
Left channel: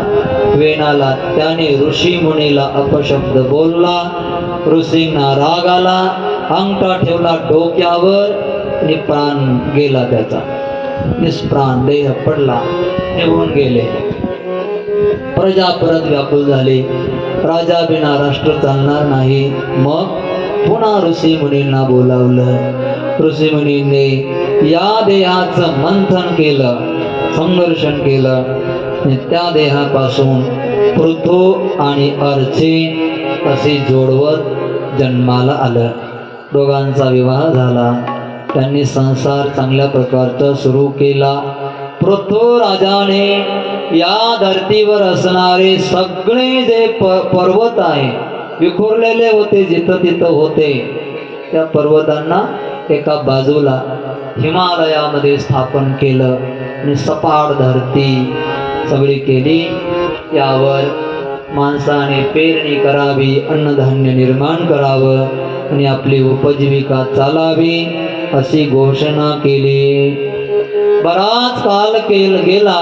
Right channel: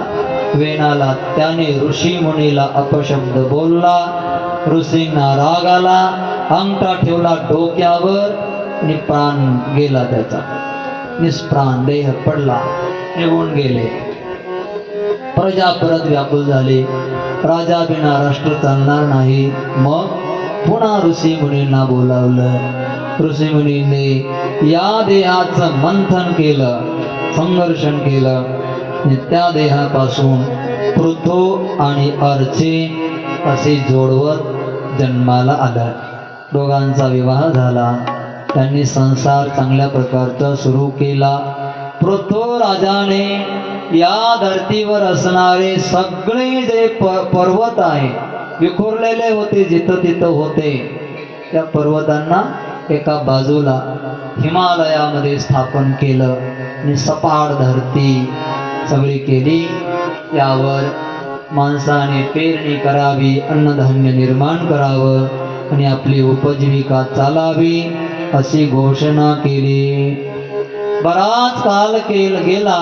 वेण आला. त्याने ऋषी मुनीला अपशब्द बोलला. ऋषींना राग आला, अंगठा ठेवला डोक्यावर आणि प्राण गेला त्याचा. निष्प्राण देह पडला, निघून गेले. प्रजा परत व्याकुल झाली. राजा बिना राष्ट्र चालणार नाही. मग पुन्हा ऋषी मुनींना बोलावलं. ऋषी मुनींनी या देहाचं मंथन केलं, संघर्षण केलं. त्या देहापासून पृथू आणि अर्ची असे जोडवत जन्माला आलं. दोघांचा विवाह झाला. त्यांनी संसार चांगल्या प्रकारचा सुरू केला. पृथ्वी राजाने या धर्तीवर असणारे सगळे जे पर्वत आहे विखुरलेले होते, जिथं तिथं होते. त्या पर्वतांना एका बाजूला हिमालयामध्ये स्थापन केलं आणि सपाट धरती सगळी केली. यावर माणसाने पेरणी करावी, अन्नधान्य निर्माण करावं आणि आपली उपजीविका चालावी अशी घोषणा केली. बराच काल गेला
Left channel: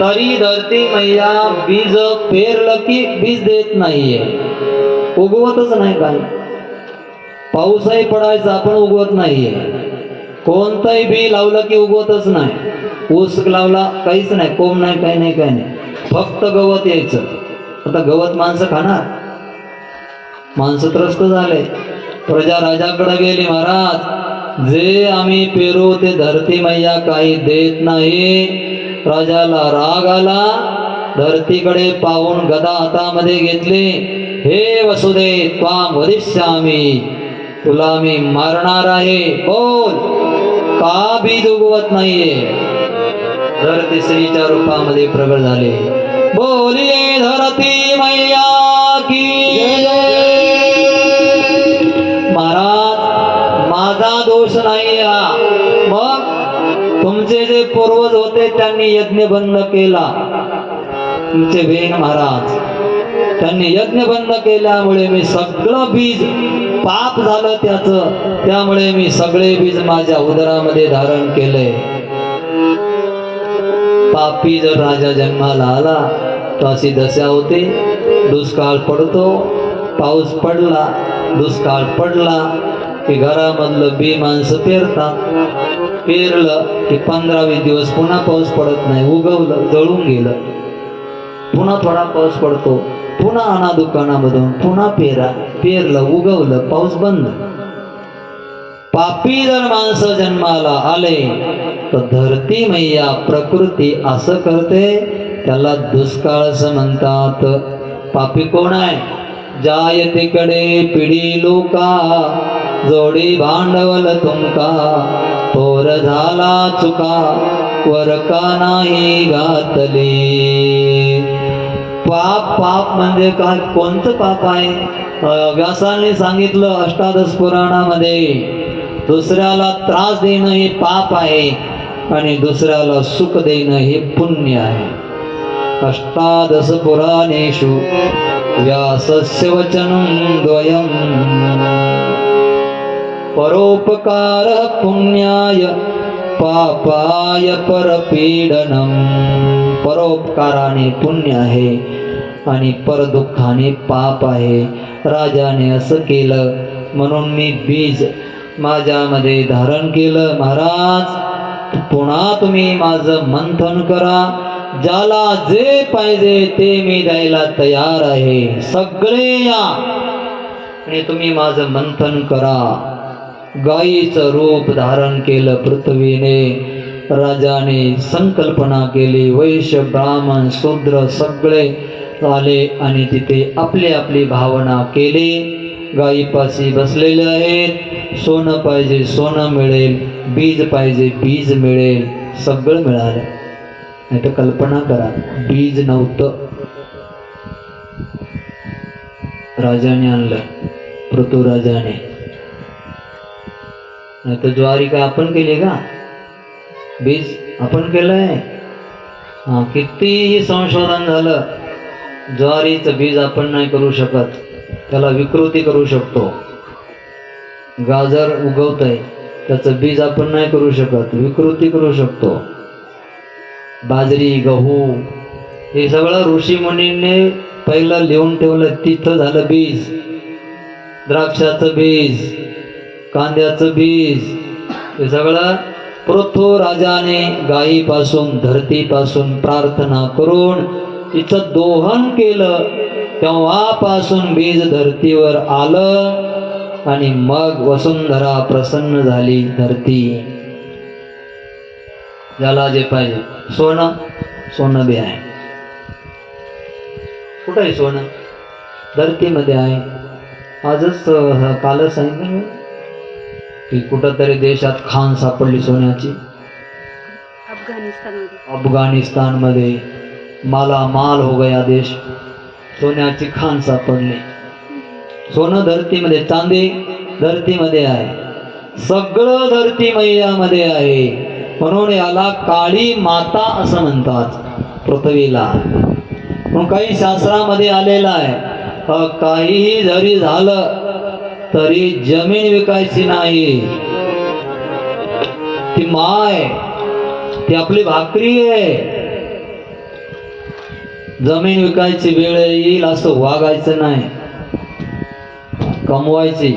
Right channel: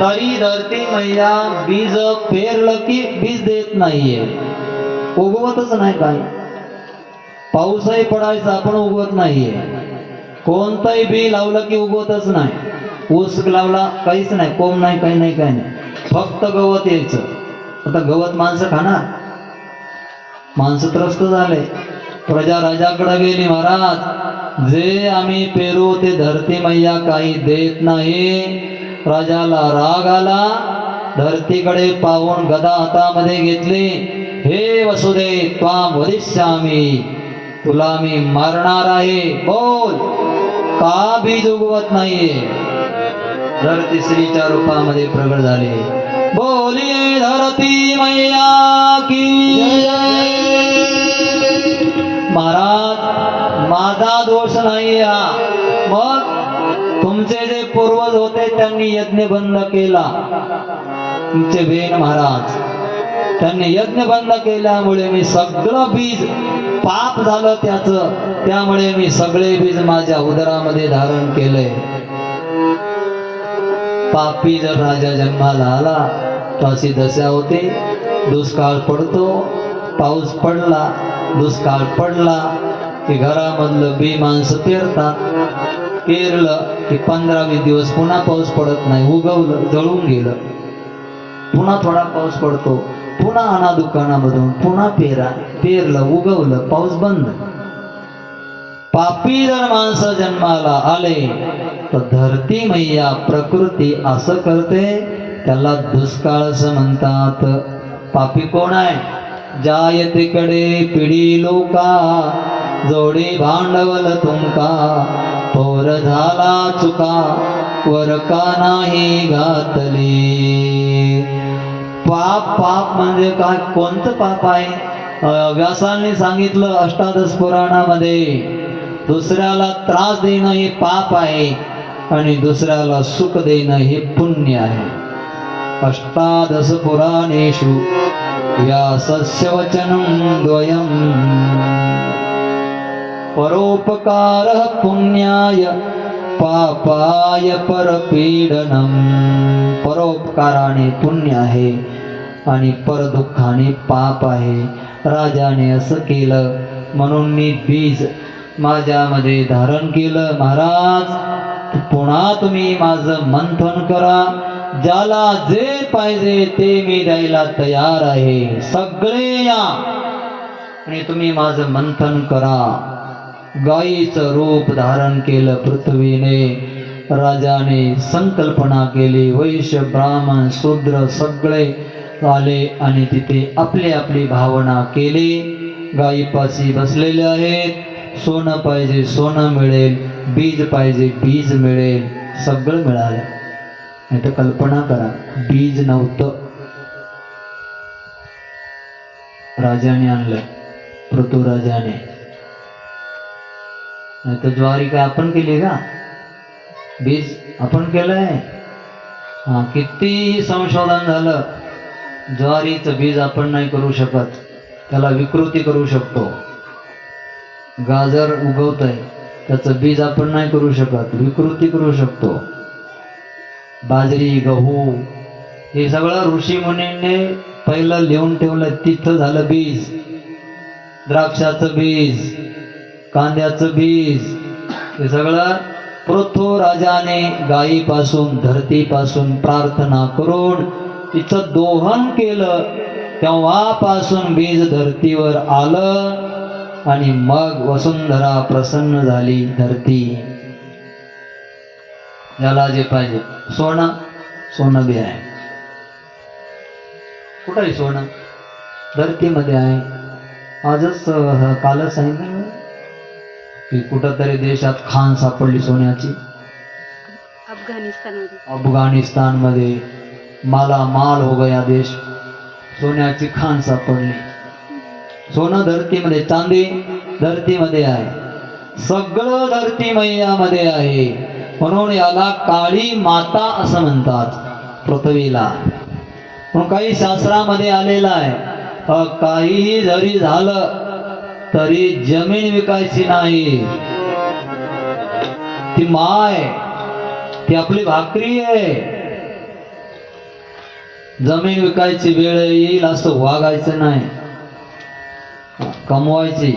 तरी धरती मैया बीज पेरलं की बीज देत नाहीये, उगवतच नाही. काय पाऊसही पडायचा पण उगवत नाहीये. कोणतंही बी लावलं की उगवतच नाही. ऊस लावला काहीच नाही, कोंब नाही, काही नाही, काही नाही, फक्त गवत यायचं. आता गवत माणसं खाणार, माणसं त्रस्त झाले. प्रजा राजाकडे गेली, महाराज जे आम्ही पेरू ते धरती मैया काही देत नाही. राजाला राग आला, धरतीकडे पाहून गदा हातामध्ये घेतली. हे वसुदे त्वाम वदिष्यामि, तुला मी मारणार आहे, बोल का बीज उगवत नाहीये. धरती स्त्रीच्या रूपामध्ये प्रगट झाले. बोलिये धरती मैया की महाराज माझा दोष नाही हा. मग तुमचे जे पूर्वज होते त्यांनी यज्ञ बंद केला. तुमचे वेन महाराज त्यांनी यज्ञ बंद केल्यामुळे मी सगळं बीज पाप झालं त्याचं, त्यामुळे मी सगळे बीज माझ्या उदरामध्ये धारण केले. पापी जर राजा जन्माला आला तर अशी दशा होते. दुष्काळ पडतो, पाऊस पडला, दुष्काळ पडला की घरामधलं बी माणसं पेरतात. पेरलं की 15-20 दिवस पुन्हा पाऊस पडत नाही. उगवलं, जळून गेलं, पुन्हा थोडा पाऊस पडतो, पुन्हा आणा दुकानामधून, पुन्हा पेरलं, उगवलं, पाऊस बंद. पापी जर माणसं जन्माला आले तर धरती मैया प्रकृती असं करते, त्याला दुष्काळ असं म्हणतात. पापी कोण आहे? जायतीकडे पिढी लोका, जोडी भांडवल तुमका, थोर झाला चुका, वर का नाही घातली. पाप पाप म्हणजे काय? कोणतं पाप आहे? व्यासाने सांगितलं अष्टादश पुराणामध्ये, दुसऱ्याला त्रास देणं हे पाप आहे आणि दुसऱ्याला सुख देणं हे पुण्य आहे. अष्टादश पुराणेषु व्यासस्य वचनं द्वयम्, परोपकारः पुण्याय पापाय परपीडनम. परोपकाराने पुण्य आहे आणि परदुःखाने पाप आहे. राजाने असं केलं म्हणून मी बीज माझ्यामध्ये धारण केलं. महाराज पुन्हा तुम्ही माझं मंथन करा, ज्याला जे पाहिजे ते मी द्यायला तयार आहे. सगळे या आणि तुम्ही माझं मंथन करा. गायीचं रूप धारण केलं पृथ्वीने. राजाने संकल्पना केली, वैश्य ब्राह्मण शूद्र सगळे आले आणि तिथे आपली आपली भावना केली. गायीपाशी बसलेले आहेत. सोनं पाहिजे सोनं मिळेल, बीज पाहिजे बीज मिळेल, सगळं मिळालं. नाही तर कल्पना करा, बीज नव्हतं, राजाने आणलं, पृथ्वीराजाने. नाही तर ज्वारी काय आपण केली का? बीज आपण केलंय. कितीही संशोधन झालं, ज्वारीचं बीज आपण नाही करू शकत. त्याला विकृती करू शकतो. गाजर उगवतंय, त्याचं बीज आपण नाही करू शकत, विकृती करू शकतो. बाजरी गहू हे सगळं ऋषी मुनींनी पहिलं लिहून ठेवलं, तिथं झालं बीज. द्राक्षाचं बीज, कांद्याचं बीज, हे सगळं पृथ्वीराजाने गायीपासून धरतीपासून प्रार्थना करून तिचं दोहन केलं. तेव्हापासून बीज धरतीवर आलं आणि मग वसुंधरा प्रसन्न झाली. धरती ज्याला जे पाहिजे, सोनं सोनं बी आहे. कुठं आहे सोनं? धरतीमध्ये आहे. आजच कालच सांगितलं की कुठंतरी देशात खाण सापडली सोन्याची. अफगाणिस्तानमध्ये माला माल हो गया देश. सोन्याची खाण सापडली. सोनं धरतीमध्ये, चांदी धरतीमध्ये आहे, सगळं धरती मैयामध्ये आहे. म्हणून याला काळी माता असं म्हणतात पृथ्वीला. म्हणून काही शास्त्रामध्ये आलेलं आहे, काहीही जरी झालं तरी जमीन विकायची नाही. ती माय, ती आपली भाकरी आहे. जमीन विकायची वेळ येईल असं वागायचं नाही, कमवायची,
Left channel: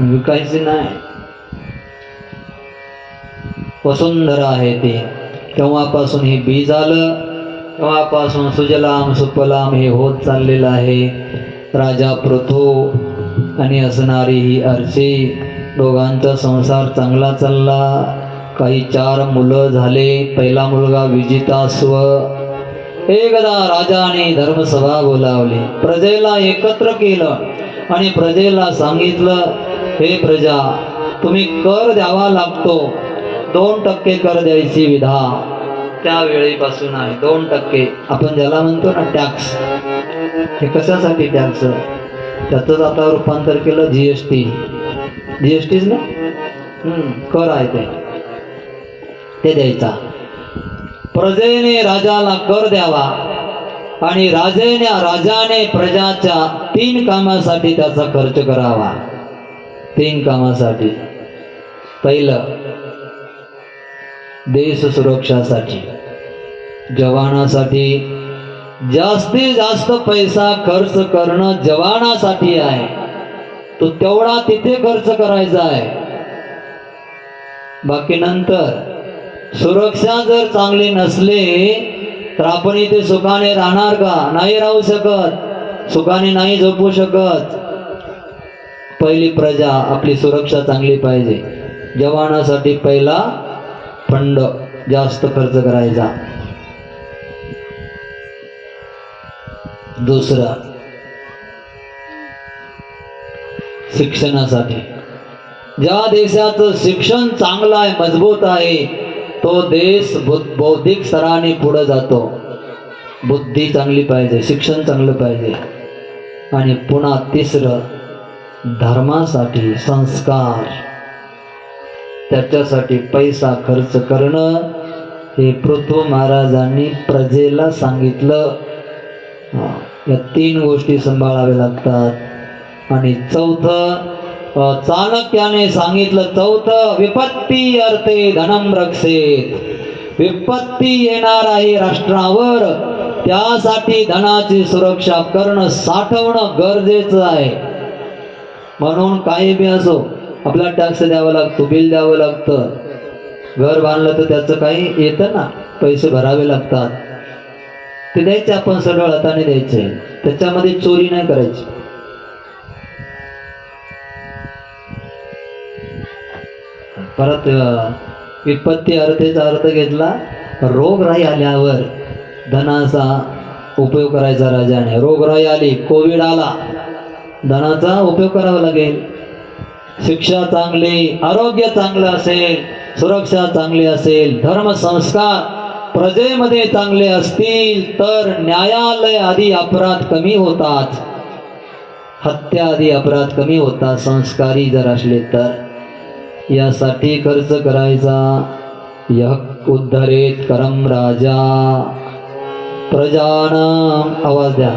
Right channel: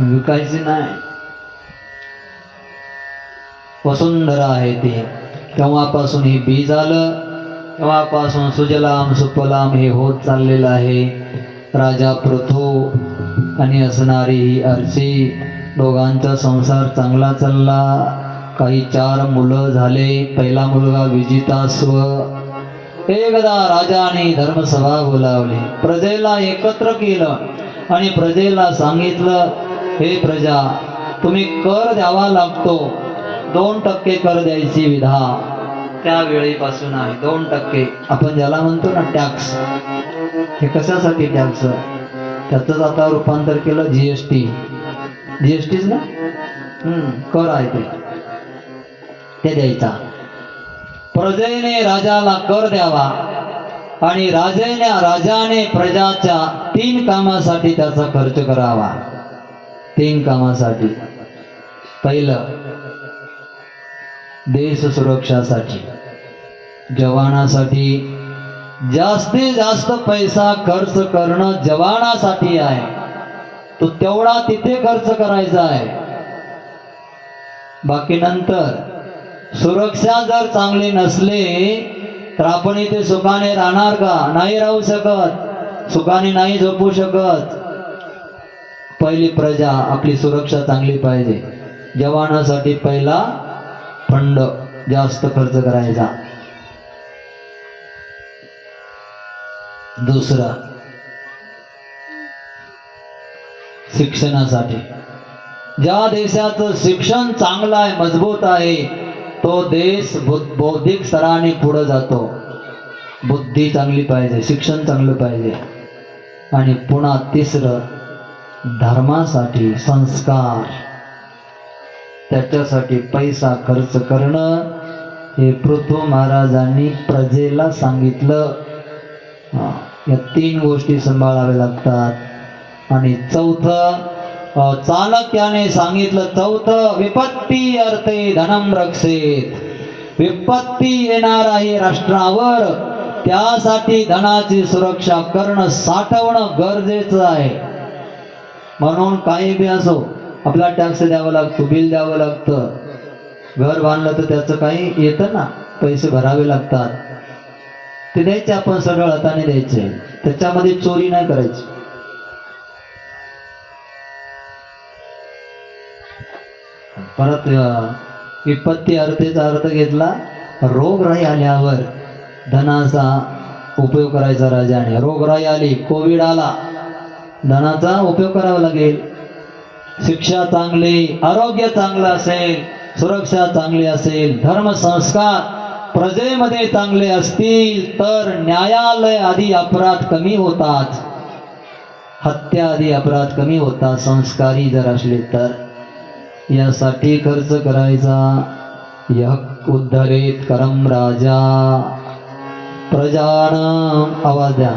विकायची नाही. वसुंधरा आहे ती. तेव्हापासून हे बीज आलं, तेव्हापासून सुजलाम सुफलाम हे होत चाललेलं आहे. राजा पृथू आणि असणारी ही अर्ची, दोघांचा संसार चांगला चालला. काही 4 मुलं झाले. पहिला मुलगा विजितास्व. एकदा राजाने धर्मसभा बोलावली, प्रजेला एकत्र केलं आणि प्रजेला सांगितलं, हे प्रजा, तुम्ही कर द्यावा लागतो. 2% कर द्यायची विधा त्यावेळीपासून आहे. 2% आपण ज्याला म्हणतो ना टॅक्स. हे कशासाठी टॅक्स? त्याचंच आता रूपांतर केलं GST. GSTच ना, कर आहे ते द्यायचा. प्रजेने राजाला कर द्यावा आणि राजाने प्रजाच्या 3 कामासाठी त्याचा खर्च करावा. 3 कामासाठी. पहिलं, देश सुरक्षासाठी, जवानासाठी. जास्तीत जास्त पैसा खर्च करणं जवानासाठी आहे. तो तेवढा तिथे खर्च करायचा आहे. बाकी नंतर सुरक्षा जर चांगली नसली तर आपण इथे सुखाने राहणार का? नाही राहू शकत, सुखाने नाही झोपू शकत. पहिली प्रजा आपली सुरक्षा चांगली पाहिजे. जवानासाठी पहिला फंड जास्त खर्च करायचा. दुसरा, शिक्षणासाठी. ज्या देशाचं शिक्षण चांगलं आहे, मजबूत आहे, तो देश बौद्धिक स्तराने पुढे जातो. बुद्धी चांगली पाहिजे, शिक्षण चांगलं पाहिजे. आणि पुन्हा तिसरं, धर्मासाठी, संस्कार. त्याच्यासाठी पैसा खर्च करणं हे पृथू महाराजांनी प्रजेला सांगितलं. या 3 गोष्टी सांभाळाव्या लागतात. आणि चौथं, चाणक्याने सांगितलं, चौथं, विपत्ती अर्थे धनम रक्षेत. विपत्ती येणार आहे राष्ट्रावर, त्यासाठी धनाची सुरक्षा करणं, साठवणं गरजेचं आहे. म्हणून काही बी असो, आपला टॅक्स द्यावा लागतो, बिल द्यावं लागतं. घर बांधलं तर त्याचं काही येतं ना, पैसे भरावे लागतात. ते द्यायचे, आपण सगळं हाताने द्यायचे. त्याच्यामध्ये चोरी नाही करायची. परत विपत्ती अर्थेचा अर्थ घेतला, रोगराई आल्यावर धनाचा उपयोग करायचा राजाने. रोगराई आली, कोविड आला, धनाचा उपयोग करावा लागेल. शिक्षा चांगली, आरोग्य चांगलं असेल, सुरक्षा चांगली असेल, धर्म संस्कार प्रजेमध्ये चांगले असतील तर न्यायालय आदी अपराध कमी होतात, हत्या आदी अपराध कमी होतात, संस्कारी जर असले तर. यासाठी खर्च करायचा. यः उद्धरेत करम राजा प्रजानाम, आवाज द्या,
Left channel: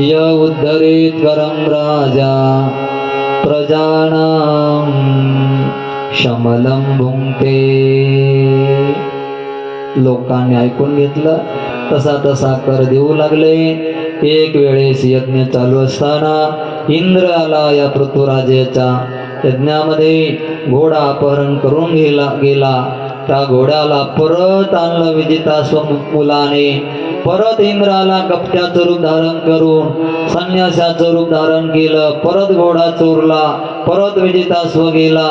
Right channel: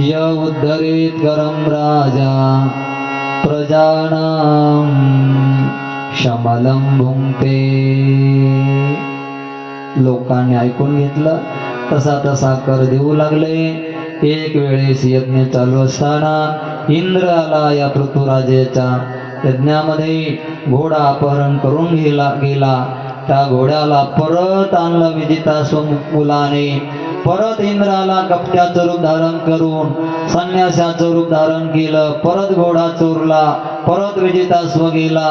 यः उद्धरेत करम राजा प्रजानाम शमलम भुंक्ते. लोकांनी ऐकून घेतलं, तसा तसा कर देऊ लागले. एक वेळेस यज्ञ चालू असताना इंद्र आला या पृथ्वीराजाच्या यज्ञामध्ये. घोडा अपहरण करून गेला. त्या घोड्याला परत आणलं विजितास्व मुलाने. परत इंद्राला कपट्याचं रूप धारण करून संन्यासाचं रूप धारण केलं. परत घोडा चोरला, परत विजितास्व गेला,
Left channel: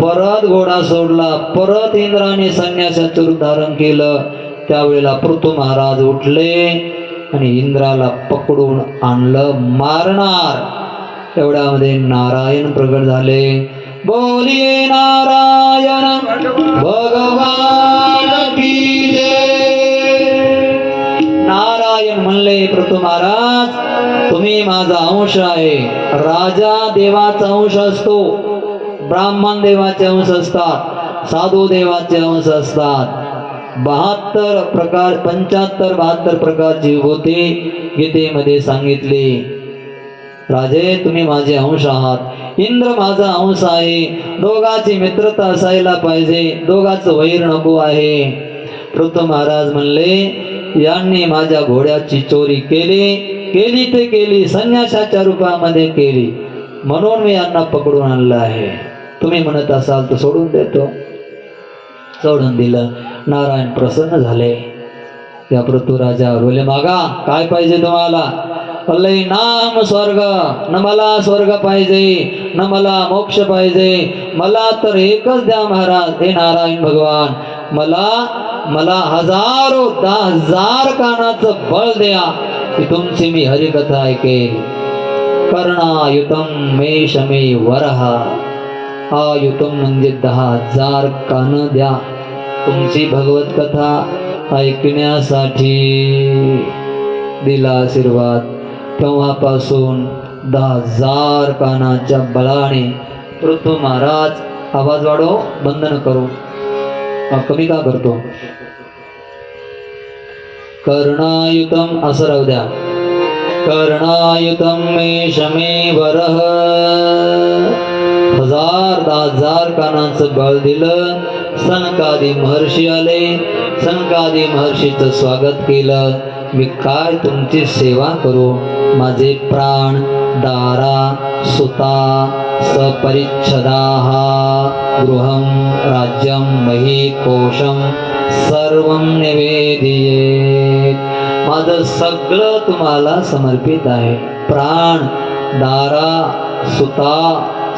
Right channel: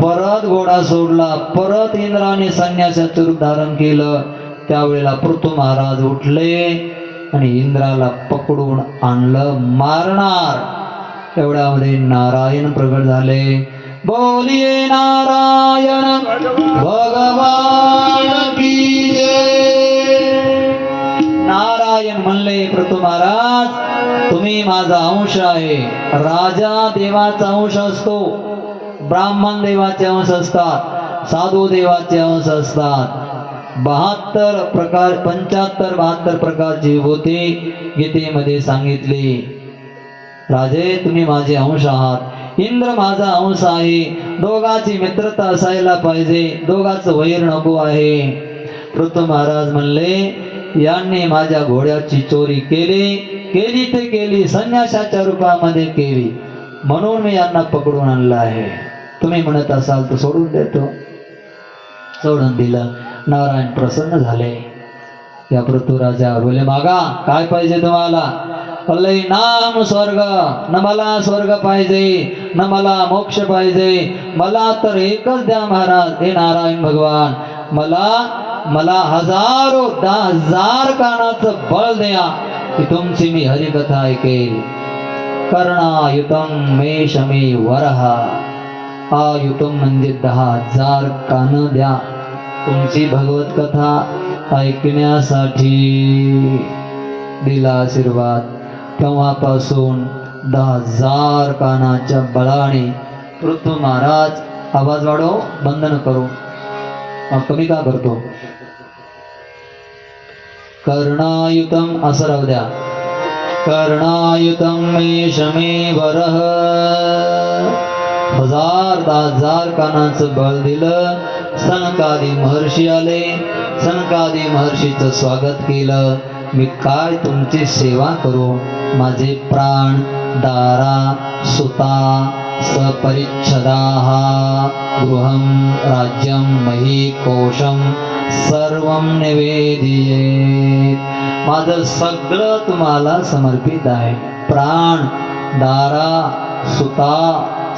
परत घोडा सोडला, परत इंद्राने संन्यासाचं रूप धारण केलं. त्यावेळेला पृथू महाराज उठले आणि इंद्राला पकडून आणलं मारणार. एवढ्यामध्ये नारायण प्रगट झाले. बोलिये नारायण भगवान की जय. नारायण म्हणले, पृथू महाराज तुम्ही माझा अंश आहे. राजा देवाचा अंश असतो, ब्राह्मण देवाचे अंश असतात, साधू देवाचे अंश असतात. 72 प्रकार 75-72 प्रकारची विभूती गीतेमध्ये सांगितली. राजे तुम्ही माझे अंश आहात, इंद्र माझा अंश आहे. दोघांची मित्रता असायला पाहिजे, दोघांचं वैर नको आहे. पृथ्वी महाराज म्हणले यांनी माझ्या घोड्याची चोरी केली ते केली, संन्यासाच्या रूपामध्ये केली, म्हणून मी यांना पकडून आणलं आहे. तुम्ही म्हणत असाल तर सोडून देतो. सोडून दिलं. नारायण प्रसन्न झाले. या पृथ्वीराजावर बोले मागा काय पाहिजे तुम्हाला? बोलले नाम स्वर्ग, न मला स्वर्ग पाहिजे न मला मोक्ष पाहिजे, मला तर एकच द्या महाराज. हे नारायण भगवान, मला 10,000 कानाचं बळ द्या की तुमची मी हरिकथा ऐकेल. कर्णायुतम मे शमे वरहा, आयुतम म्हणजे 10,000 कान द्या तुमची भगवत कथा ऐकण्यासाठी. दिला आशीर्वाद. तेव्हापासून 10,000 कानाच्या बळाने पृथ्वी महाराज आवाज वाढव, बंधन करू. कमी का करतो? कर्णायुतम असं राहू द्या. कर्णायुतम मे शमे वरह, 10,000 कानाचं बळ दिलं. सनकादी महर्षी आले, सनकादी महर्षीचं स्वागत केलं. मी काय तुमची सेवा करू? माझे प्राण, दारा, सुता, सपरिच्छदाः, गृहं राज्यं मही कोशं सर्वं निवेदिये. माझं सगळं तुम्हाला समर्पित आहे. प्राण, दारा, सुता,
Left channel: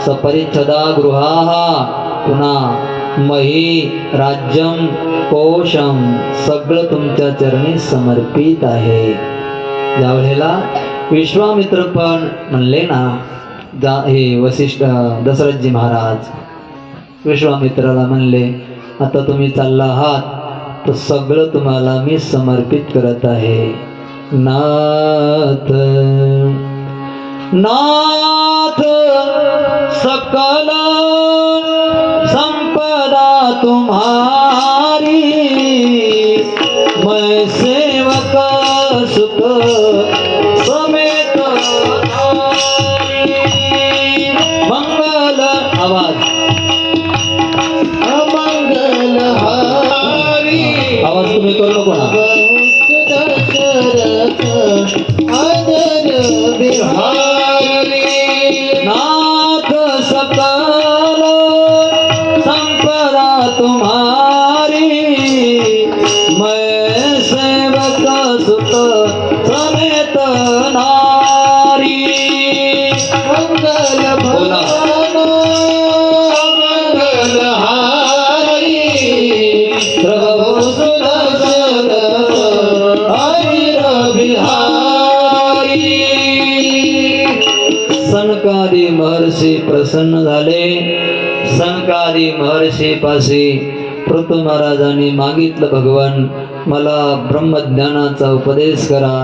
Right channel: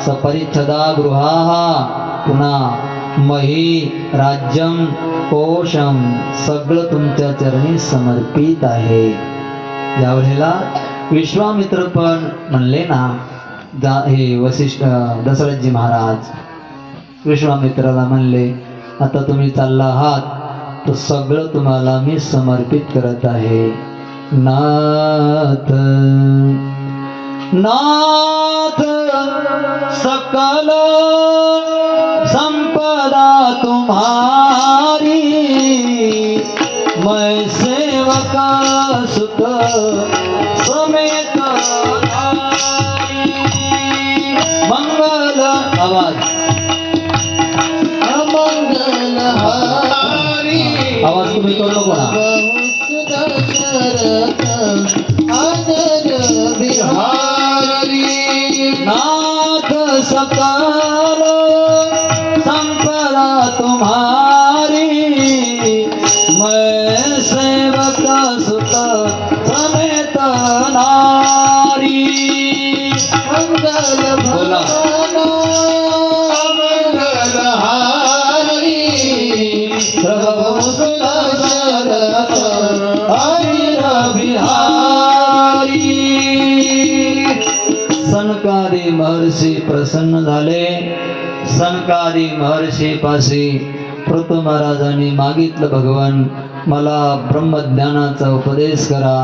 सपरिच्छदा गृहाः, पुन्हा मही, राज्यम, कोशम सगळं तुमच्या चरणी समर्पित आहे. ज्यावेळेला विश्वामित्र पण म्हणले ना, हे वसिष्ठ दशरथजी महाराज विश्वामित्राला म्हणले आता तुम्ही चालला आहात तर सगळं तुम्हाला मी समर्पित करत आहे. नाथ नाथ सकल संपदा तुम्हारी, मैं सेवक सुत समेत नारी. मंगल आवाज, अमंगल हारी, आवाज तुम्ही करू कोणा? आदर बिहारी. नाथ सकल संपदा तुम्हारी, मैं सेवक सुत समेत नारी. मंगल भवन मंगल हारी, प्रभु सुदर्शन हरिर बिहारी. सनकादी महर्षी प्रसन्न झाले. सनकादी महर्षी पाशी पृथ्वी महाराजांनी मागितलं भगवान मला ब्रह्मज्ञानाचा उपदेश करा.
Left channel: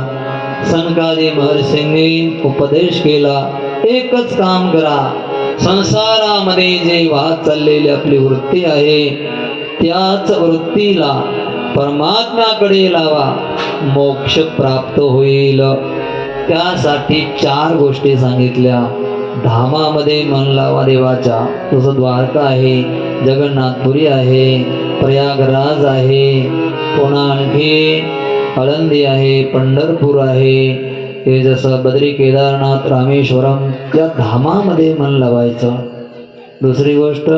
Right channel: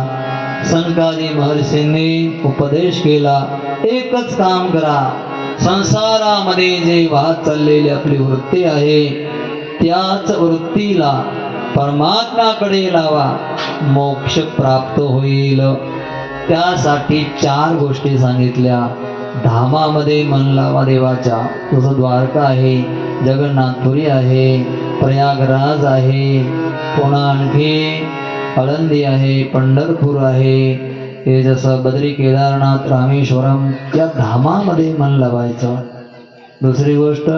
सनकादी महर्षींनी उपदेश केला. एकच काम करा, संसारामध्ये जे वाहत चाललेली आपली वृत्ती आहे त्याच वृत्तीला परमात्म्याकडे लावा, मोक्ष प्राप्त होईल. त्यासाठी 4 गोष्टी सांगितल्या. धामामध्ये मन लावा देवाच्या, जसं द्वारका आहे, जगन्नाथपुरी आहे, प्रयागराज आहे, पुन्हा आणखी आळंदी आहे, पंढरपूर आहे. हे जसं बद्री, केदारनाथ, रामेश्वरम या धामामध्ये मन लावायचं. दुसरी गोष्ट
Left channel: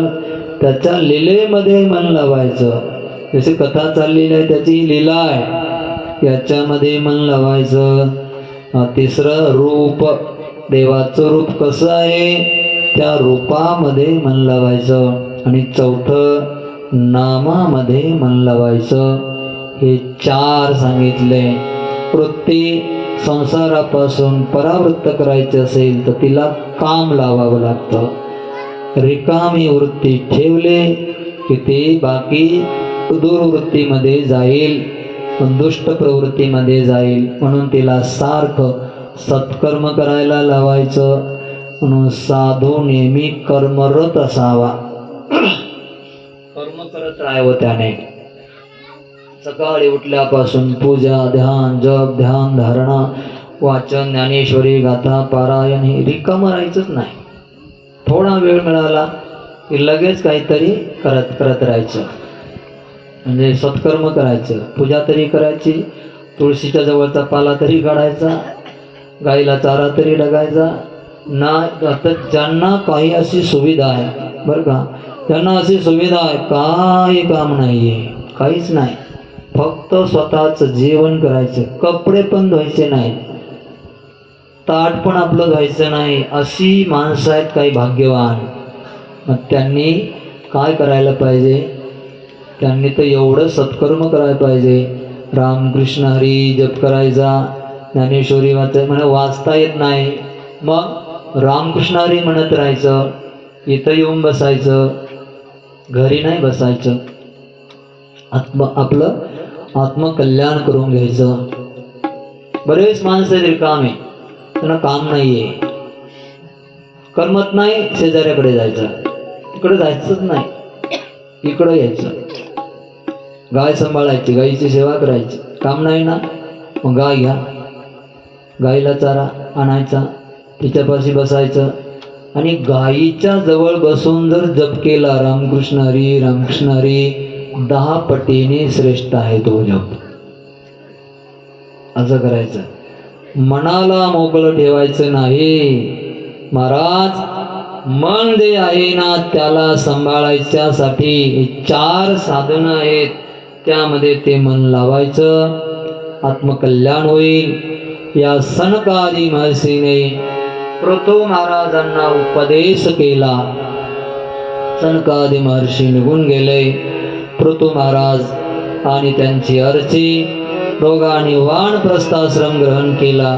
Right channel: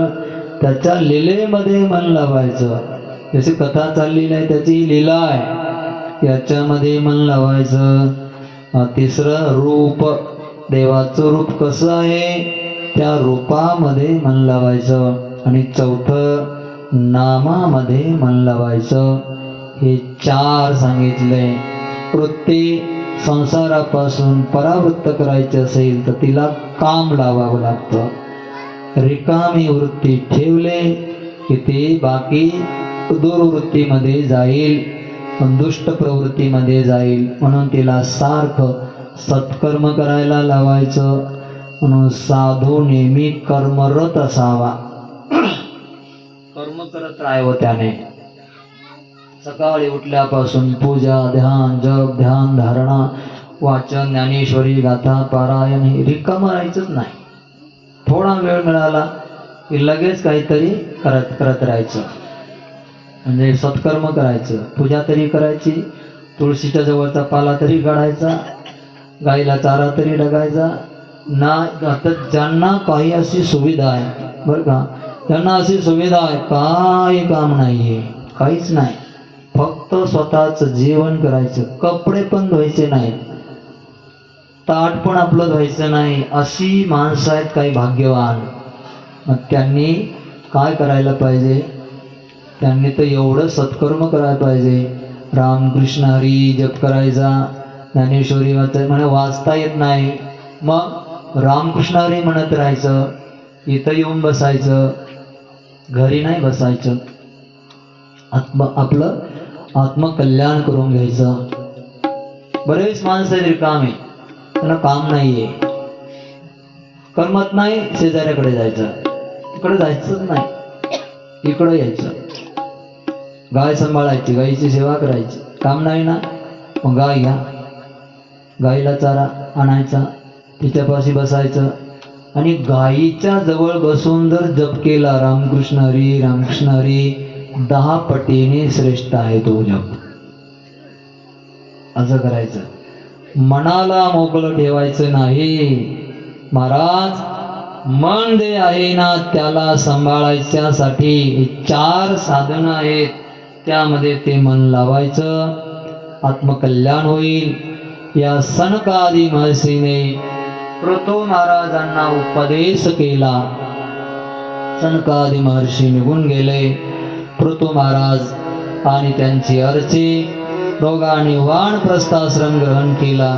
त्याच्या लीलेमध्ये मन लावायचं. जशी कथा चाललेली आहे त्याची लीला आहे, याच्यामध्ये मन लावायचं. तिसरं रूप, देवाचं रूप कसं आहे त्या रूपामध्ये मन लावायचं. आणि चौथं नामामध्ये मन लावायचं. हे 4 सांगितले. वृत्ती संसारापासून परावृत्त करायची असेल तर तिला काम लावावं लागतं. रिकामी वृत्ती ठेवले की ती बाकी दुर्वृत्तीमध्ये जाईल, दुष्ट प्रवृत्तीमध्ये जाईल. म्हणून तिला सारखं सत्कर्म करायला लावायचं म्हणून साधू नेहमी कर्मरत असावा. कर्म करत राहावं त्याने. सकाळी उठल्यापासून पूजा, ध्यान, जप, ध्यान, धारणा, वाचन, ज्ञानेश्वरी गाथा, पारायण हे रिकामं राहायचंच नाही. थोडा वेळ मिळाला की लगेच काहीतरी करत राहायचं. म्हणजे सत्कर्म करायचं. पूजा तरी करायची, तुळशीच्या जवळचा पाला तरी काढायचा, गाईला चारा तरी डगायचा ना. आता ज्यांना काही अशी सुविधा आहे बरं का, त्यांना अशी सुविधा आहे काय काम नाही आहे, काहीच नाही. फक्त स्वतःचं जेवण करायचं, कपडे पण धुवायचे नाहीत, ताट पण आपलं धुवायचं नाही. अशी माणसं आहेत काही भाग्यवान. मग त्यांनी काय करायला पाहिजे? त्यांनी तर एवढं सत्कर्म करायला पाहिजे. रामकृष्ण हरी जप करायचा, ज्ञानेश्वरी वाचता येत नाही, मग रामकृष्ण हरी म्हणत राहायचं. इथं येऊन बसायचं, घरी नाही बसायचं. आपलं आत्मकल्याण करून घ्यायचं. बरेच माणसं रिकामे, त्यांना काम नाहीये, करमत नाही, शेजाऱ्याकडे जायचं, इकडे जायचंच नाही, इकडं यायचं, गाय सांभाळायची, गायीची सेवा करायची. काम नाही ना, मग गाय घ्या, गाईला चारा आणायचा, तिच्यापाशी बसायचं आणि गायीच्या जवळ बसून जर जप केला रामकृष्ण हरी रामकृष्ण हरी, 10 पटीने श्रेष्ठ आहे तो जप. असं करायचं. मनाला मोकळं ठेवायचं नाही. महाराज, मन जे आहे ना त्याला सांभाळायच्यासाठी 4 साधनं आहेत, त्यामध्ये ते मन लावायचं, आत्मकल्याण होईल. या सनकादी महर्षीने पृथु महाराजांना उपदेश केला. सनकादी महर्षी निघून गेले. पृथु महाराज आणि त्यांची अर्ची दोघांनी वानप्रस्थाश्रम ग्रहण केला.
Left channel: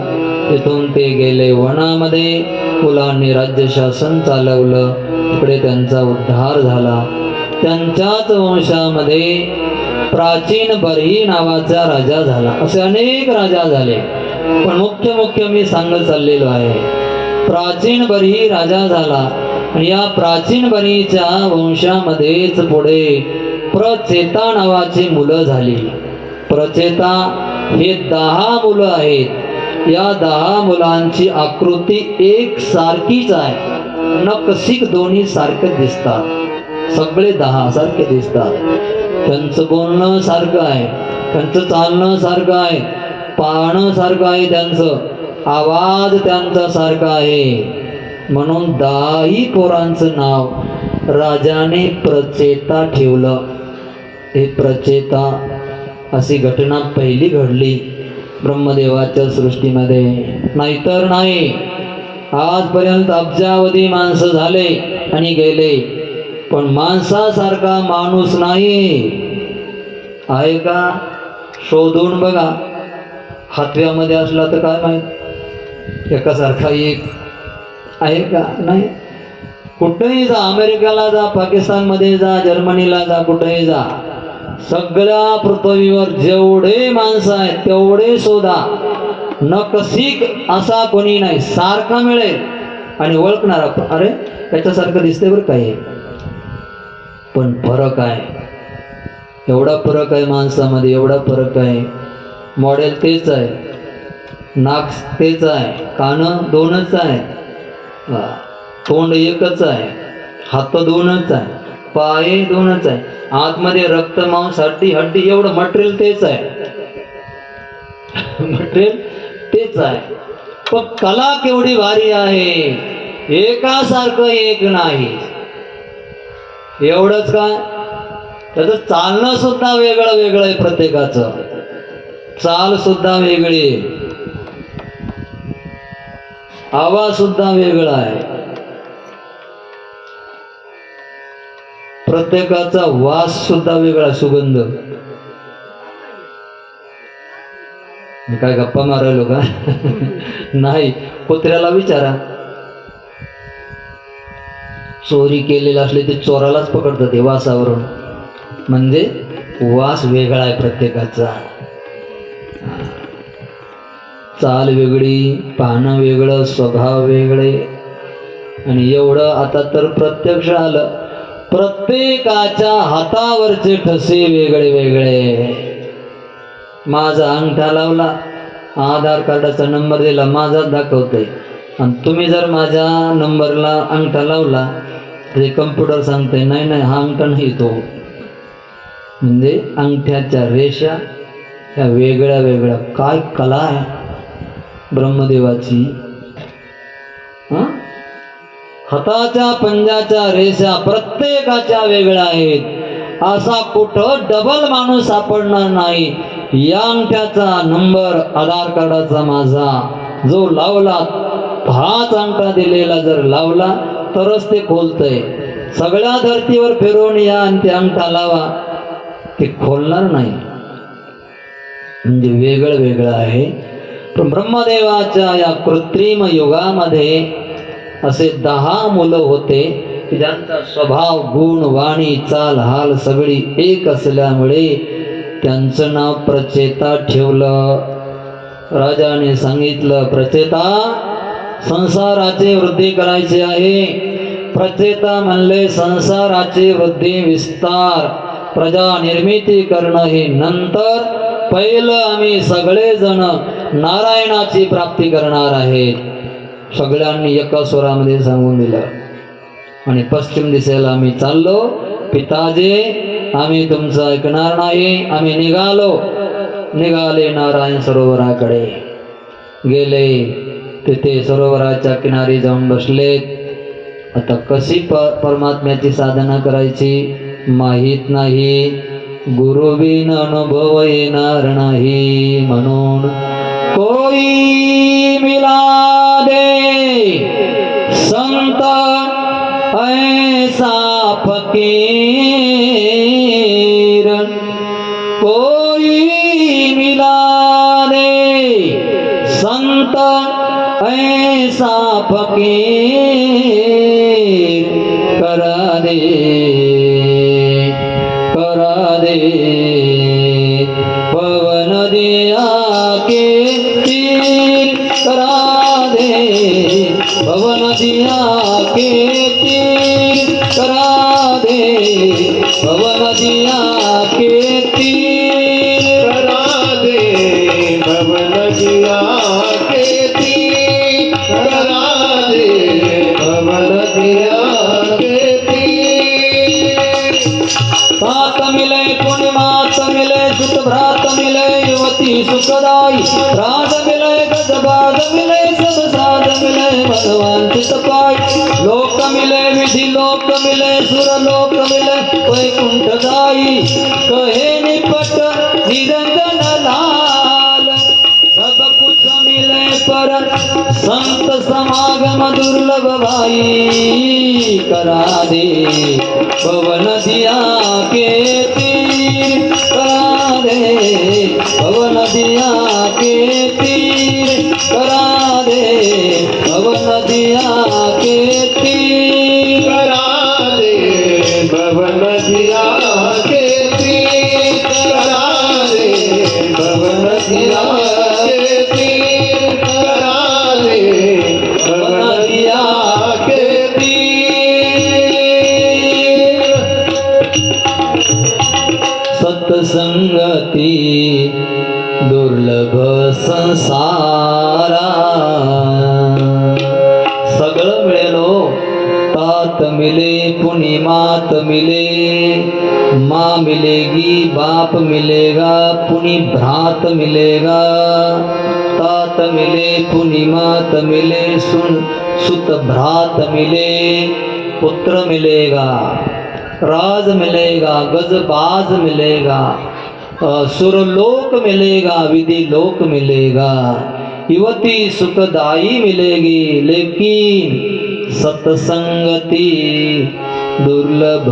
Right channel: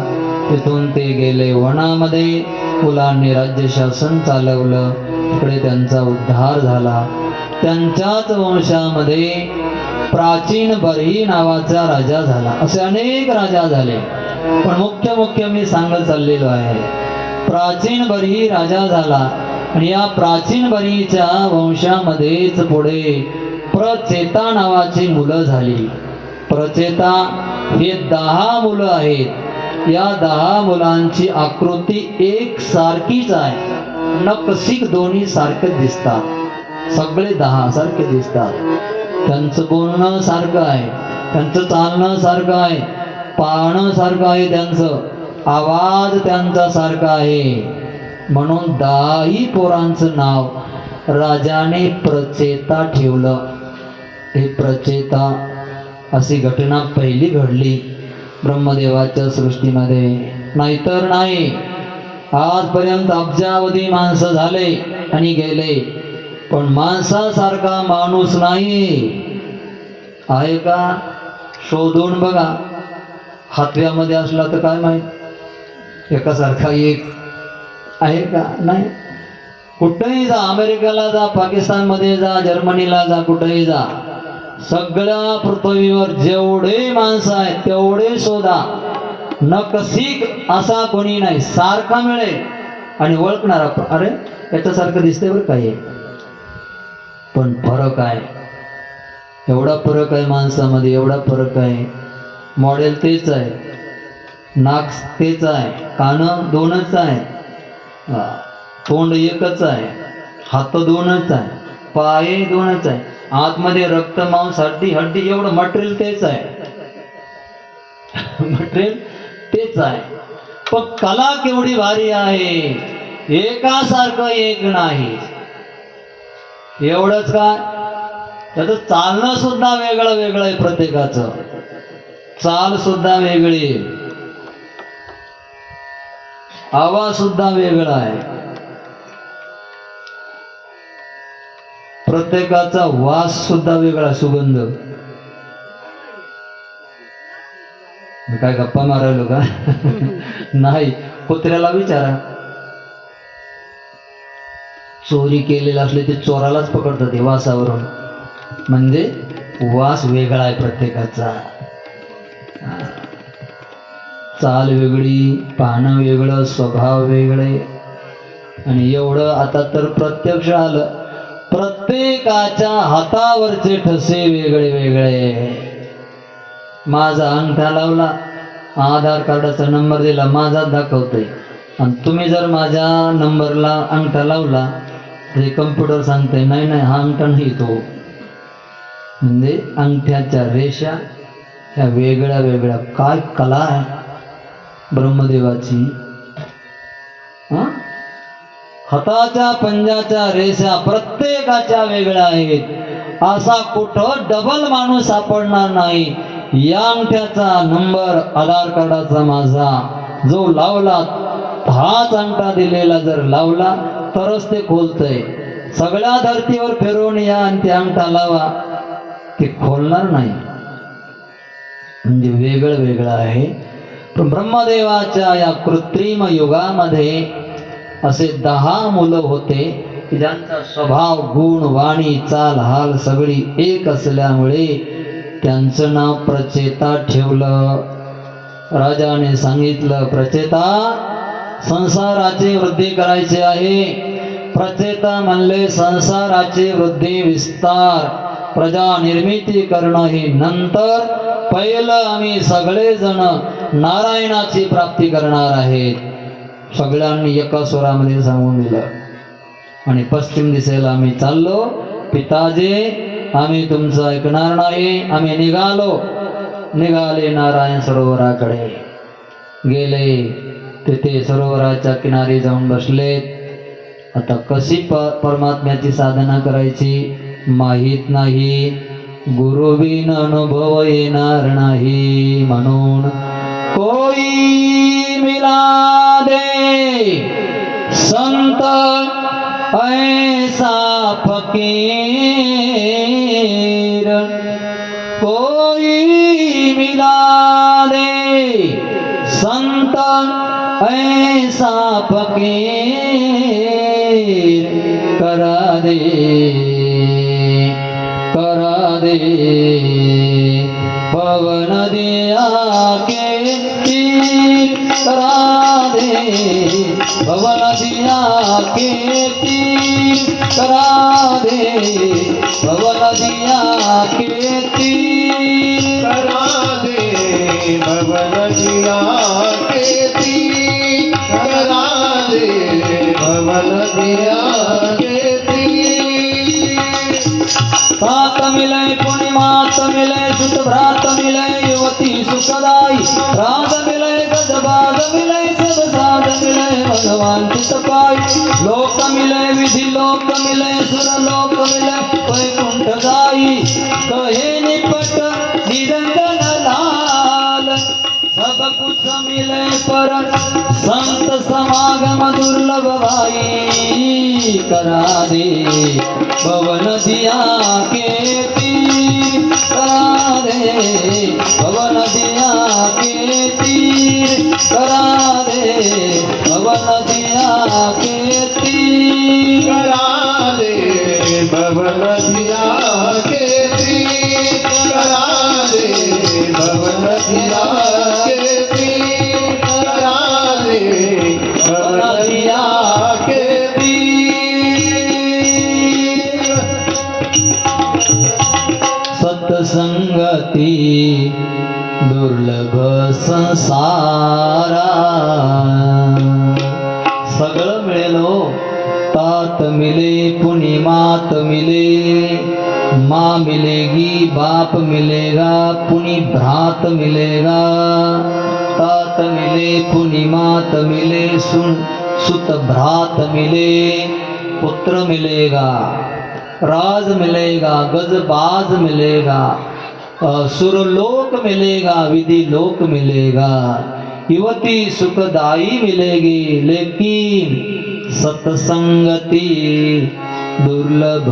तिथून ते गेले वनामध्ये. मुलांनी राज्यशासन चालवलं, तिकडे त्यांचा उद्धार झाला. त्यांच्याच वंशामध्ये प्राचीन बर्ही नावाचा राजा झाला. असे अनेक राजा झाले, पण मुख्य मी सांगत चाललेलो आहे. प्राचीन बर्ही राजा झाला आणि या प्राचीन बर्हीच्या वंशामध्येच पुढे प्रचेता नावाची मुलं झाली. प्रचेता हे 10 मुलं आहेत. या 10 मुलांची आकृती एक सारखीच आहे. नकशिक दोन्ही सारखे दिसतात, सगळे 10 सारखे दिसतात. त्यांचं बोलणं सारखं आहे, त्यांचं चालणं सारखं आहे, पाहणं सारखं आहे, त्यांचं आवाज त्यांचा सारखा आहे. म्हणून 10 पोरांचं नाव राजाने प्रचेता ठेवलं. हे प्रचेता अशी घटना पहिली घडली ब्रह्मदेवाच्या सृष्टीमध्ये, नाहीतर नाही. आजपर्यंत अब्जावधी माणसं झाले आणि गेले, पण माणसासारखा माणूस नाही. आहे का? शोधून बघा. हातव्यामध्ये असला तर काय माहित, एकासारखा एक आहे का? नाही. कुठेही जा, अमेरिकेला जा, पाकिस्तानमध्ये जा, जर्मनीला जा, कुठेही जा, सगळ्या पृथ्वीवर जेवढे माणसं आहेत तेवढे शोधा, नकशिक असा कोणी नाही. सारखा मिळेल आणि ओळखणारा, अरे याच्यासारखं दिसते बरं काय, पण फरक आहे. एवढा फरक आहे माणसामध्ये, एवढा फरक आहे. मॉडेल तेच आहे, नाक तेच आहे, कान 2च आहे, तोंड एकच आहे, हात 2च आहे, पाय 2च आहे, आतमध्ये रक्त मांस हड्डी एवढं मटेरियल तेच आहे. मटेरियल तेच आहे, पण कला केवढी भारी आहे. एकासारखं एक नाही. एवढंच का, त्याचं चालणं सुद्धा वेगळं आहे. प्रत्येकाचं चाल सुद्धा वेगळी, आवाज सुद्धा वेगळा आहे. प्रत्येकाचा वास सुद्धा वेगळा, सुगंध. मी काय गप्पा मारायलो का? नाही. कुत्र्याला विचारा, चोरी केलेला असले ते चोरालाच पकडतात ते वासावरून. म्हणजे वास वेगळा आहे प्रत्येकाचा. चाल वेगळी, पाहणं वेगळं, स्वभाव वेगळे. आणि एवढं आता तर प्रत्यक्ष आलं, प्रत्येकाच्या हातावरचे ठसे वेगळे वेगळे. माझा अंगठा लावला, आधार कार्डाचा नंबर दिला, माझा दाखवतोय. आणि तुम्ही जर माझ्या नंबरला अंगठा लावला तर कम्प्युटर सांगते नाही नाही हा अंगठा नाही तो. म्हणजे अंगठ्याच्या रेषा ह्या वेगळ्या वेगळ्या. काय कला आहे ब्रह्मदेवाची. हाताच्या पंजाच्या रेषा प्रत्येकाच्या वेगळ्या आहेत. असा कुठं डबल माणूस सापडणार नाही. या अंगठ्याचा नंबर आधार कार्डाचा माझा जो लावला, हाच अंगठा दिलेला जर लावला तरच ते खोलतंय. सगळ्या धर्तीवर फिरवून या आणि ते अंगठा लावा, ते खोलणार नाही. म्हणजे वेगळं वेगळं आहे. पण ब्रह्मदेवाच्या या कृत्रिम युगामध्ये असे 10 मुलं होते की ज्यांचा स्वभाव, गुण, वाणी, चाल, हाल सगळी एक असल्यामुळे त्यांचं नाव प्रचेता ठेवलं. राजाने सांगितलं, प्रचेता संसाराची वृद्धी करायची आहे. प्रचेता म्हणले संसाराची वृद्धी, विस्तार, प्रजा निर्मिती करणं हे नंतर. पहिलं आम्ही सगळेजण नारायणाची प्राप्ती करणार आहेत. सगळ्यांनी एका स्वरामध्ये सांगून दिलं. आणि पश्चिम दिशेला आम्ही चाललो. पिताजी आम्ही तुमचं ऐकणार नाही. आम्ही निघाले नारायण सरोवराकडे गेले. तिथे सरोवराच्या किनारी जाऊन बसलेत. आता कशी परमात्म्याची साधना करायची माहीत नाही. गुरुविन अनुभव येणार नाही. म्हणून कोई मिला दे संत ऐसा फकीर, कोई मिला दे संत ऐसा फकीर, करा दे पवन दिया के तीर, करा दे पवन दिया के तीर, करा दे पवन दिया के तीर, करा दे भवन दिया के तीर, करा दे भवन दिया के तीर. तात मिले पूर्णिमात मिले सुत भ्रात मिले युवती सुखदाई, राज मिले गजबाज मिले सदसाद मिले भगवान चितपाई, लोक मिले विधि लोक मिले सुर लोक मिले वैकुंठ जाई, कहे निपट निरंजन लाल, सब कुछ मिले पर संत समागम दुर्लभ भाई, करा दे पवन दिया के तीर, करा दे पवन दिया के तीर, करा दे पवन दिया के तीर, करा दे भवन दिया के तीर, करा दे भवन दिया के तीर, करा दे भवन दिया के तीर. सत्संगती दुर्लभ संसारा, सगळं मिळेल हो. तात मिले पुनि मात मिले, माँ मिलेगी बाप मिलेगा पुनि भ्रात मिलेगा, तात मिले पुनि मात मिले सुत भ्रात मिले, पुत्र मिलेगा, राज मिलेगा, गजबाज मिलेगा, सुरलोक मिलेगा, विधि लोक मिलेगा, युवती सुखदाई मिलेगी, लेकिन सत्संगति दुर्लभ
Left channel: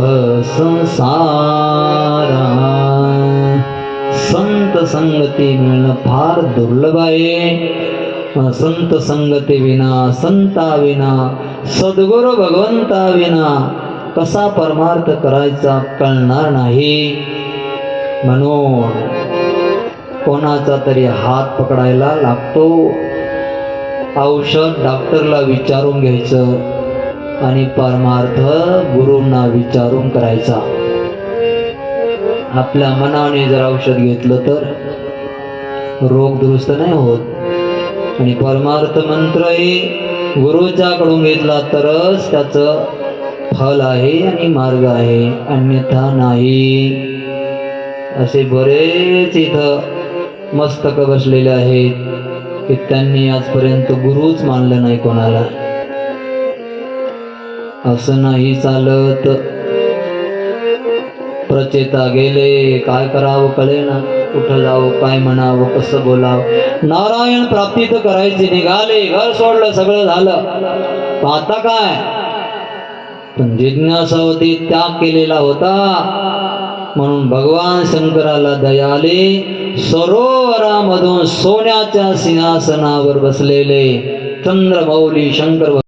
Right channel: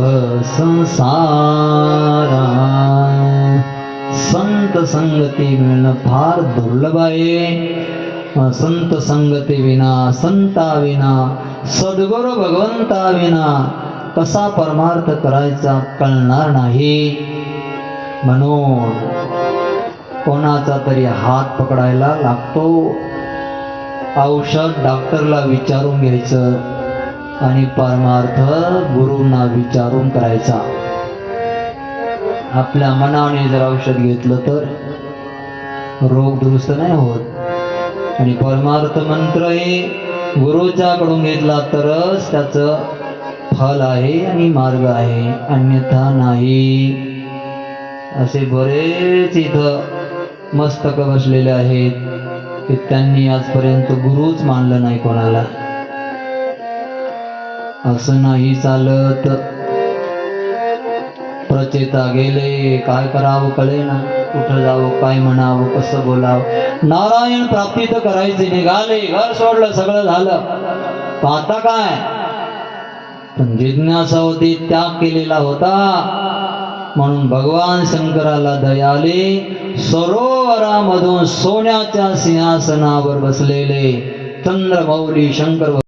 संसारा. संत संगती मिळणं फार दुर्लभ आहे. संत संगती विना, संता विना, सद्गुरु भगवंता विना कसा परमार्थ करायचा कळणार नाही. म्हणून कोणाचा तरी हात पकडायला लागतो. औषध डॉक्टरला विचारून घ्यायचं आणि परमार्थ गुरूंना विचारून करायचा. आपल्या मनाने जर औषध घेतलं तर रोग दुरुस्त नाही होत. आणि परमार्थ मंत्र हे गुरुच्याकडून घेतला तरच त्याचं फल आहे आणि मार्ग आहे, अन्यथा नाही. असे बरेच इथं मस्तक बसलेले आहेत की त्यांनी आजपर्यंत गुरुच मानलं नाही कोणाला. असं नाही चालत. प्रचेता गेले, काय करावं कळेना, कुठं जावं, काय म्हणावं, कसं बोलावं. नारायण प्राप्ती तर करायचे निघाले, घर सोडलं, सगळं झालं. आता काय, पण जिज्ञासा होती, त्याग केलेला होता. म्हणून भगवान शंकराला दया आली. सरोवरामधून सोन्याच्या सिंहासनावर बसलेले चंद्रमौली शंकर